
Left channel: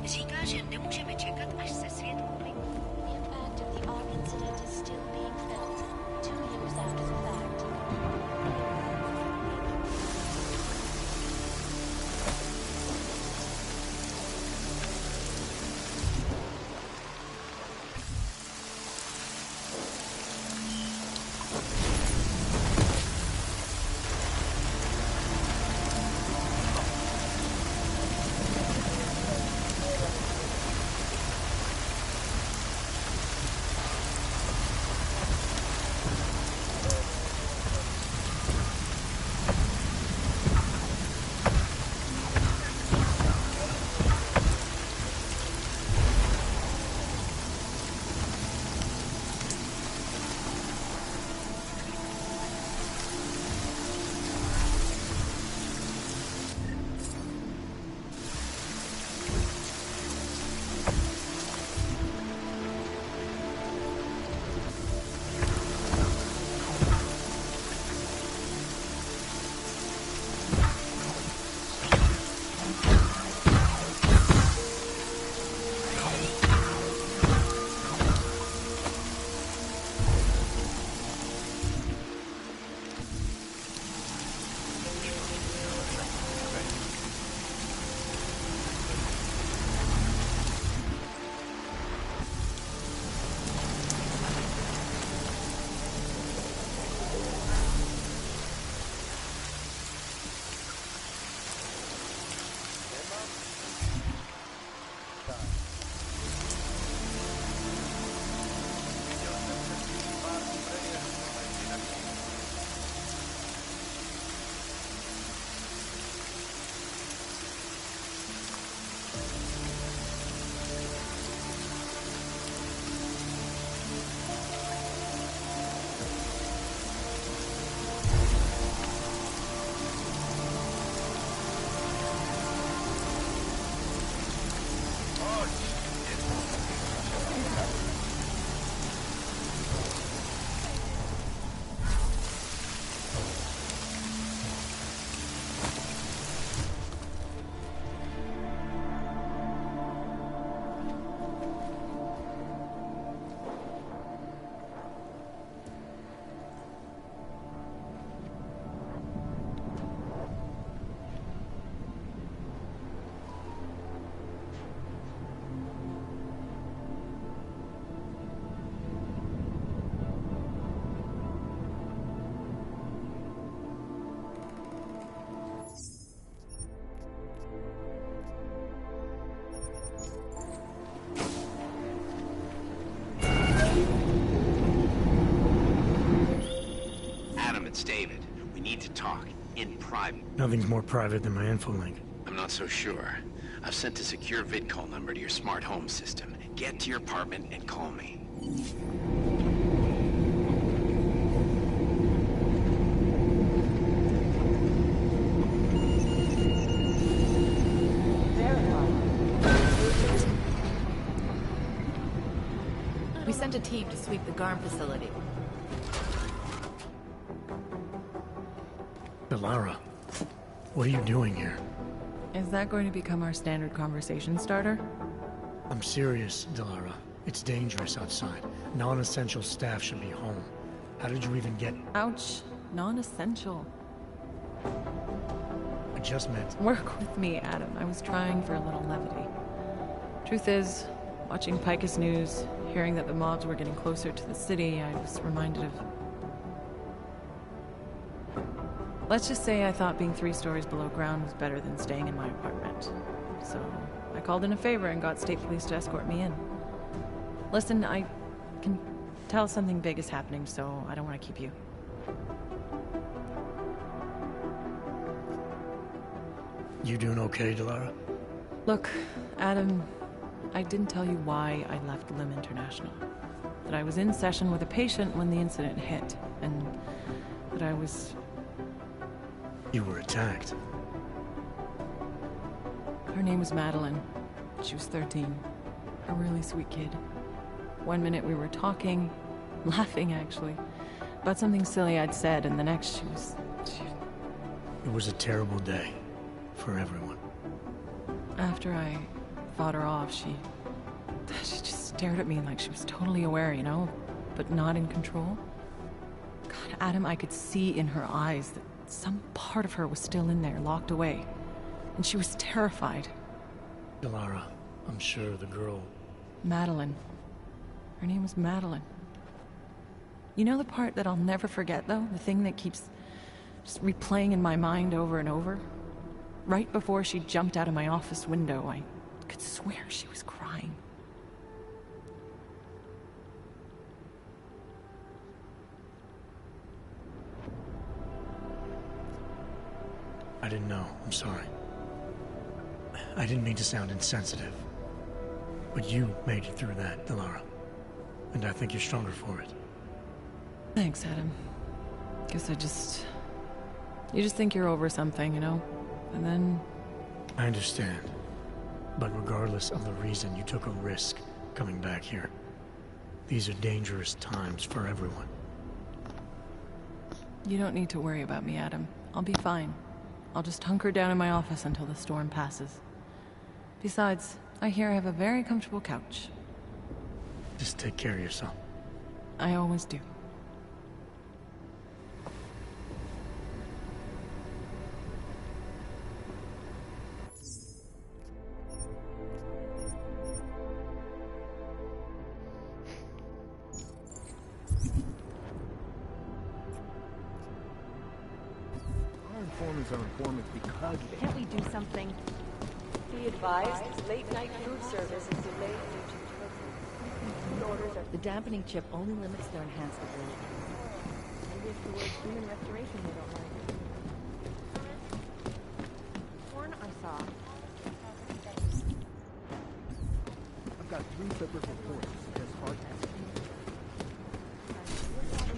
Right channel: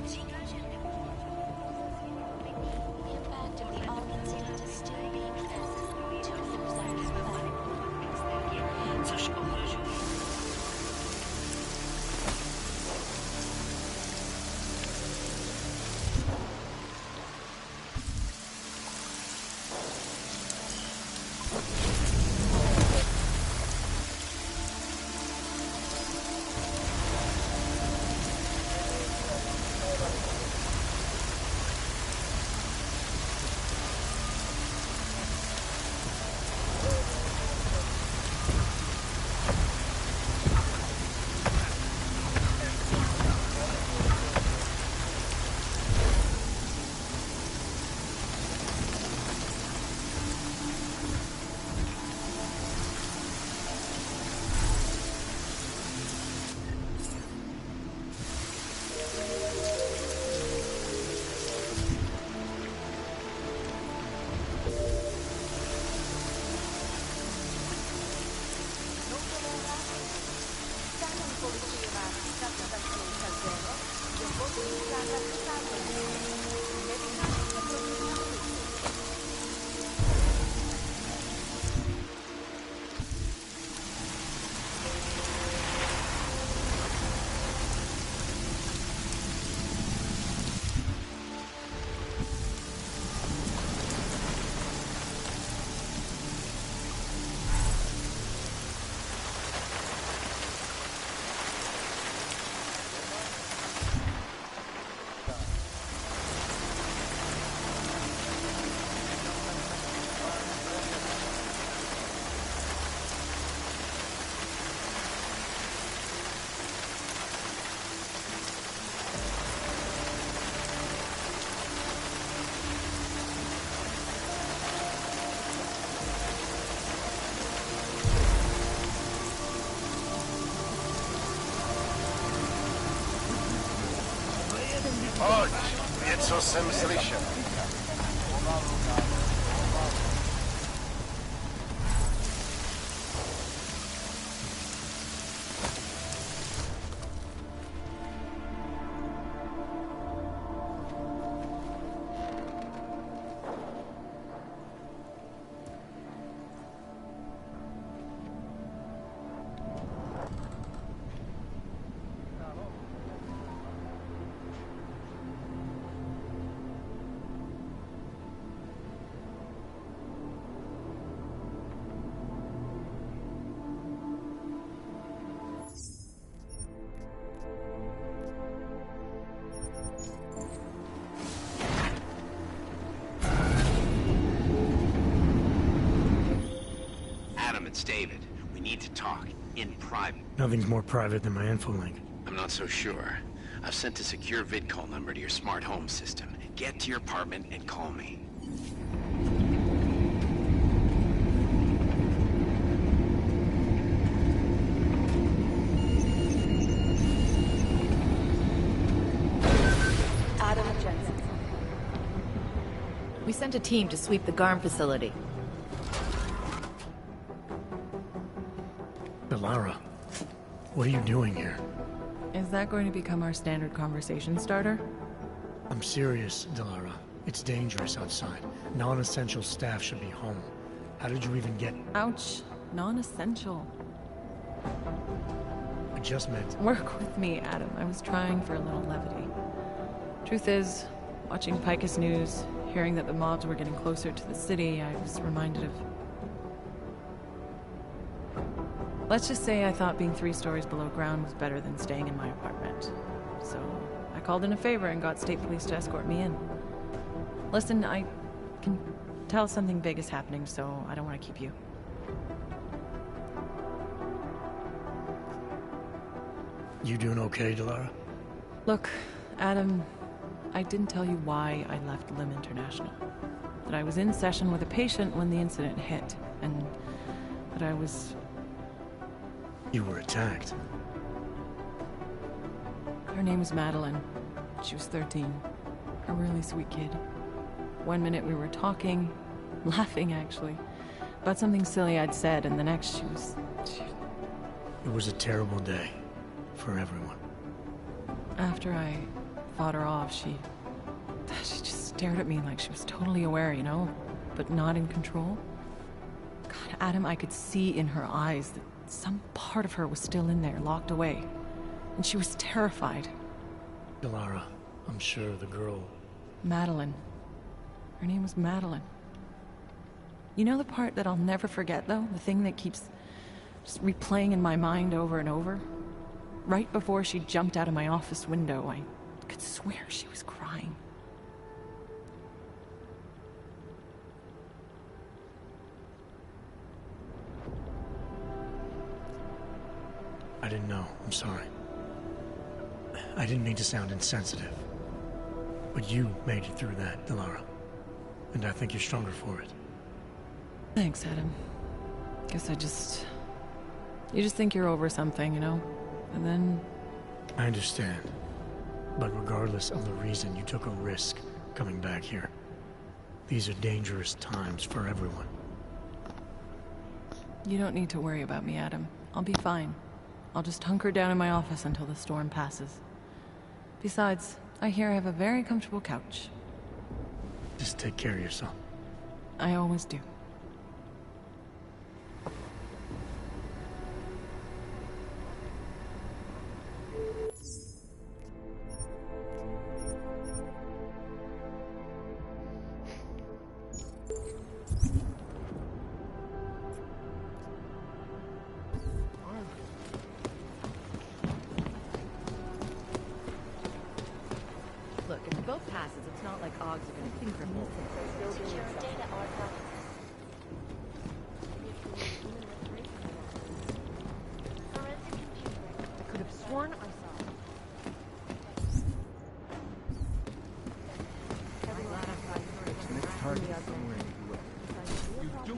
Říká, že nemůžeme čekat, až se svět uklidní. The impact of the Ark incident is still being felt 2 years after the fact. Což ohrožuje. Pojď, něco jsem slyšel. Adam, it's David. We need to talk. In private. Nothing's more private than my infolink. I'm not so sure. I've sent a secure vidcall number to your smart home system. Get to your apartment and call me. We sent a team to sweep the GARM facility. Delara, what are you doing here? Is that going to become our standard conversation starter? I'm serious, Delara. It's dangerous outside. Non-essential staff should be home. How did you even get... Ouch. Non-essential. I just meant... Work with me, Adam. I was trying for a little levity. Truth is, watching Picus News, hearing that the mobs were getting closer to the city, I was reminded of... Let's just say I thought being 3 stories below ground was better than staying in my apartment. So, I called in a favor and got state police to escort me in. Listen, I can tell something big is happening, so I don't want to keep you. You doing okay, Delara? Look, Adam, I didn't tell you why I left Lim International. That I was in session with a patient when the incident hit, and that I was... You were attacked. Her name was Madeline. She was 13. A really sweet kid. One minute we were talking, laughing actually, about something silly I'd said, and the next she was... It was a terrible day. For everyone. After I fought her off, she just stared at me like she was totally aware, you know, but not in control. God, Adam, I could see in her eyes that some part of her was still in there, locked away. And she was terrified. Delara, I'm sure the girl... Madeline. Her name was Madeline. You know the part that I'll never forget, though? The thing that keeps just replaying in my mind over and over? Right before she jumped out of my office window, I could swear she was crying. I didn't know. I'm sorry. I didn't mean to sound insensitive. But you made it through that, Delara. And I think you're stronger for it. Thanks, Adam. Guess you just think you're over something, you know? And then... I understand. But regardless of the reason, you took a risk coming back here. These are dangerous times for everyone. You don't need to worry about me, Adam. I'll be fine. I'll just hunker down in my office until the storm passes. Besides, I hear I have a very comfortable couch. Just take care of yourself. I always do.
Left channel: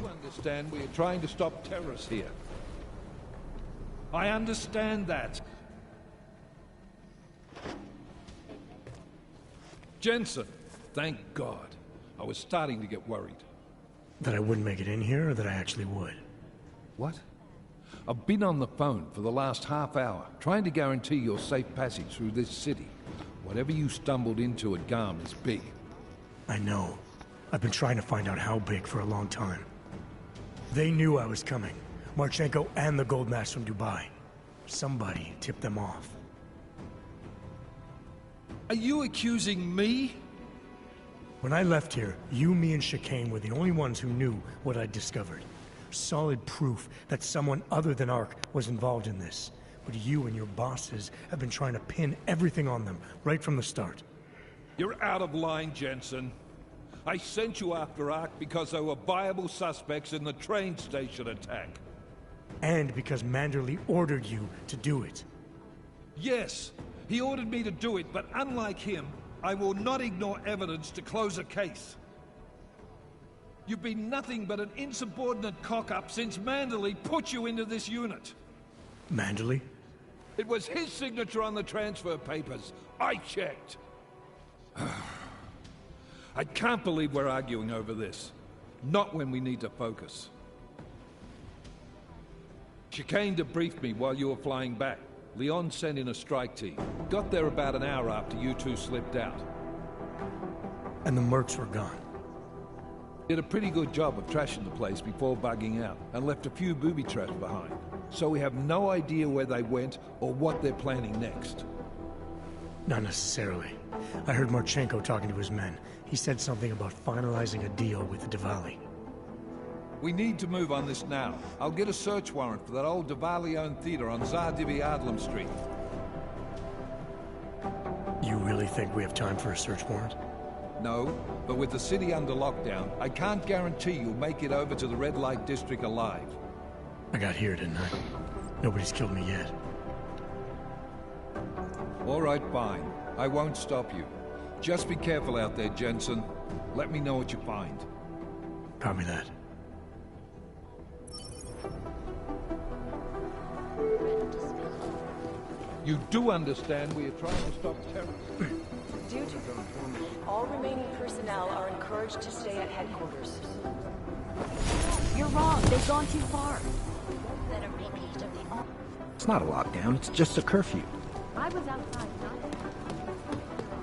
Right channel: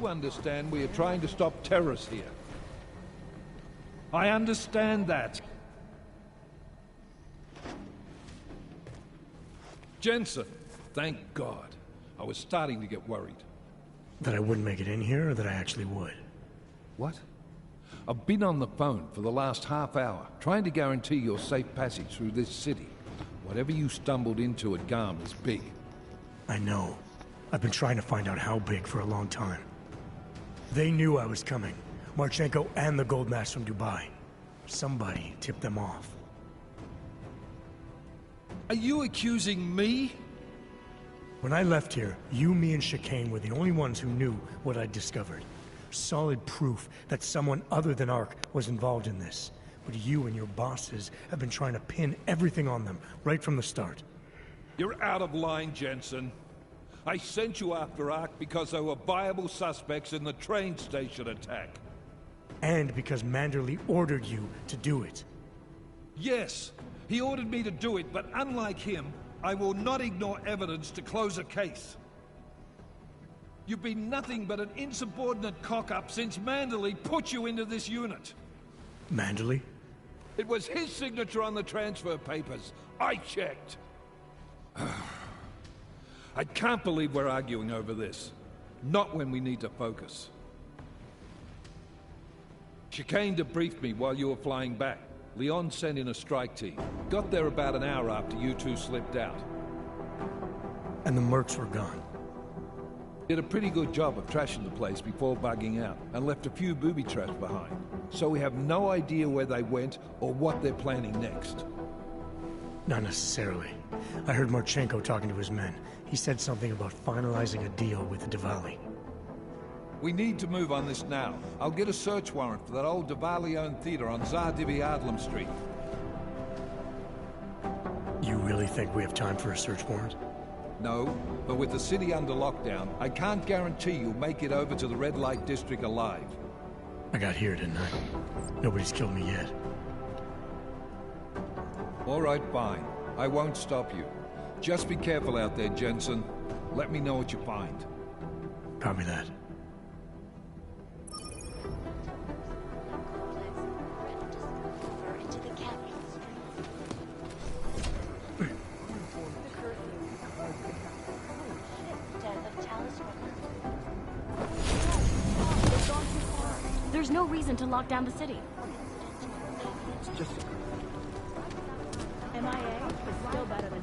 Understand we are trying to stop terrorists here. I understand that. Jensen, thank God. I was starting to get worried. That I wouldn't make it in here, or that I actually would? What? I've been on the phone for the last half hour, trying to guarantee your safe passage through this city. Whatever you stumbled into at GARM is big. I know. I've been trying to find out how big for a long time. They knew I was coming. Marchenko and the gold mask from Dubai. Somebody tipped them off. Are you accusing me? When I left here, you, me, and Chicane were the only ones who knew what I'd discovered. Solid proof that someone other than Ark was involved in this. But you and your bosses have been trying to pin everything on them, right from the start. You're out of line, Jensen. I sent you after Ark because there were viable suspects in the train station attack. And because Manderley ordered you to do it. Yes, he ordered me to do it, but unlike him, I will not ignore evidence to close a case. You've been nothing but an insubordinate cock-up since Manderley put you into this unit. Manderley? It was his signature on the transfer papers. I checked. I can't believe we're arguing over this. Not when we need to focus. Chicane debriefed me while you were flying back. Leon sent in a strike team. Got there about an hour after you two slipped out. And the mercs were gone. Did a pretty good job of trashing the place before bugging out, and left a few booby traps behind. So we have no idea where they went or what they're planning next. Not necessarily. I heard Marchenko talking to his men. He said something about finalizing a deal with the Diwali. We need to move on this now. I'll get a search warrant for that old Diwali-owned theater on Zardibi Adlam Street. You really think we have time for a search warrant? No, but with the city under lockdown, I can't guarantee you'll make it over to the red light district alive. I got here, didn't I? Nobody's killed me yet. All right, fine. I won't stop you. Just be careful out there, Jensen. Let me know what you find. Copy that. You do understand we are trying to stop terrorists. Due to the curfew, all remaining personnel are encouraged to stay at headquarters. No, you're wrong. They've gone too far. There's no reason to lock down the city. It's not a lockdown, it's just a curfew. I was outside, MIA. Well better than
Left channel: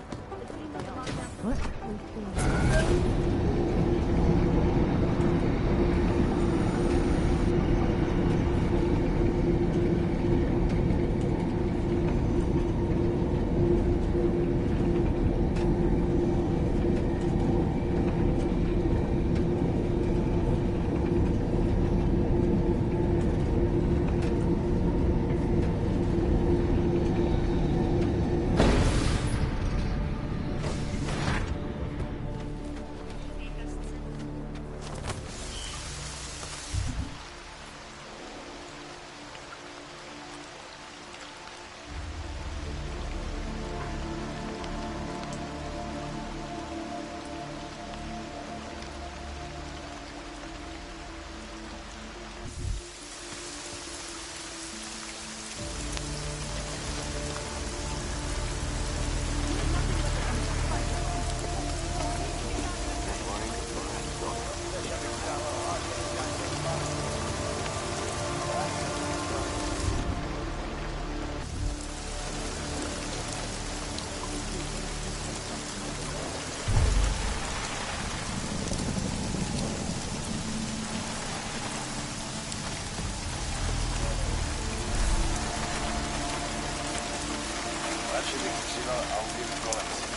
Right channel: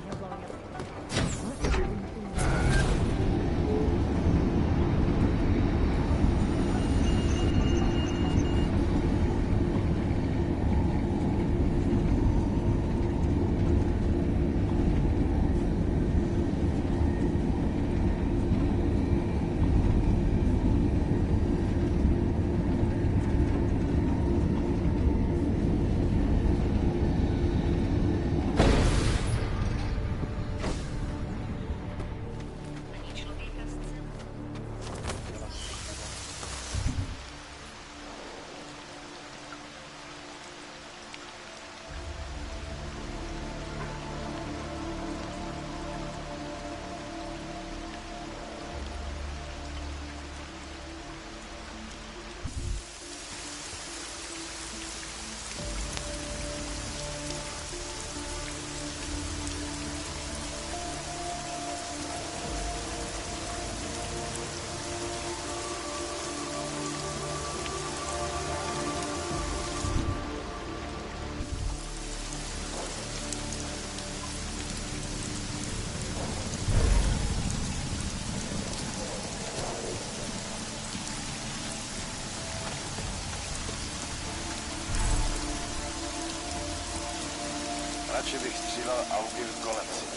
Radši střílel Audi kolem sebe.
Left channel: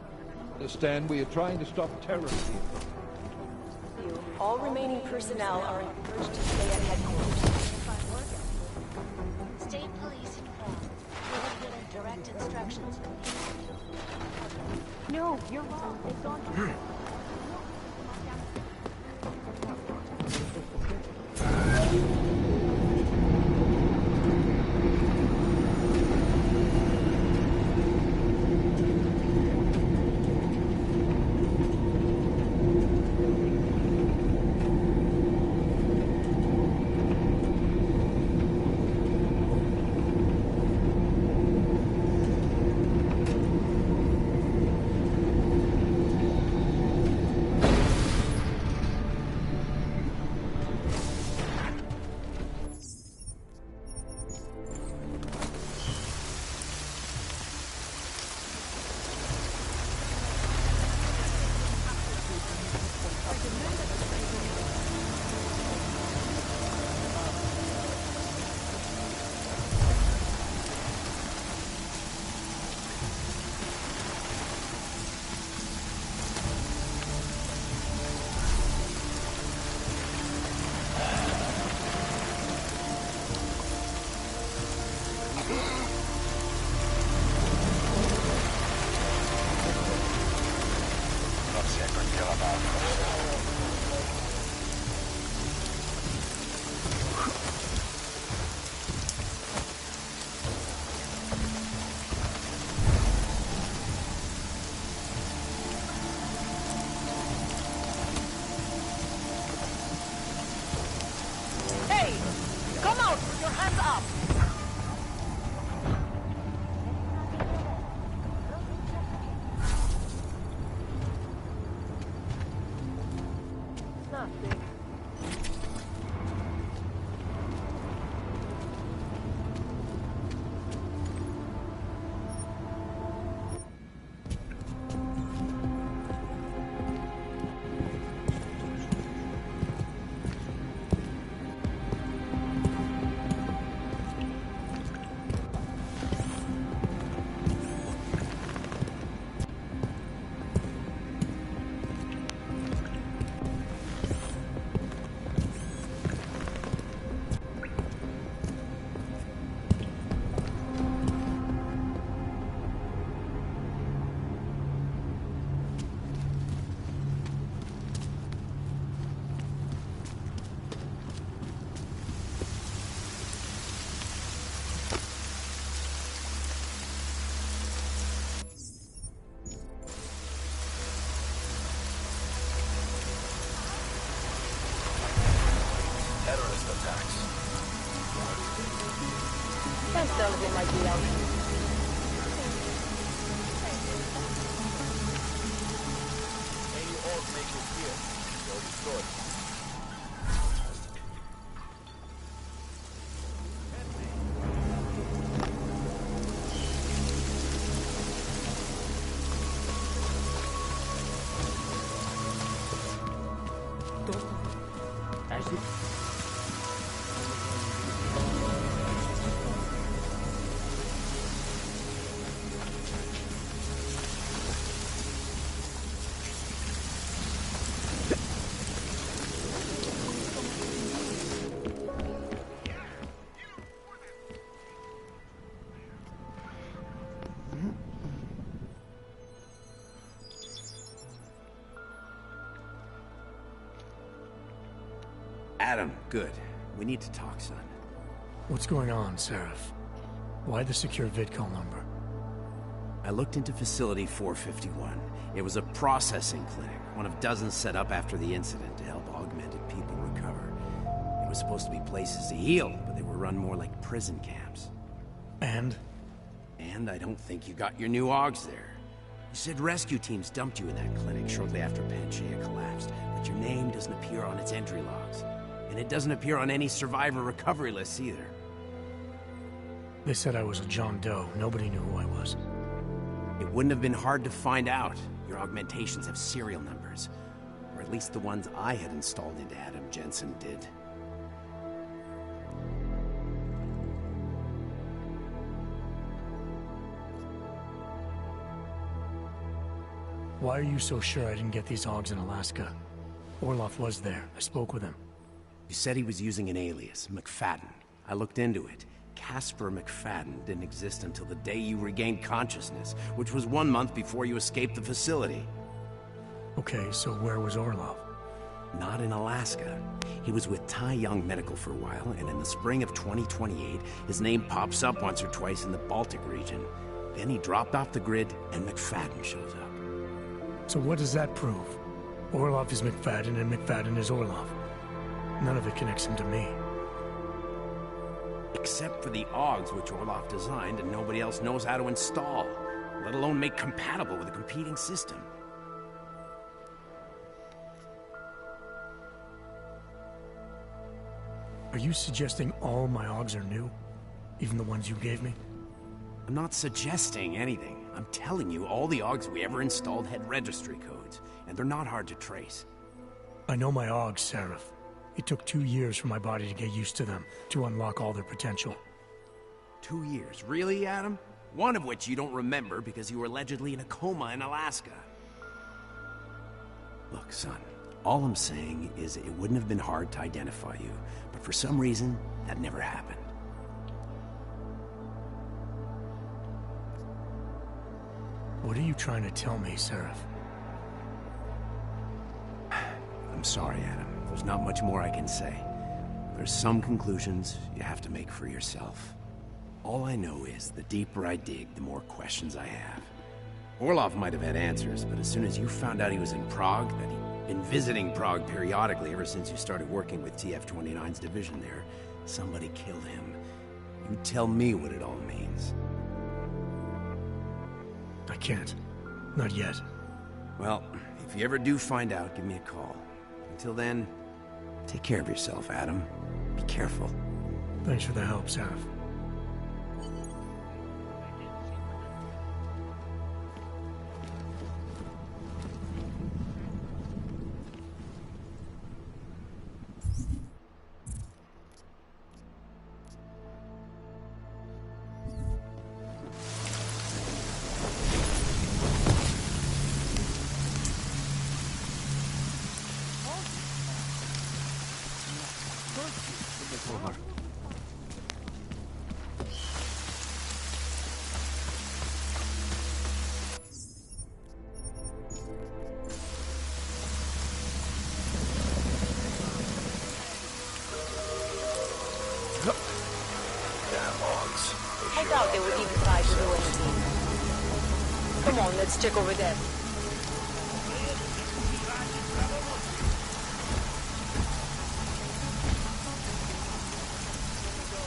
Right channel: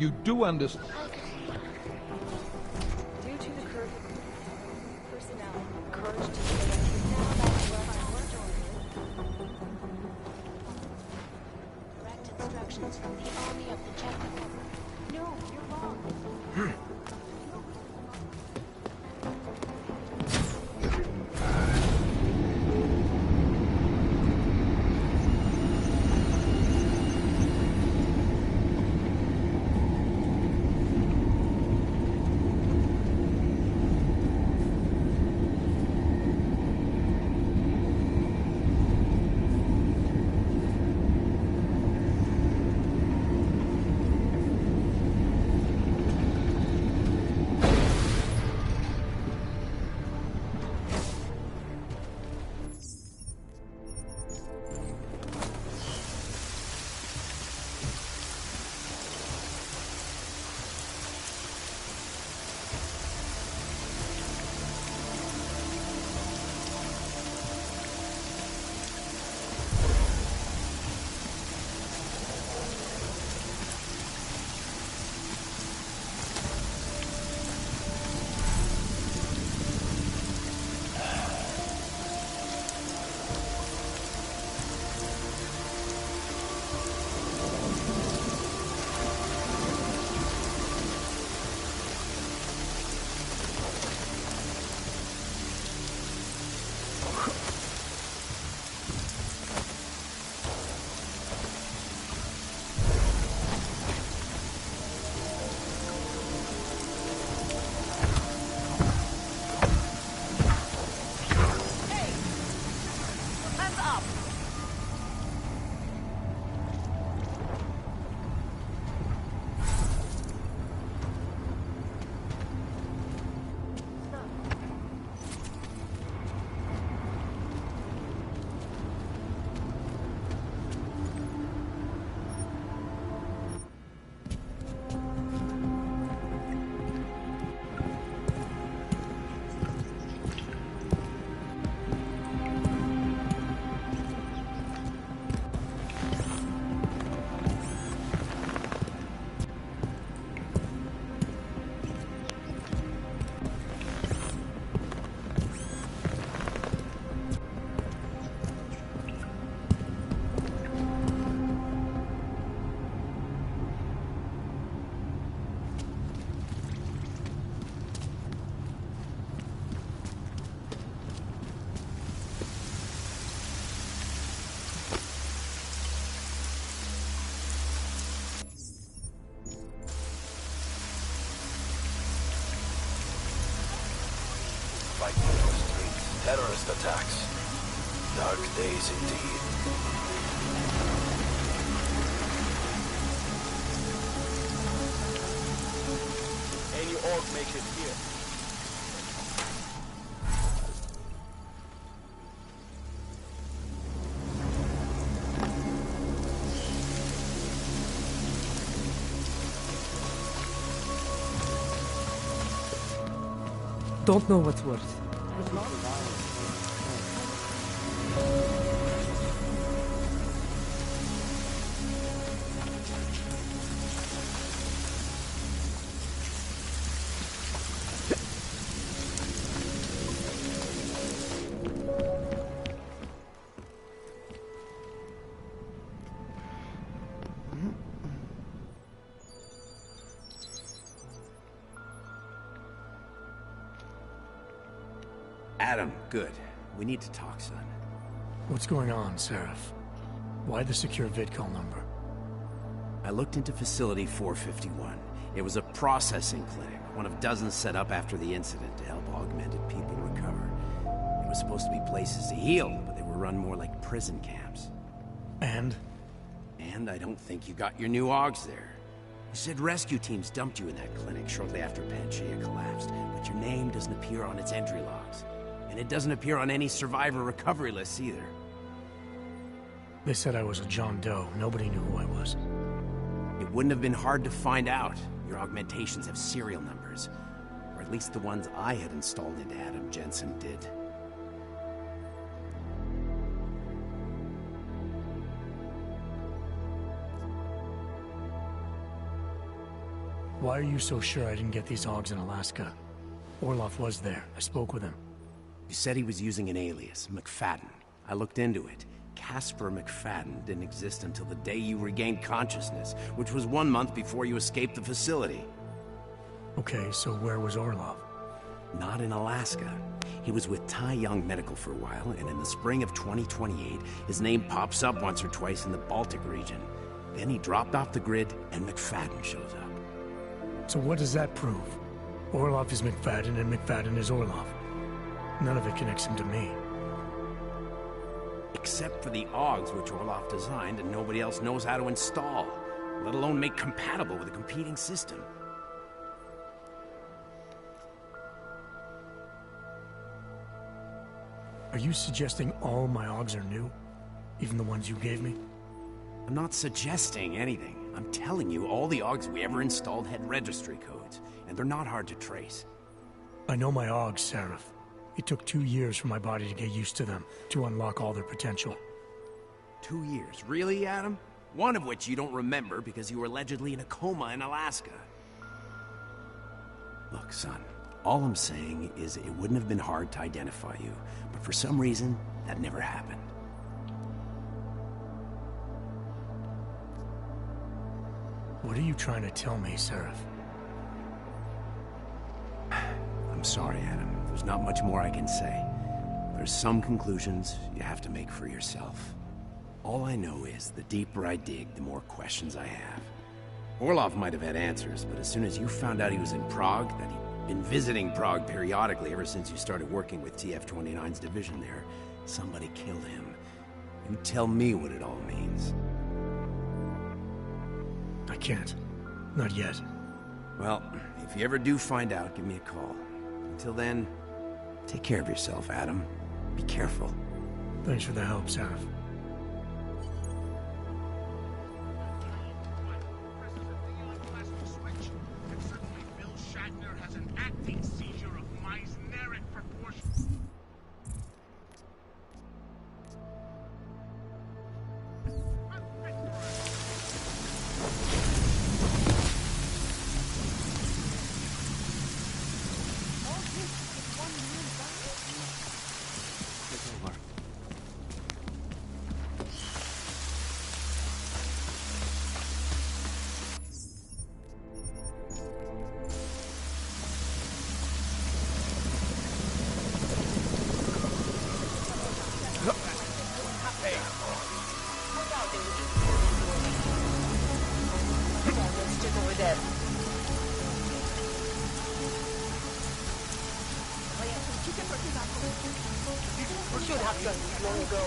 You do understand we are trying to stop terrorism. Due to the curfew, all remaining personnel are encouraged to stay at headquarters. State police involved. Direct instructions from the army of the Czech Republic. No, you're wrong. They've gone too far. Terrorist attacks. Dark days indeed. That doesn't like the element. Any orc make it here. So destroyed. Don't know what's worse. Adam, good. We need to talk, son. What's going on, Seraph? Why the secure vidcall number? I looked into Facility 451. It was a processing clinic, one of dozens set up after the incident to help augmented people recover. It was supposed to be places to heal, but they were run more like prison camps. And? And I don't think you got your new AUGs there. You said rescue teams dumped you in that clinic shortly after Panchaea collapsed, but your name doesn't appear on its entry logs. And it doesn't appear on any survivor recovery lists either. They said I was a John Doe. Nobody knew who I was. It wouldn't have been hard to find out. Your augmentations have serial numbers. Or at least the ones I had installed into Adam Jensen did. Why are you so sure I didn't get these AUGs in Alaska? Orloff was there. I spoke with him. You said he was using an alias, McFadden. I looked into it. Casper McFadden didn't exist until the day you regained consciousness, which was 1 month before you escaped the facility. Okay, so where was Orloff? Not in Alaska. He was with Tai Young Medical for a while, and in the spring of 2028, his name pops up once or twice in the Baltic region. Then he dropped off the grid, and McFadden shows up. So what does that prove? Orloff is McFadden, and McFadden is Orloff. None of it connects him to me. Except for the AUGs which Orloff designed and nobody else knows how to install, let alone make compatible with a competing system. Are you suggesting all my AUGs are new? Even the ones you gave me? I'm not suggesting anything. I'm telling you, all the AUGs we ever installed had registry codes, and they're not hard to trace. I know my AUGs, Seraph. It took 2 years for my body to get used to them, to unlock all their potential. 2 years? Really, Adam? One of which you don't remember because you were allegedly in a coma in Alaska. Look, son, all I'm saying is it wouldn't have been hard to identify you, but for some reason, that never happened. What are you trying to tell me, Seraph? I'm sorry, Adam. There's not much more I can say. There's some conclusions you have to make for yourself. All I know is the deeper I dig, the more questions I have. Orloff might have had answers, but as soon as you found out he was in Prague, that he'd been visiting Prague periodically ever since you started working with TF-29's division there, somebody killed him. You tell me what it all means. I can't. Not yet. Well, if you ever do find out, give me a call. Until then, take care of yourself, Adam. Be careful. Thanks for the help, Sarah. I doubt they would even try to do anything. Come on, let's check over there. Should have done this long ago.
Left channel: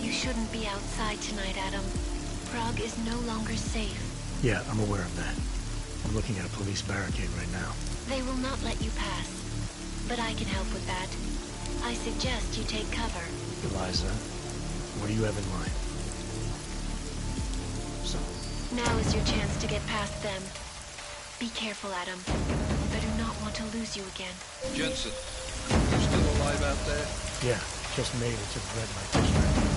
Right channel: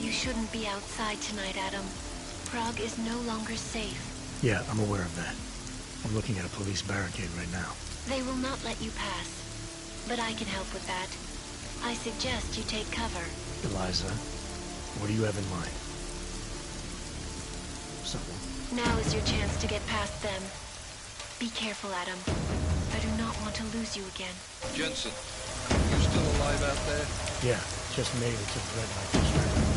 You shouldn't be outside tonight, Adam. Prague is no longer safe. Yeah, I'm aware of that. I'm looking at a police barricade right now. They will not let you pass. But I can help with that. I suggest you take cover. Eliza, what do you have in mind? So... Now is your chance to get past them. Be careful, Adam. I do not want to lose you again. Jensen, you still alive out there? Yeah, just made it to the red light district.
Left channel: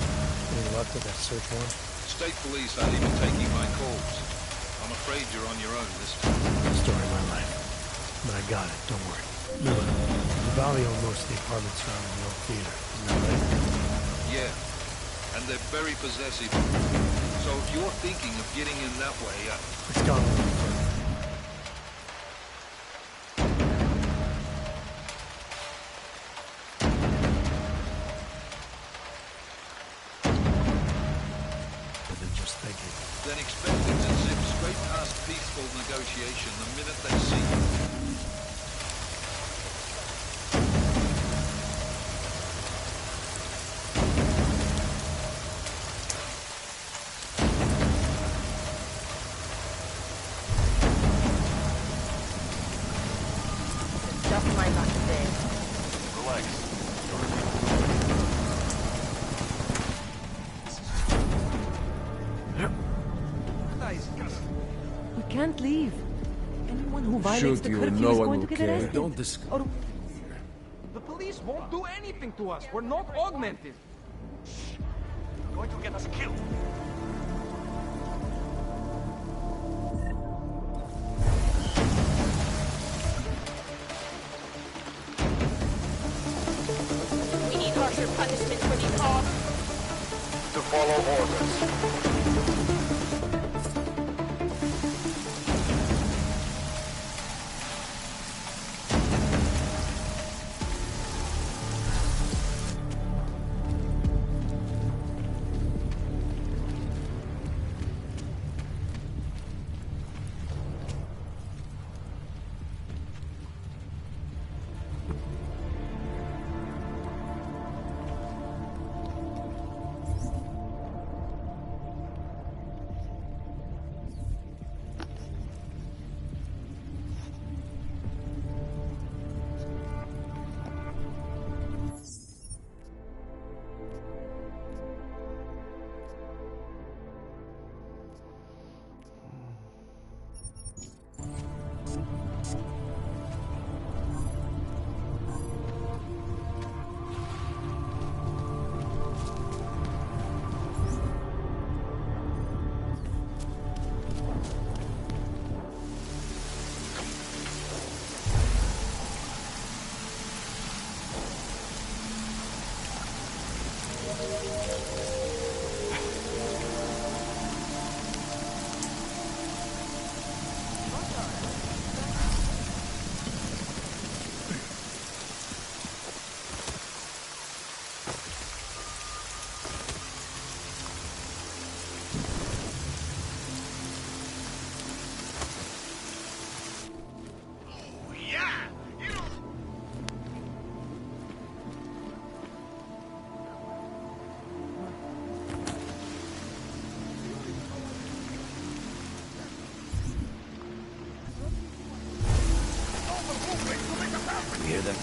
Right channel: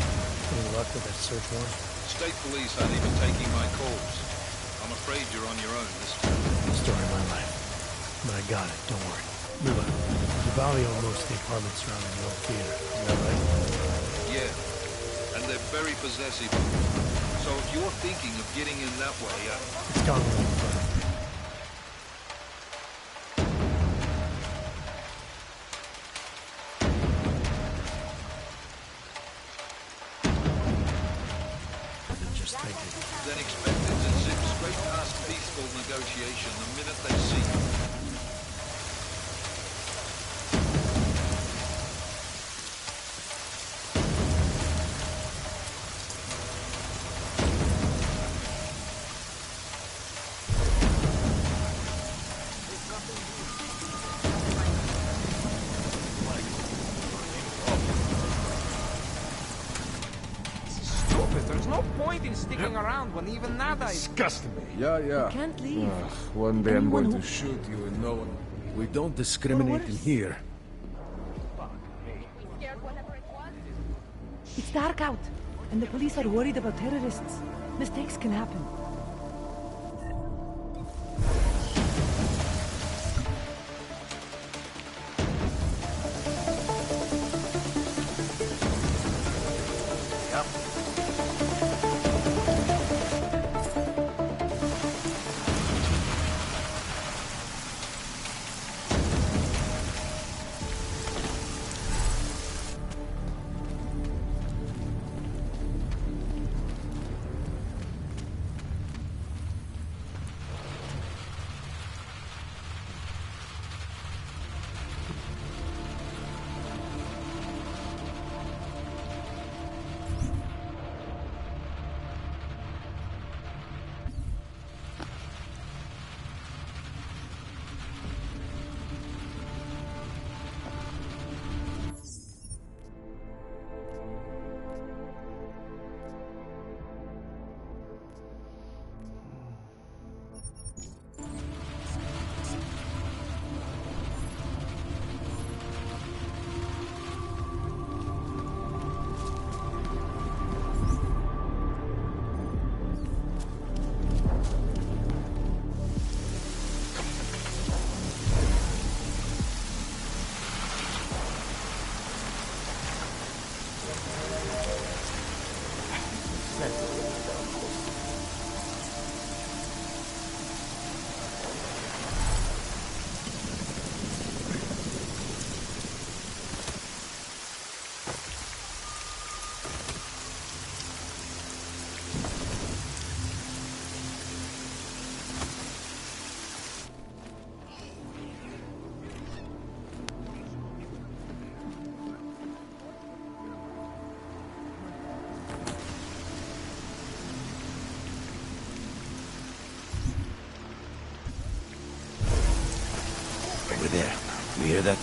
Any luck with that search warrant? State police aren't even taking my calls. I'm afraid you're on your own this time. Story of my life. But I got it, don't worry. Miller, Duvalli owned most of the apartments surrounding the old theater, isn't that right? Yeah, and they're very possessive. So if you're thinking of getting in that way, It's gone a little further. then expect it to zip straight past peaceful negotiation the minute they see you. There's no point in disgusting. Yeah, yeah. You can't leave. One day I'm Anyone going who to violates shoot the you and curfew no is one going will to get care. arrested. We don't discriminate in here. The police won't do anything to us. We're not augmented. It's dark out, and the police are worried about terrorists. Mistakes can happen. Have to follow orders. You hear that?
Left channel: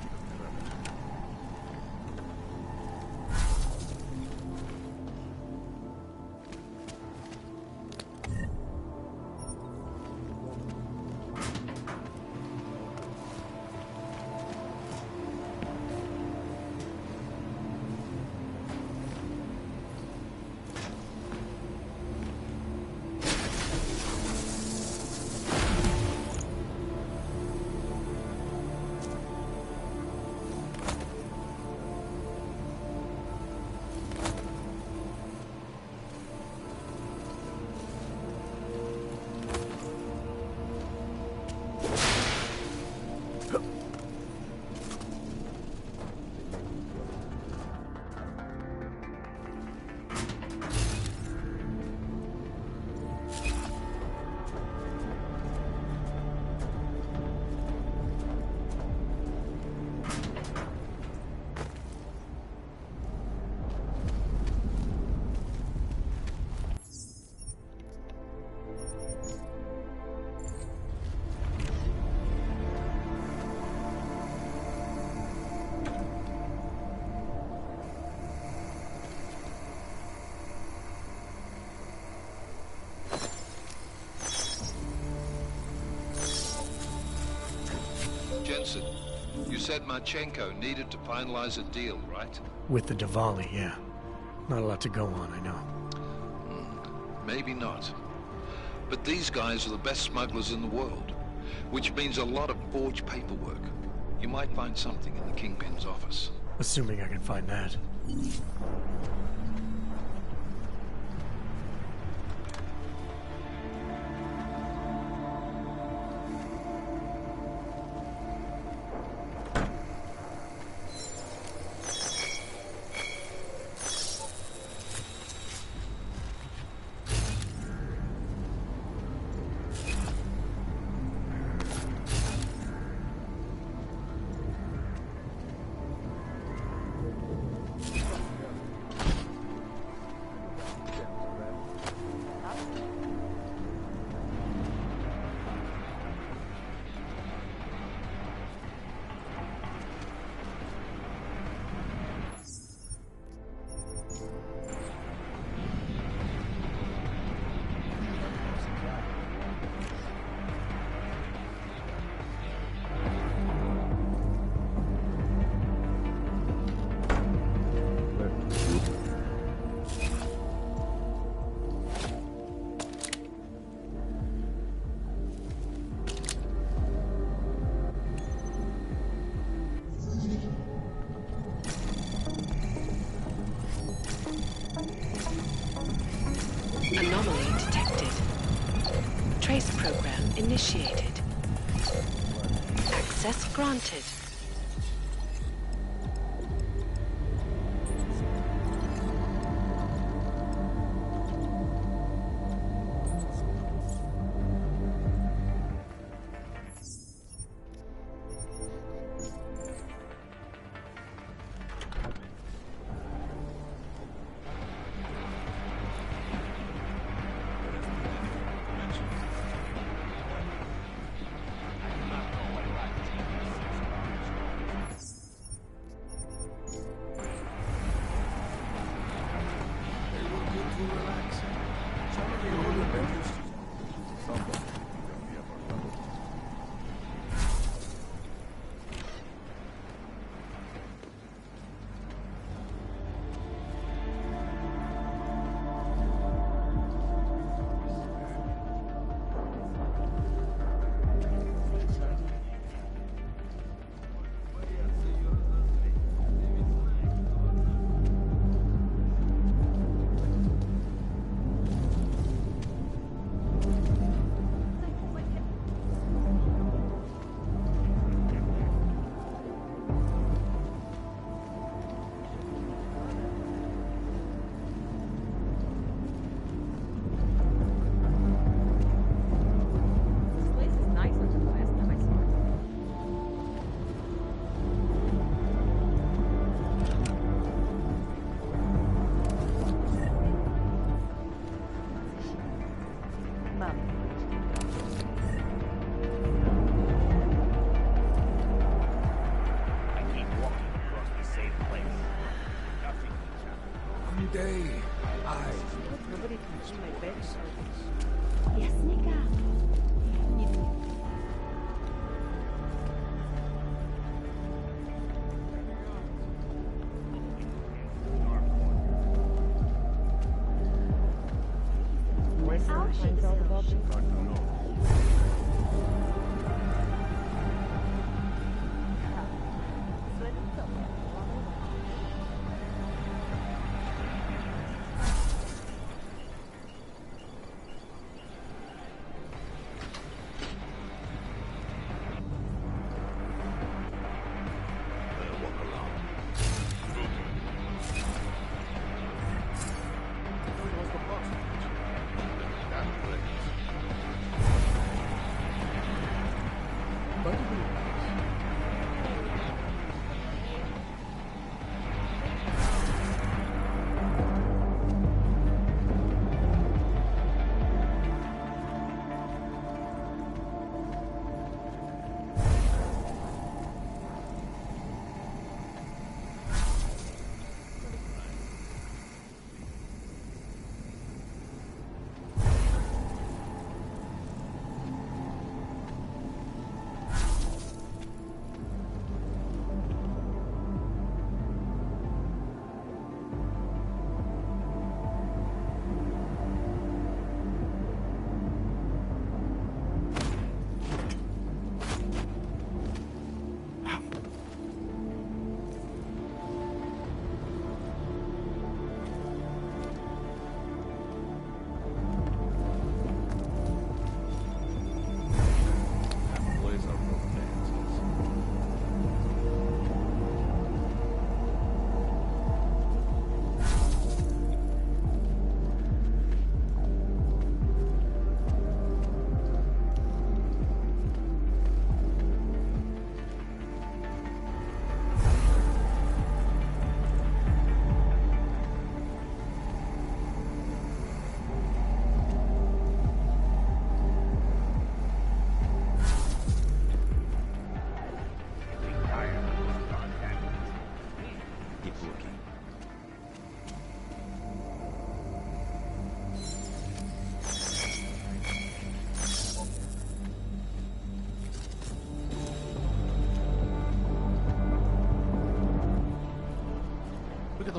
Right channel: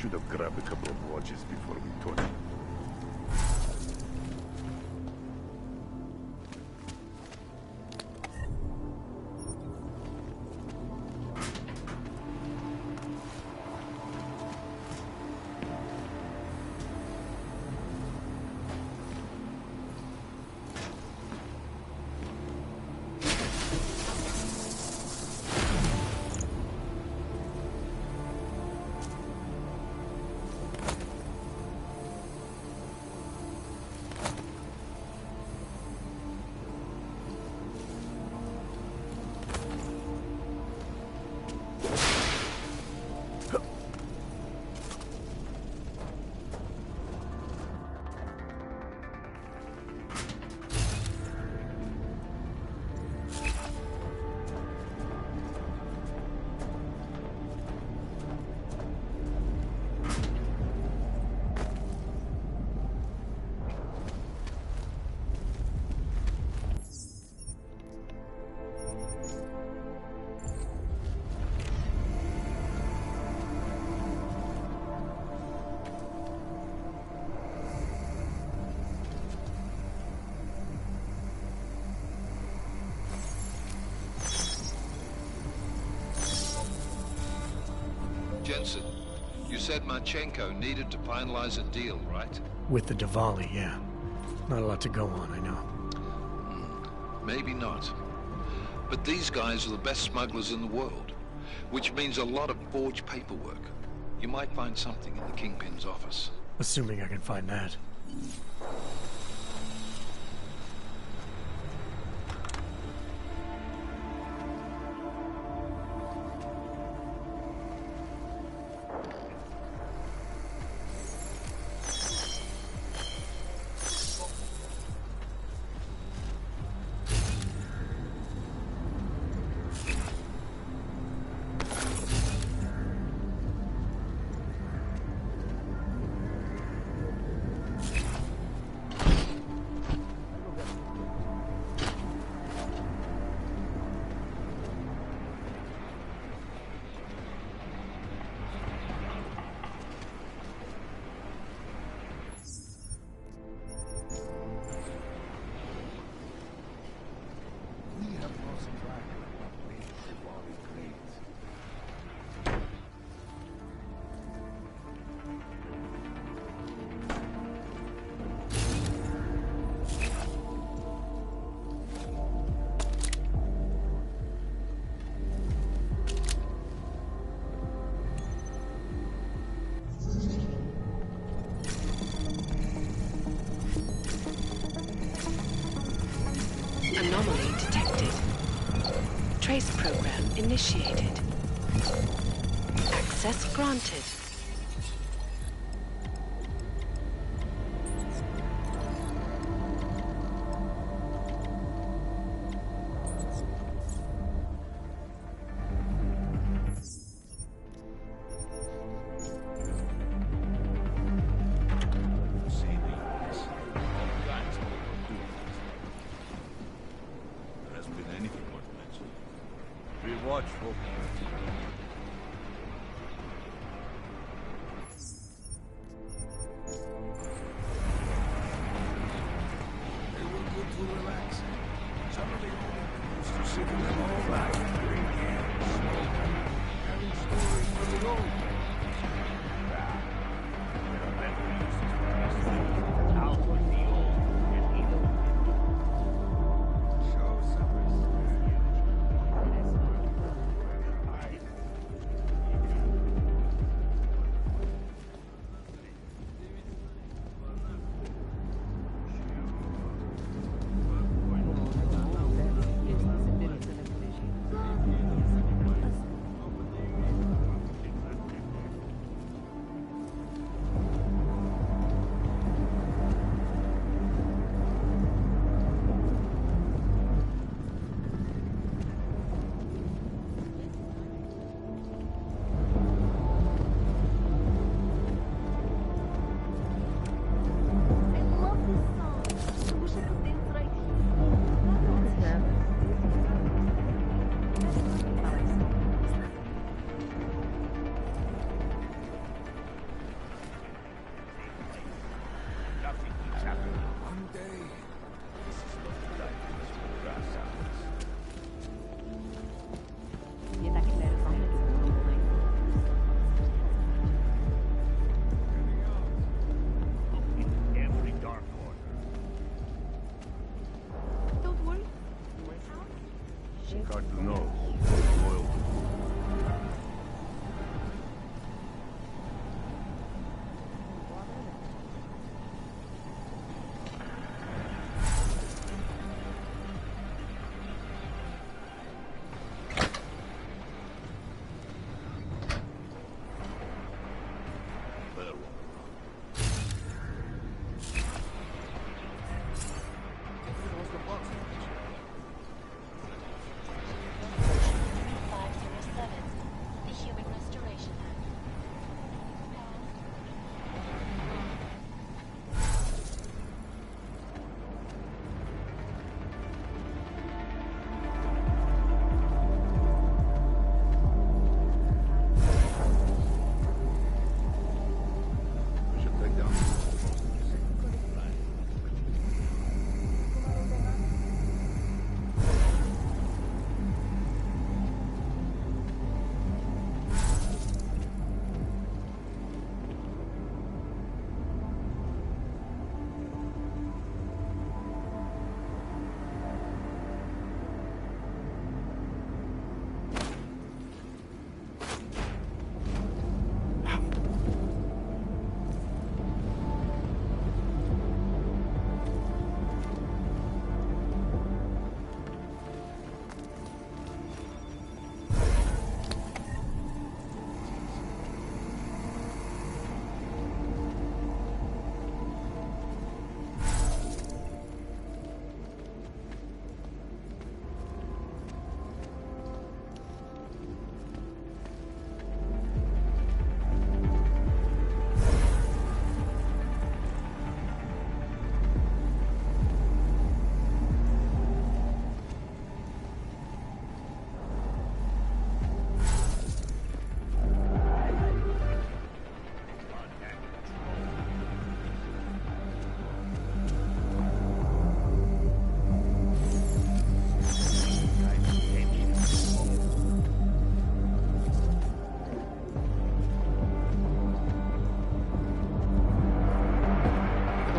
Should have grabbed a couple of watches before we took it. Jensen, you said Marchenko needed to finalize a deal, right? With the Diwali, yeah. Not a lot to go on, I know. Maybe not. But these guys are the best smugglers in the world, which means a lot of forged paperwork. You might find something in the Kingpin's office. Assuming I can find that. Anomaly detected. Trace program initiated. Access granted.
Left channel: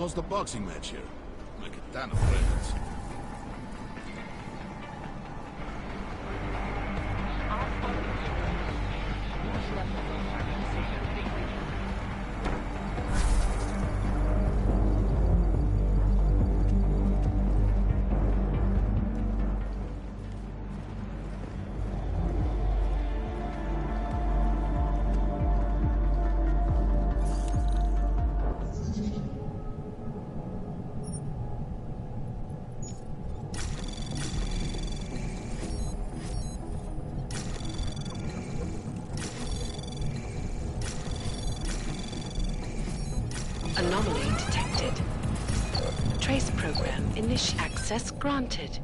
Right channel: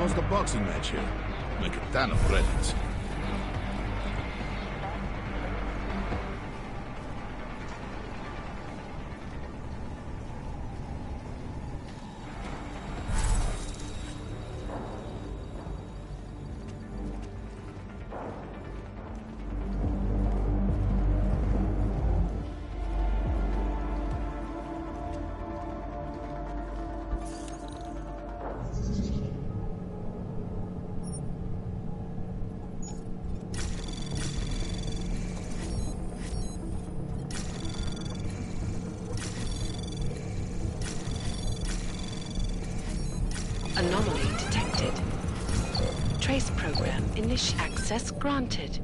host a boxing match here. Make a ton of presents. Anomaly detected. Trace program access granted.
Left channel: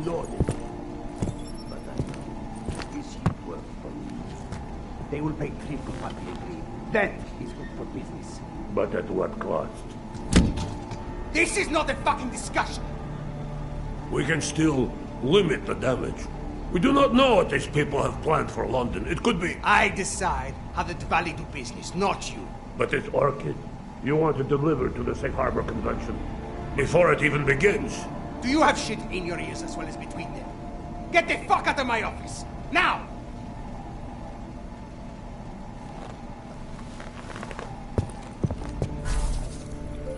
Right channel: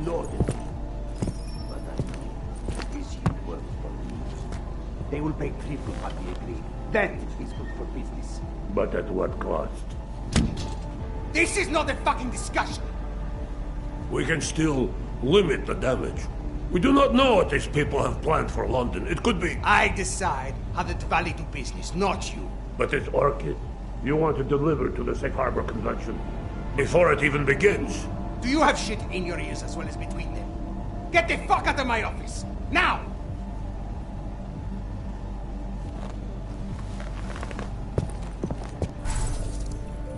loaded. But I know this shit works for me. They will pay triple what we agreed. That is good for business. But at what cost? This is not a fucking discussion! We can still limit the damage. We do not know what these people have planned for London. It could be... I decide how the Valley do business, not you. But it's Orchid. You want to deliver to the Safe Harbor Convention before it even begins. Do you have shit in your ears as well as between them? Get the fuck out of my office! Now!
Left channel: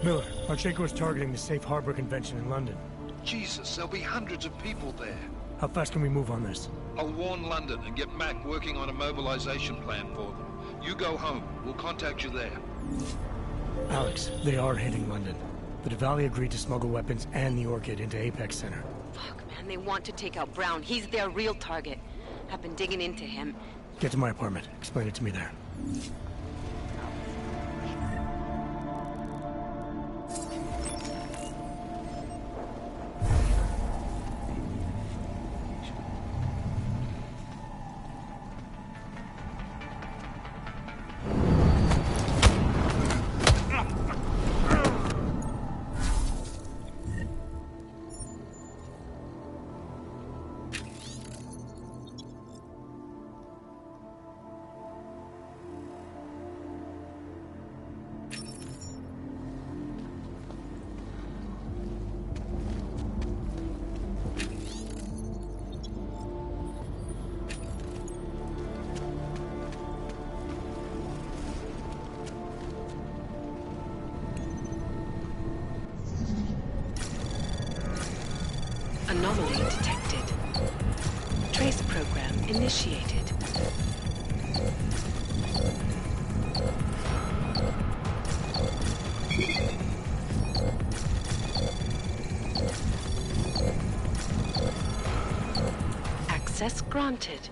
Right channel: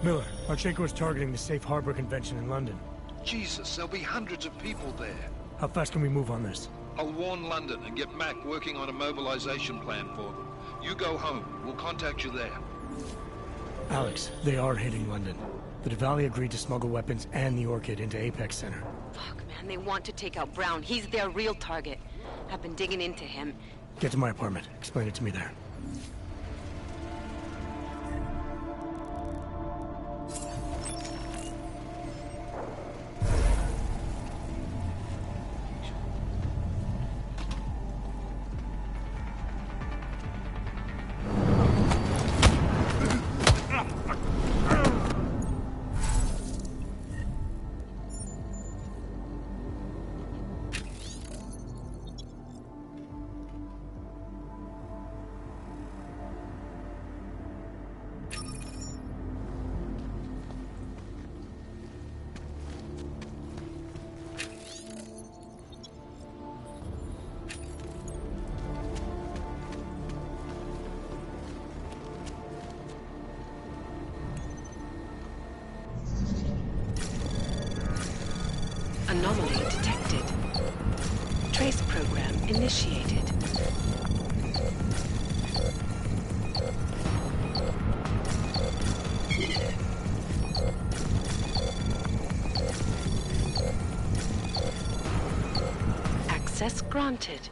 Miller, Marchenko is targeting the Safe Harbor Convention in London. Jesus, there'll be hundreds of people there. How fast can we move on this? I'll warn London and get Mac working on a mobilization plan for them. You go home. We'll contact you there. Alex, they are hitting London. The Diwali agreed to smuggle weapons and the Orchid into Apex Center. Fuck, man, they want to take out Brown. He's their real target. I've been digging into him. Get to my apartment. Explain it to me there. Anomaly detected. Trace program initiated. Access granted.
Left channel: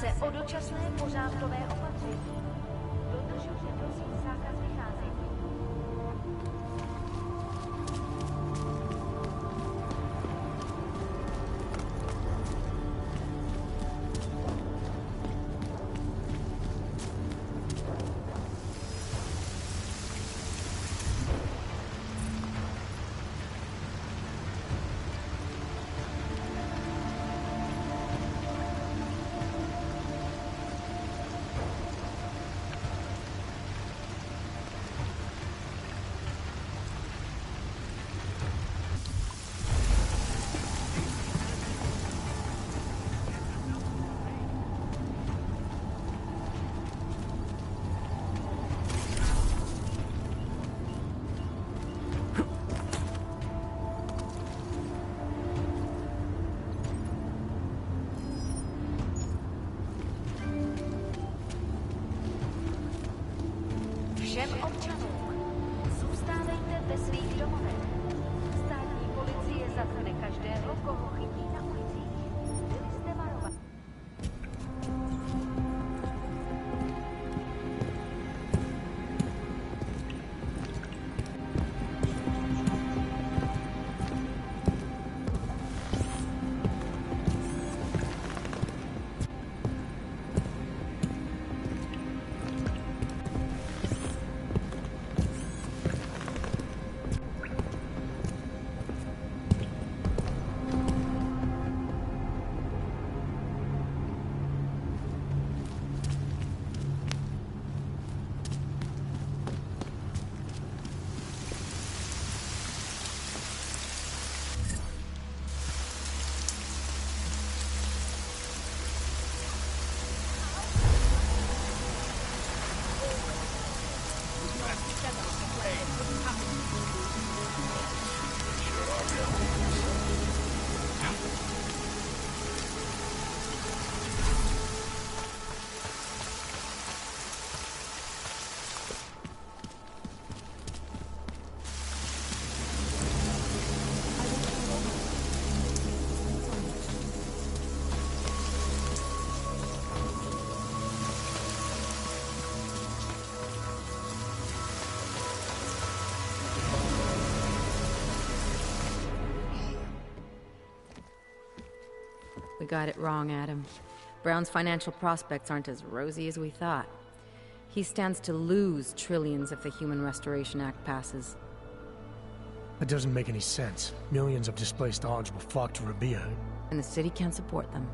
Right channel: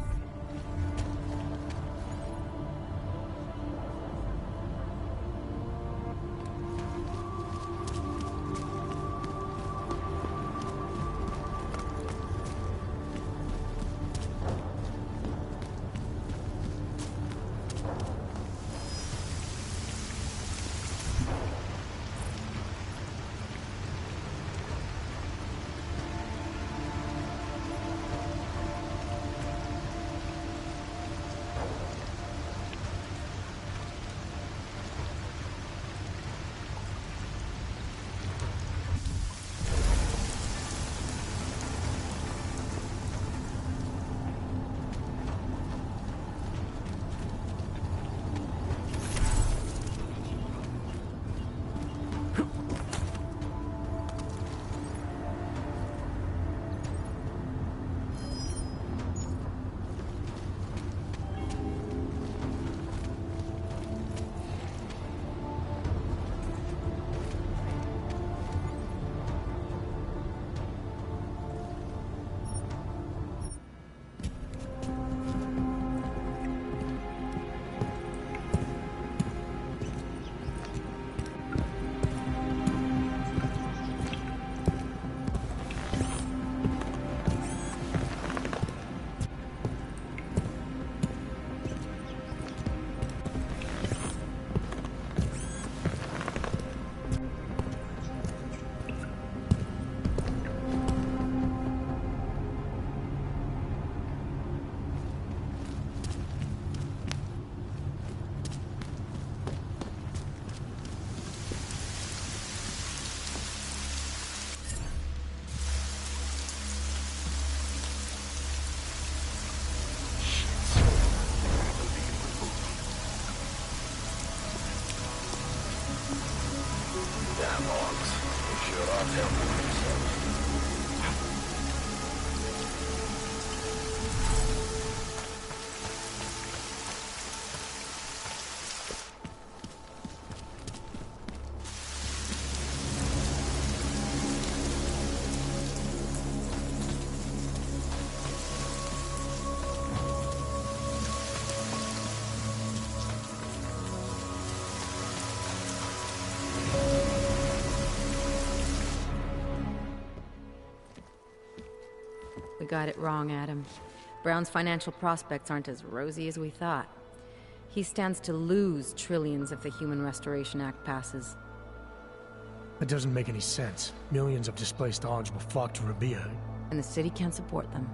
Se o dočasné pořádkové opatření. Dodržujte prosím zákaz vycházení. not helping themselves. We got it wrong, Adam. Brown's financial prospects aren't as rosy as we thought. He stands to lose trillions if the Human Restoration Act passes. That doesn't make any sense. Millions of displaced dogs will flock to Rabia. And the city can't support them.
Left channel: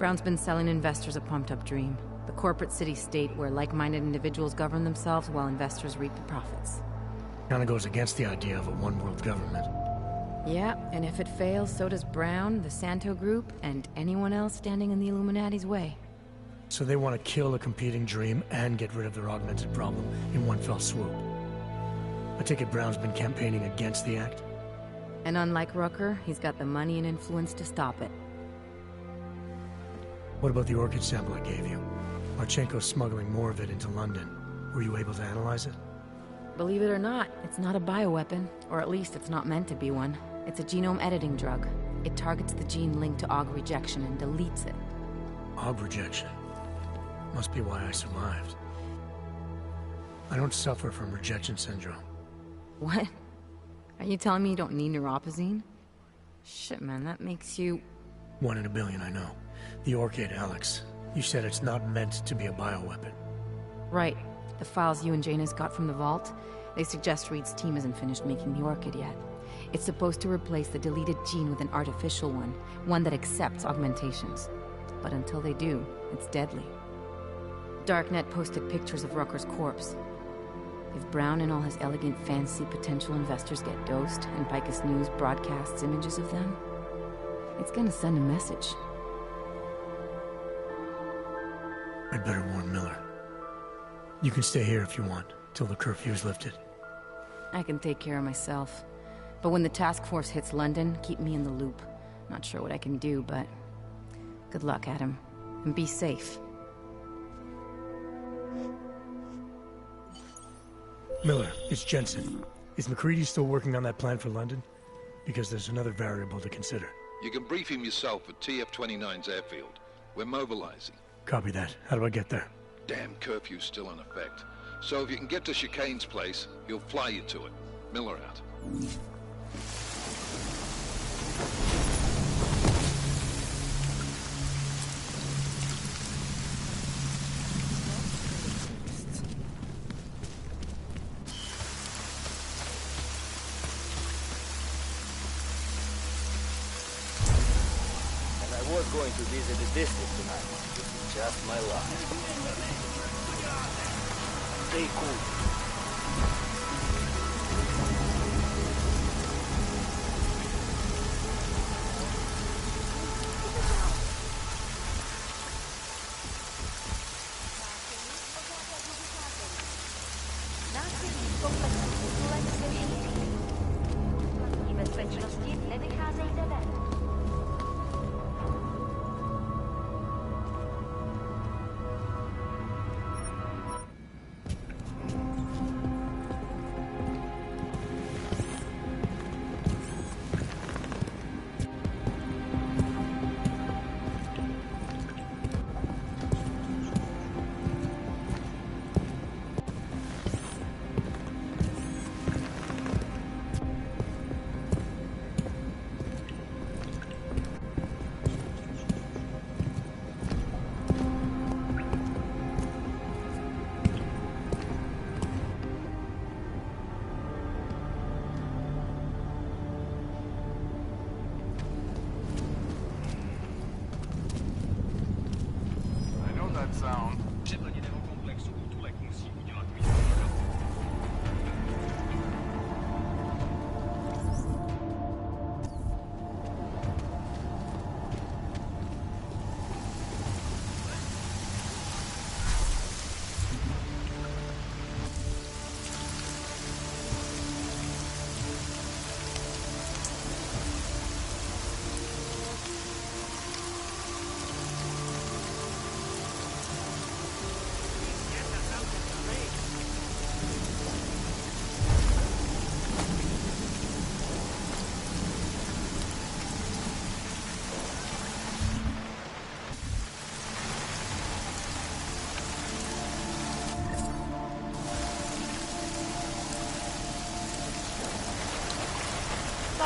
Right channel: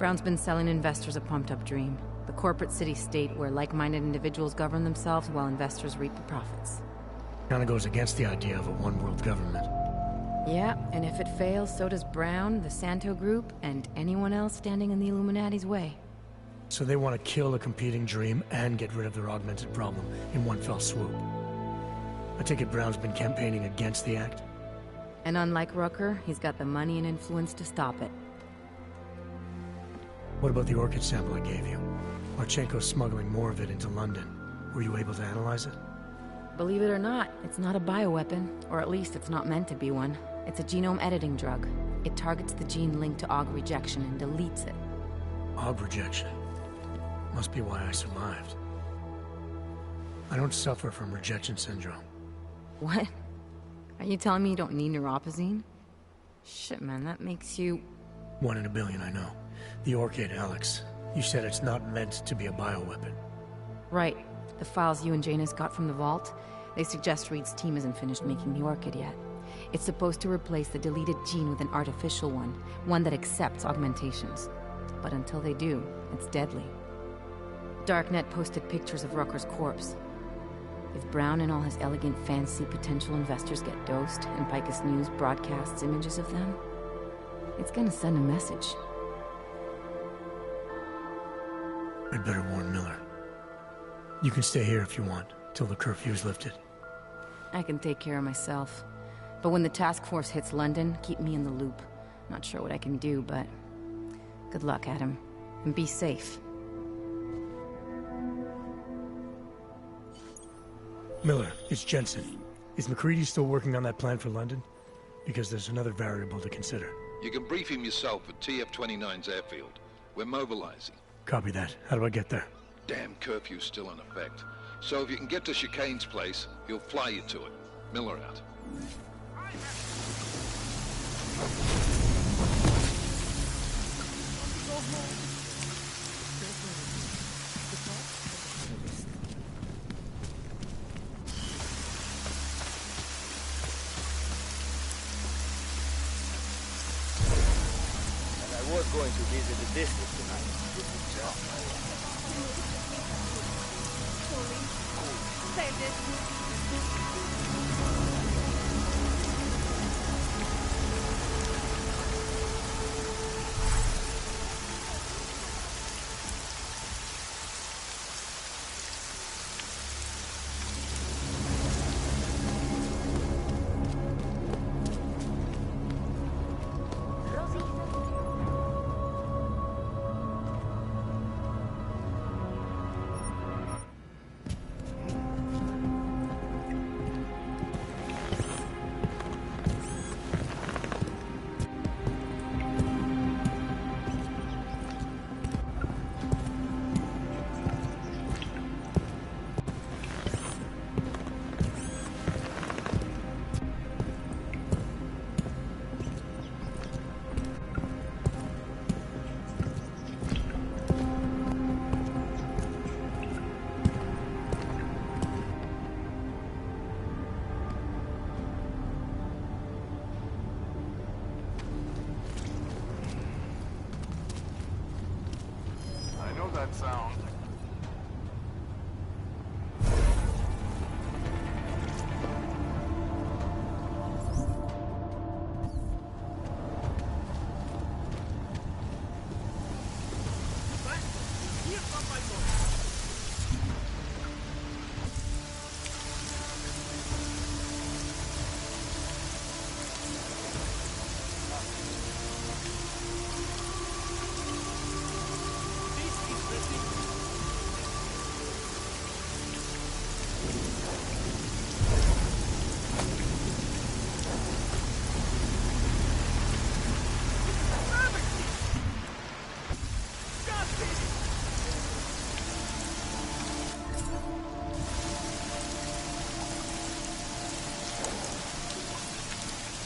Brown's been selling investors a pumped-up dream. The corporate city-state where like-minded individuals govern themselves while investors reap the profits. Kinda goes against the idea of a one-world government. Yeah, and if it fails, so does Brown, the Santo Group, and anyone else standing in the Illuminati's way. So they want to kill a competing dream and get rid of their augmented problem in one fell swoop. I take it Brown's been campaigning against the act? And unlike Rucker, he's got the money and influence to stop it. What about the orchid sample I gave you? Marchenko's smuggling more of it into London. Were you able to analyze it? Believe it or not, it's not a bioweapon, or at least it's not meant to be one. It's a genome editing drug. It targets the gene linked to AUG rejection and deletes it. AUG rejection? Must be why I survived. I don't suffer from rejection syndrome. What? Are you telling me you don't need neuropozyne? Shit, man, that makes you... 1 in a billion, I know. The orchid, Alex. You said it's not meant to be a bioweapon. Right. The files you and Janus got from the vault, they suggest Reed's team isn't finished making the orchid yet. It's supposed to replace the deleted gene with an artificial one that accepts augmentations. But until they do, it's deadly. Darknet posted pictures of Rucker's corpse. If Brown and all his elegant fancy potential investors get dosed, and Picus News broadcasts images of them, it's gonna send a message. I'd better warn Miller. You can stay here if you want, till the curfew's lifted. I can take care of myself. But when the task force hits London, keep me in the loop. Not sure what I can do, but... good luck, Adam. And be safe. Miller, it's Jensen. Is McCready still working on that plan for London? Because there's another variable to consider. You can brief him yourself at TF-29's airfield. We're mobilizing. Copy that. How do I get there? Damn curfew's still in effect. So if you can get to Chicane's place, he'll fly you to it. Miller out. And I was going to visit the district tonight. This is just my luck. Stay cool.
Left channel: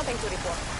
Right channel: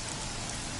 Nothing to report.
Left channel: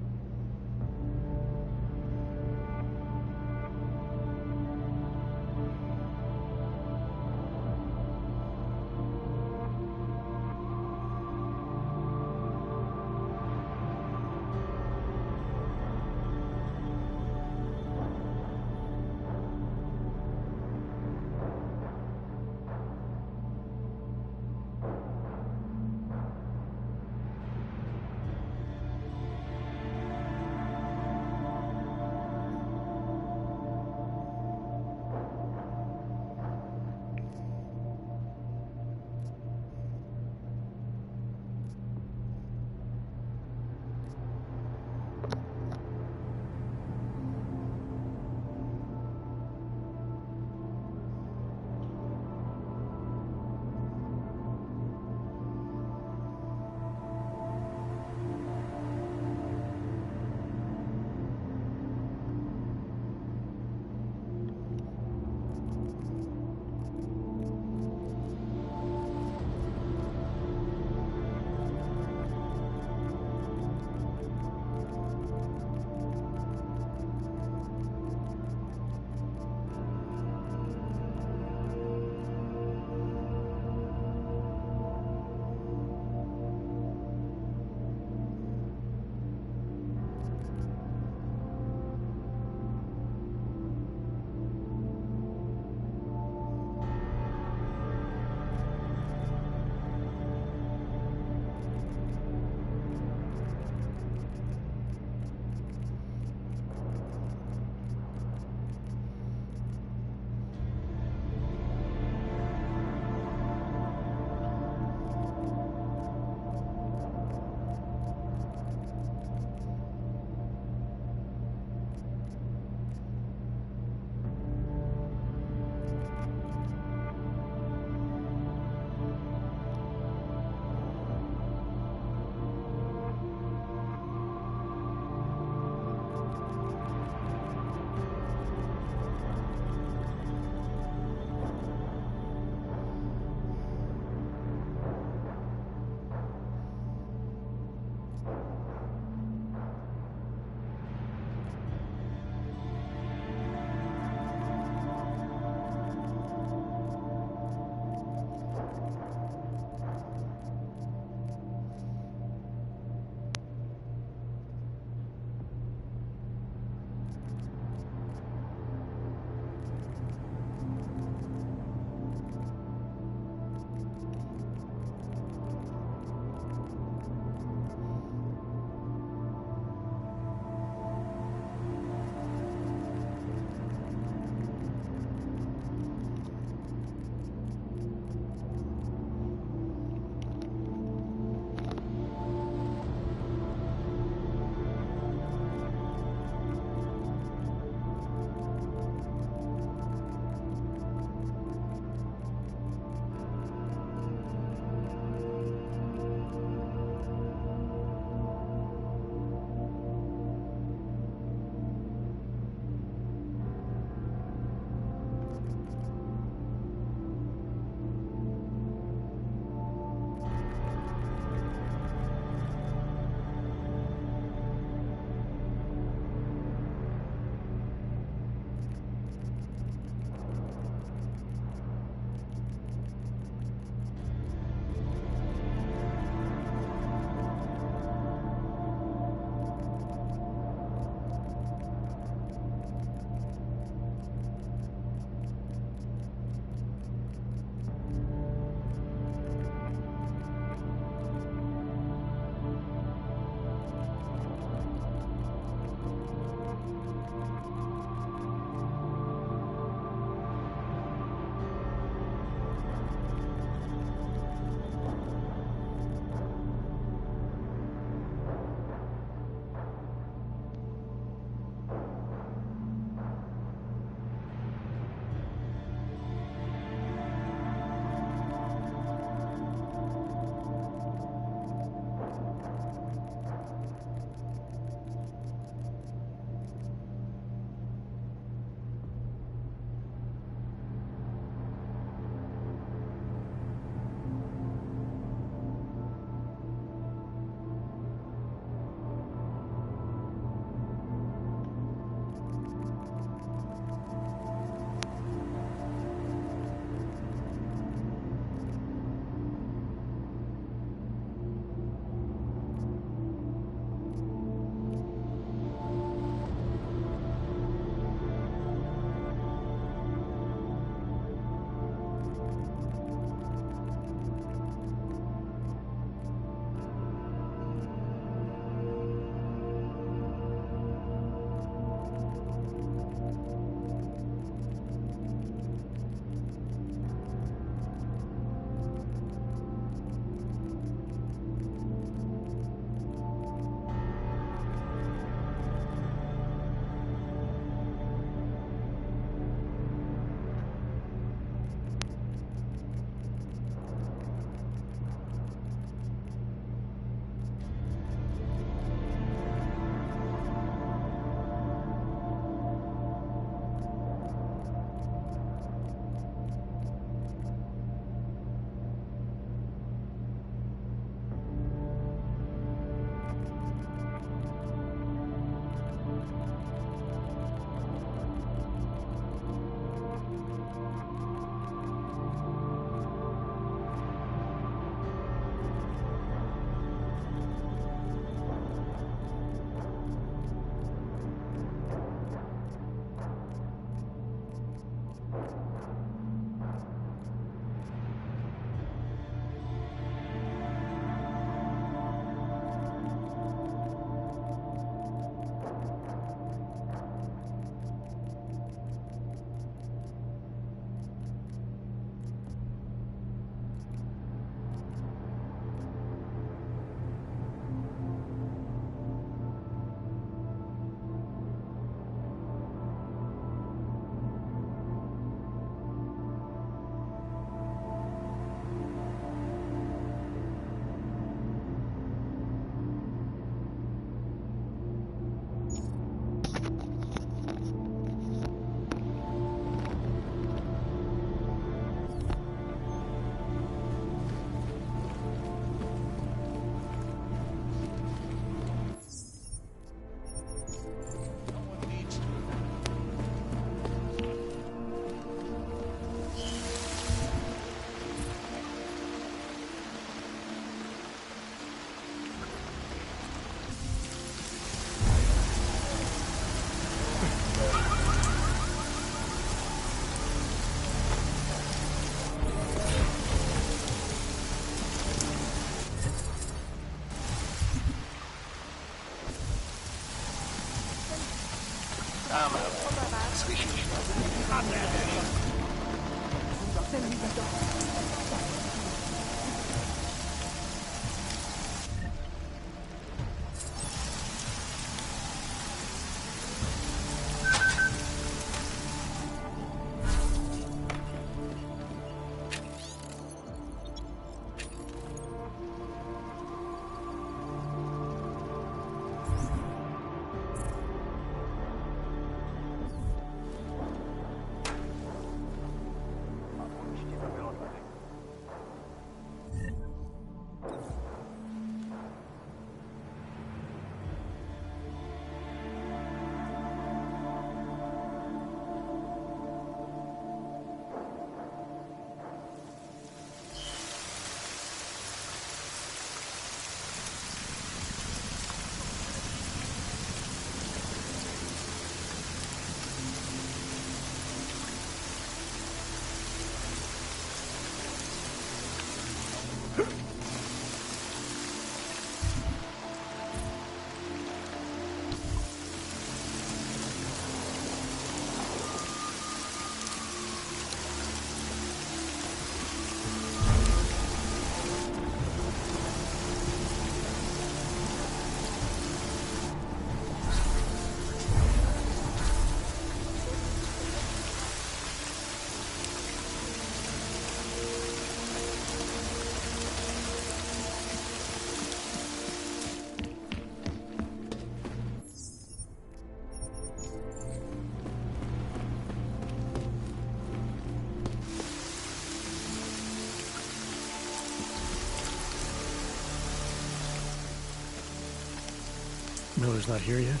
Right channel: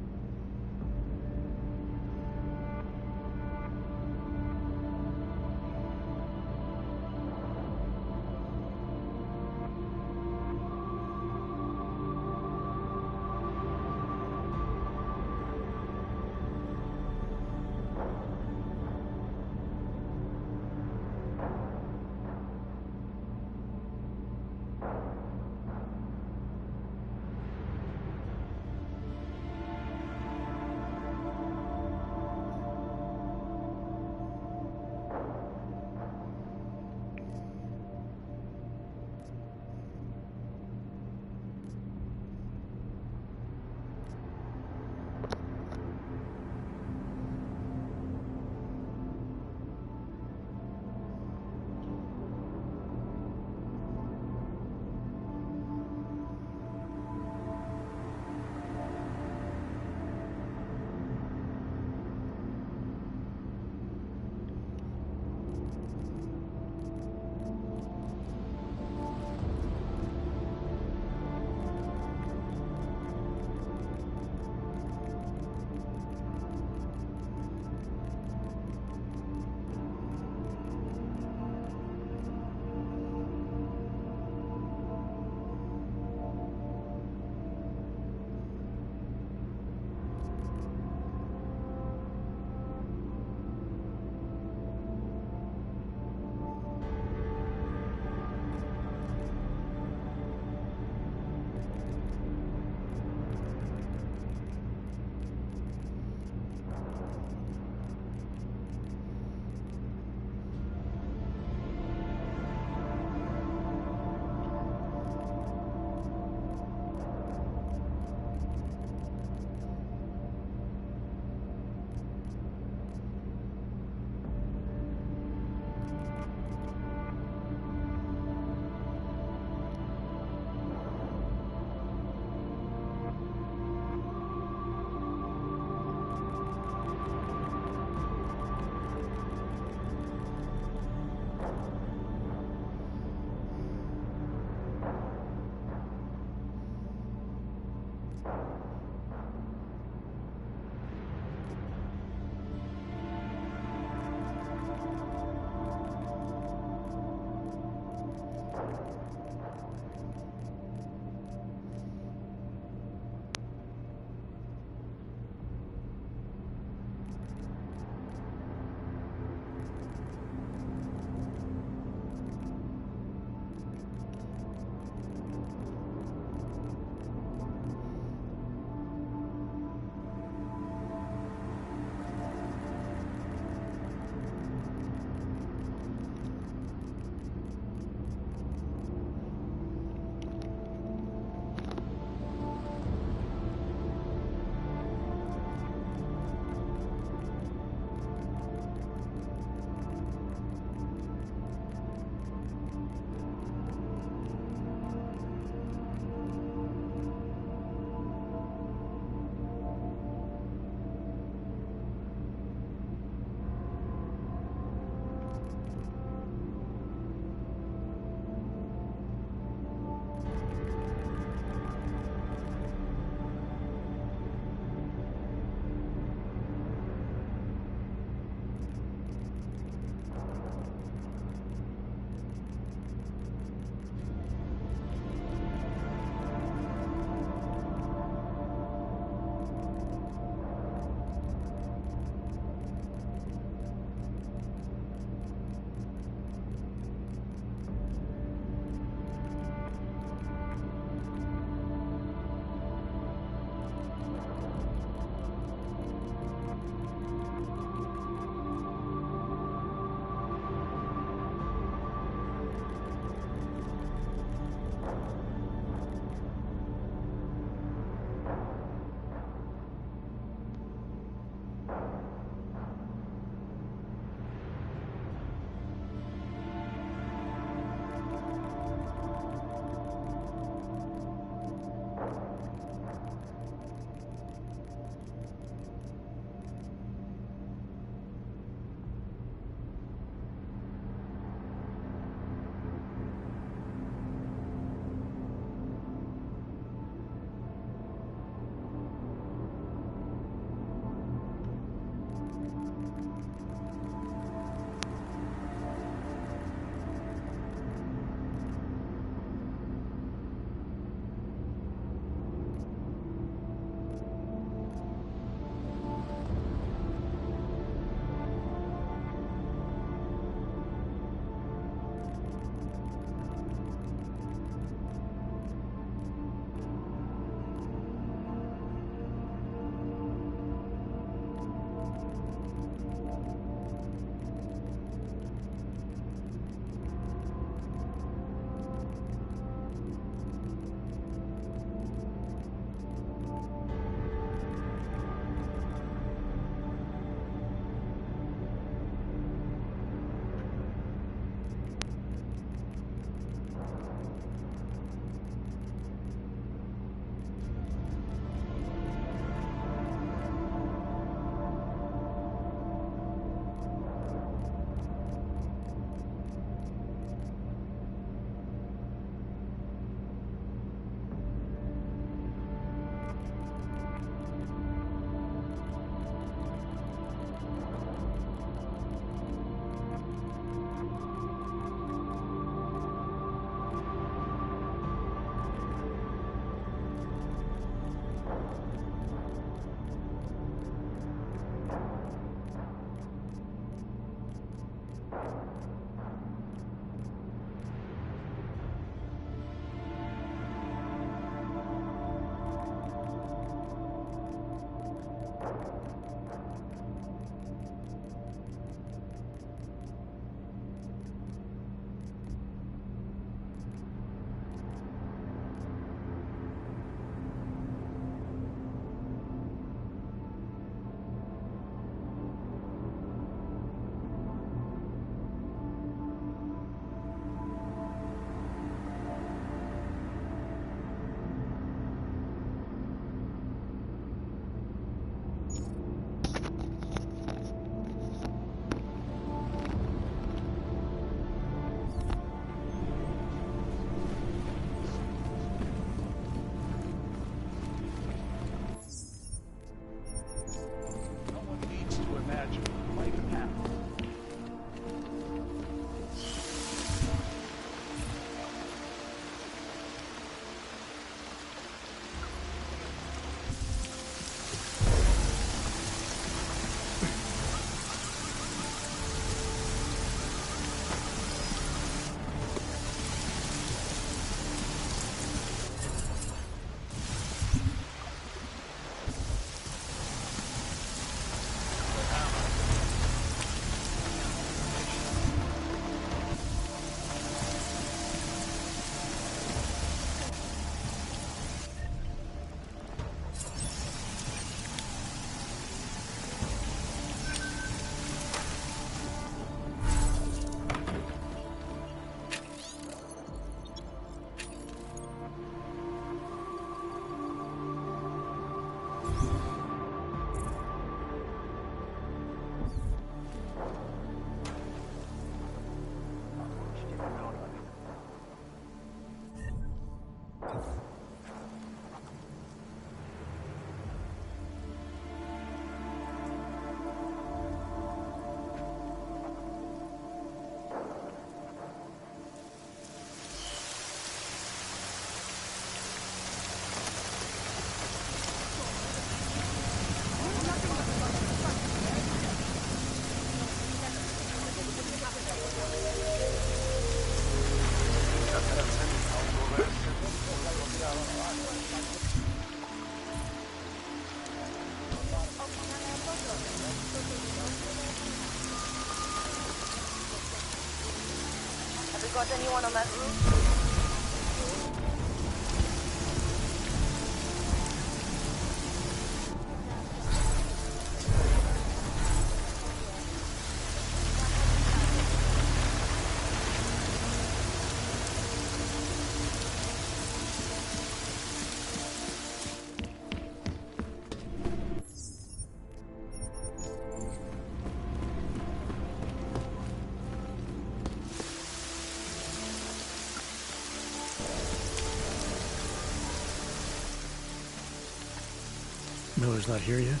Miller's not here yet?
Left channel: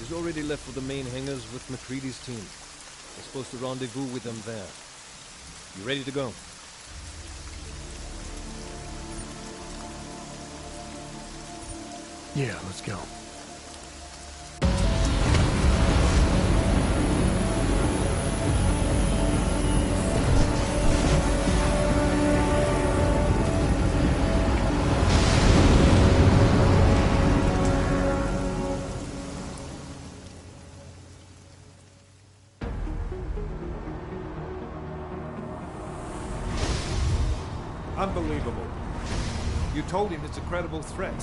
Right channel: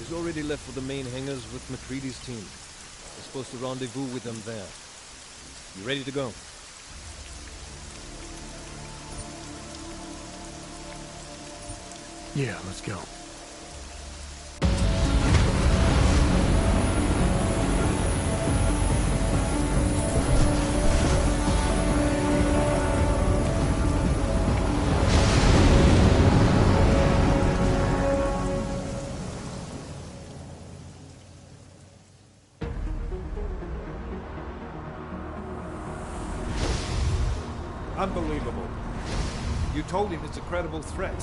He's already left for the main hangars with McCready's team. We're supposed to rendezvous with them there. You ready to go? Yeah, let's go. Unbelievable. You told him it's a credible threat.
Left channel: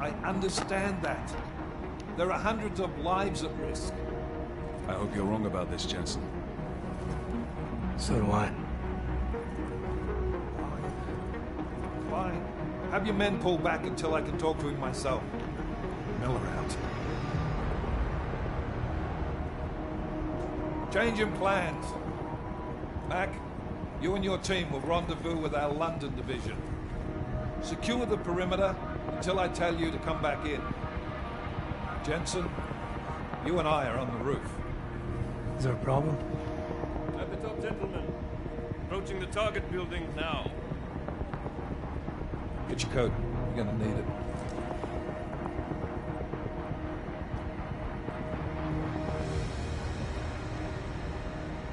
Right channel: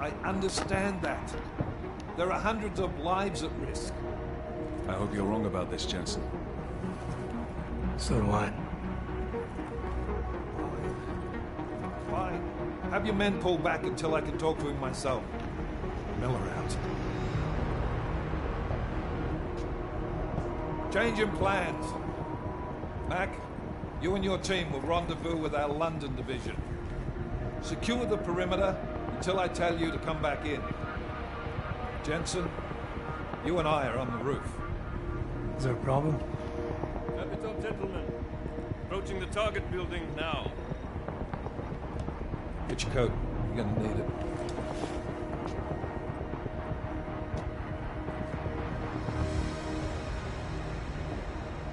I understand that. There are hundreds of lives at risk. I hope you're wrong about this, Jensen. So do I. Fine. Have your men pull back until I can talk to him myself. Miller out. Changing plans. Mac, you and your team will rendezvous with our London division. Secure the perimeter until I tell you to come back in. Jensen, you and I are on the roof. Is there a problem? At the top, gentlemen. Approaching the target building now. Get your coat. You're gonna need it.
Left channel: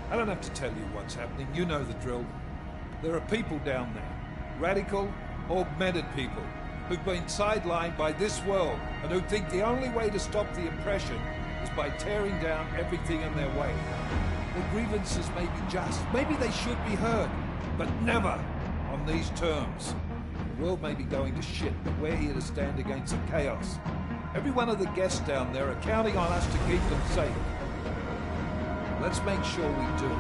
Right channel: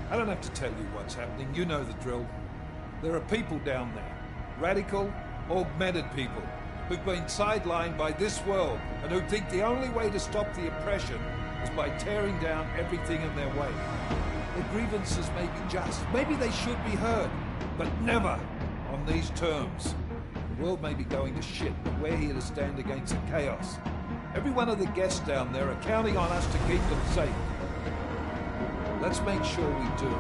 I don't have to tell you what's happening. You know the drill. There are people down there. Radical, augmented people who've been sidelined by this world and who think the only way to stop the oppression is by tearing down everything in their way. Their grievances may be just. Maybe they should be heard, but never on these terms. The world may be going to shit, but we're here to stand against the chaos. Every one of the guests down there are counting on us to keep them safe. Let's make sure we do.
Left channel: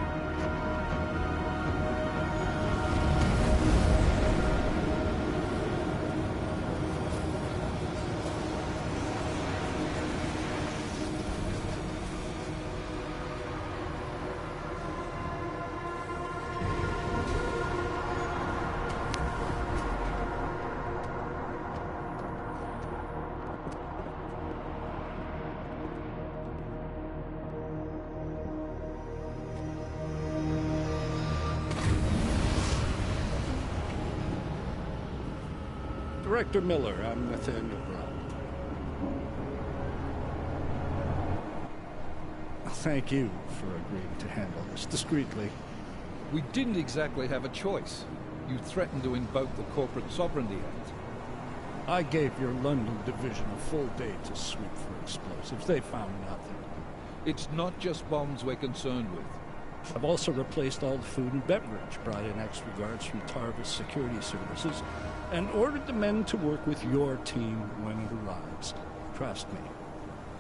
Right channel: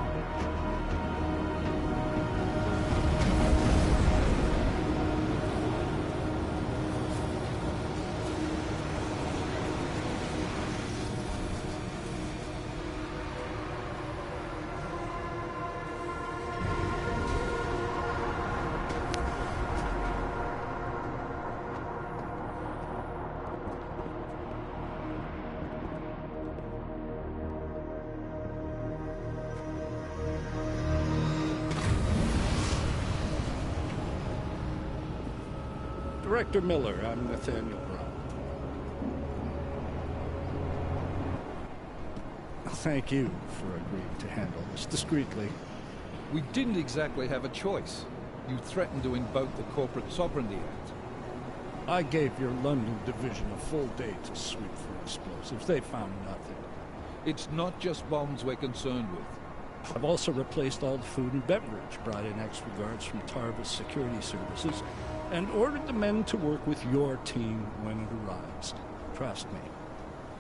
Director Miller, I'm Nathaniel Brown. Thank you for agreeing to handle this discreetly. We didn't exactly have a choice. You threatened to invoke the Corporate Sovereignty Act. I gave your London division a full day to sweep for explosives. They found nothing. It's not just bombs we're concerned with. I've also replaced all the food and beverage, brought in extra guards from Tarvis Security Services, and ordered the men to work with your team when it arrives. Trust me,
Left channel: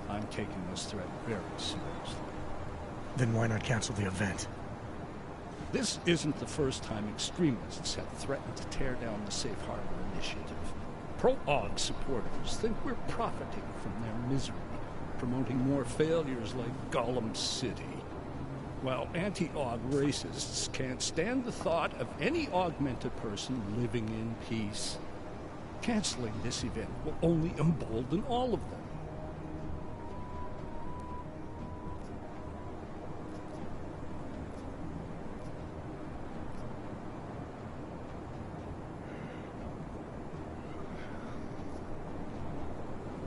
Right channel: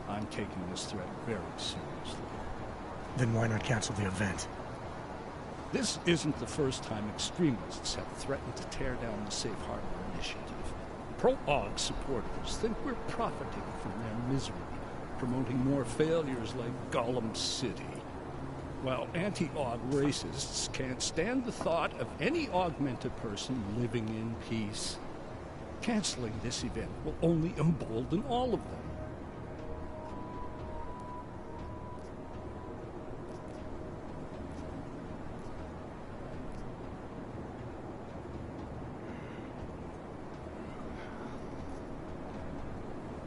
I'm taking this threat very seriously. Then why not cancel the event? This isn't the first time extremists have threatened to tear down the Safe Harbor Initiative. Pro-AUG supporters think we're profiting from their misery, promoting more failures like Gollum City, while anti-AUG racists can't stand the thought of any augmented person living in peace. Canceling this event will only embolden all of them.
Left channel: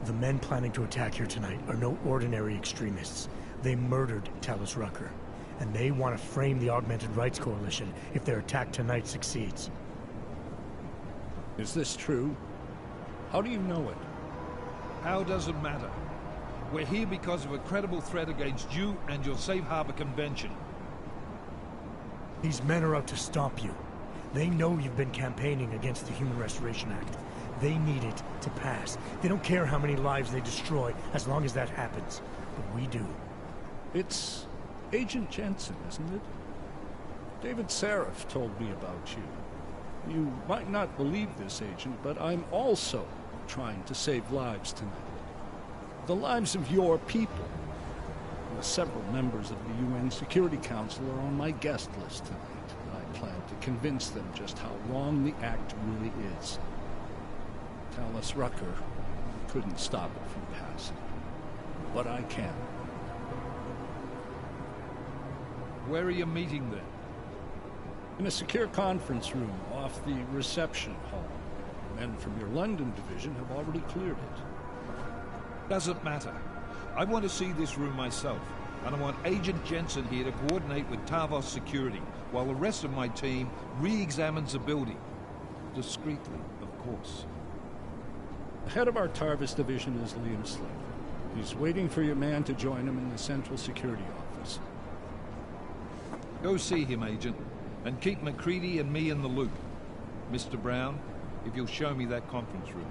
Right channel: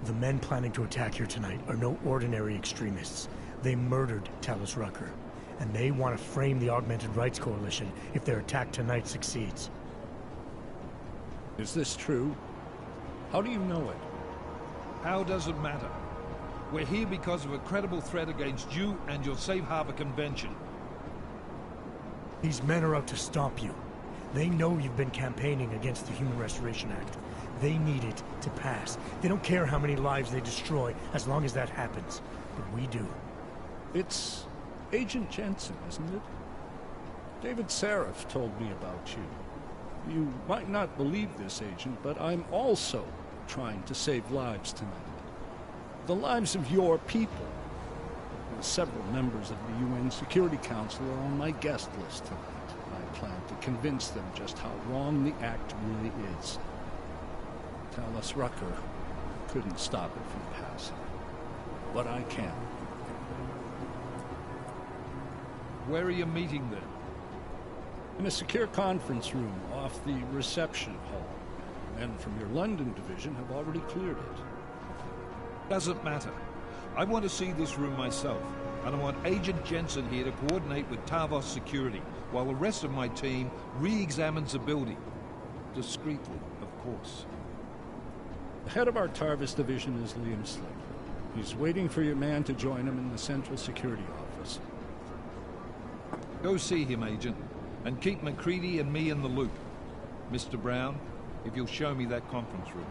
The men planning to attack here tonight are no ordinary extremists. They murdered Talus Rucker, and they want to frame the Augmented Rights Coalition if their attack tonight succeeds. Is this true? How do you know it? How does it matter? We're here because of a credible threat against you and your Safe Harbor Convention. These men are out to stop you. They know you've been campaigning against the Human Restoration Act. They need it to pass. They don't care how many lives they destroy, as long as that happens. But we do. It's Agent Jensen, isn't it? David Seraph told me about you. You might not believe this, Agent, but I'm also trying to save lives tonight. The lives of your people. Several members of the UN Security Council are on my guest list tonight. I plan to convince them just how wrong the act really is. Talus Rucker couldn't stop it from passing. But I can. Where are you meeting then? In a secure conference room off the reception hall. Men from your London division have already cleared it. Doesn't matter. I want to see this room myself, and I want Agent Jensen here to coordinate with Tavos Security, while the rest of my team re-examines the building. Discreetly, of course. The head of our Tarvis division is Liam Slater. He's waiting for your man to join him in the Central Security Office. Go see him, Agent, and keep McCready and me in the loop. Mr. Brown, if you'll show me that conference room.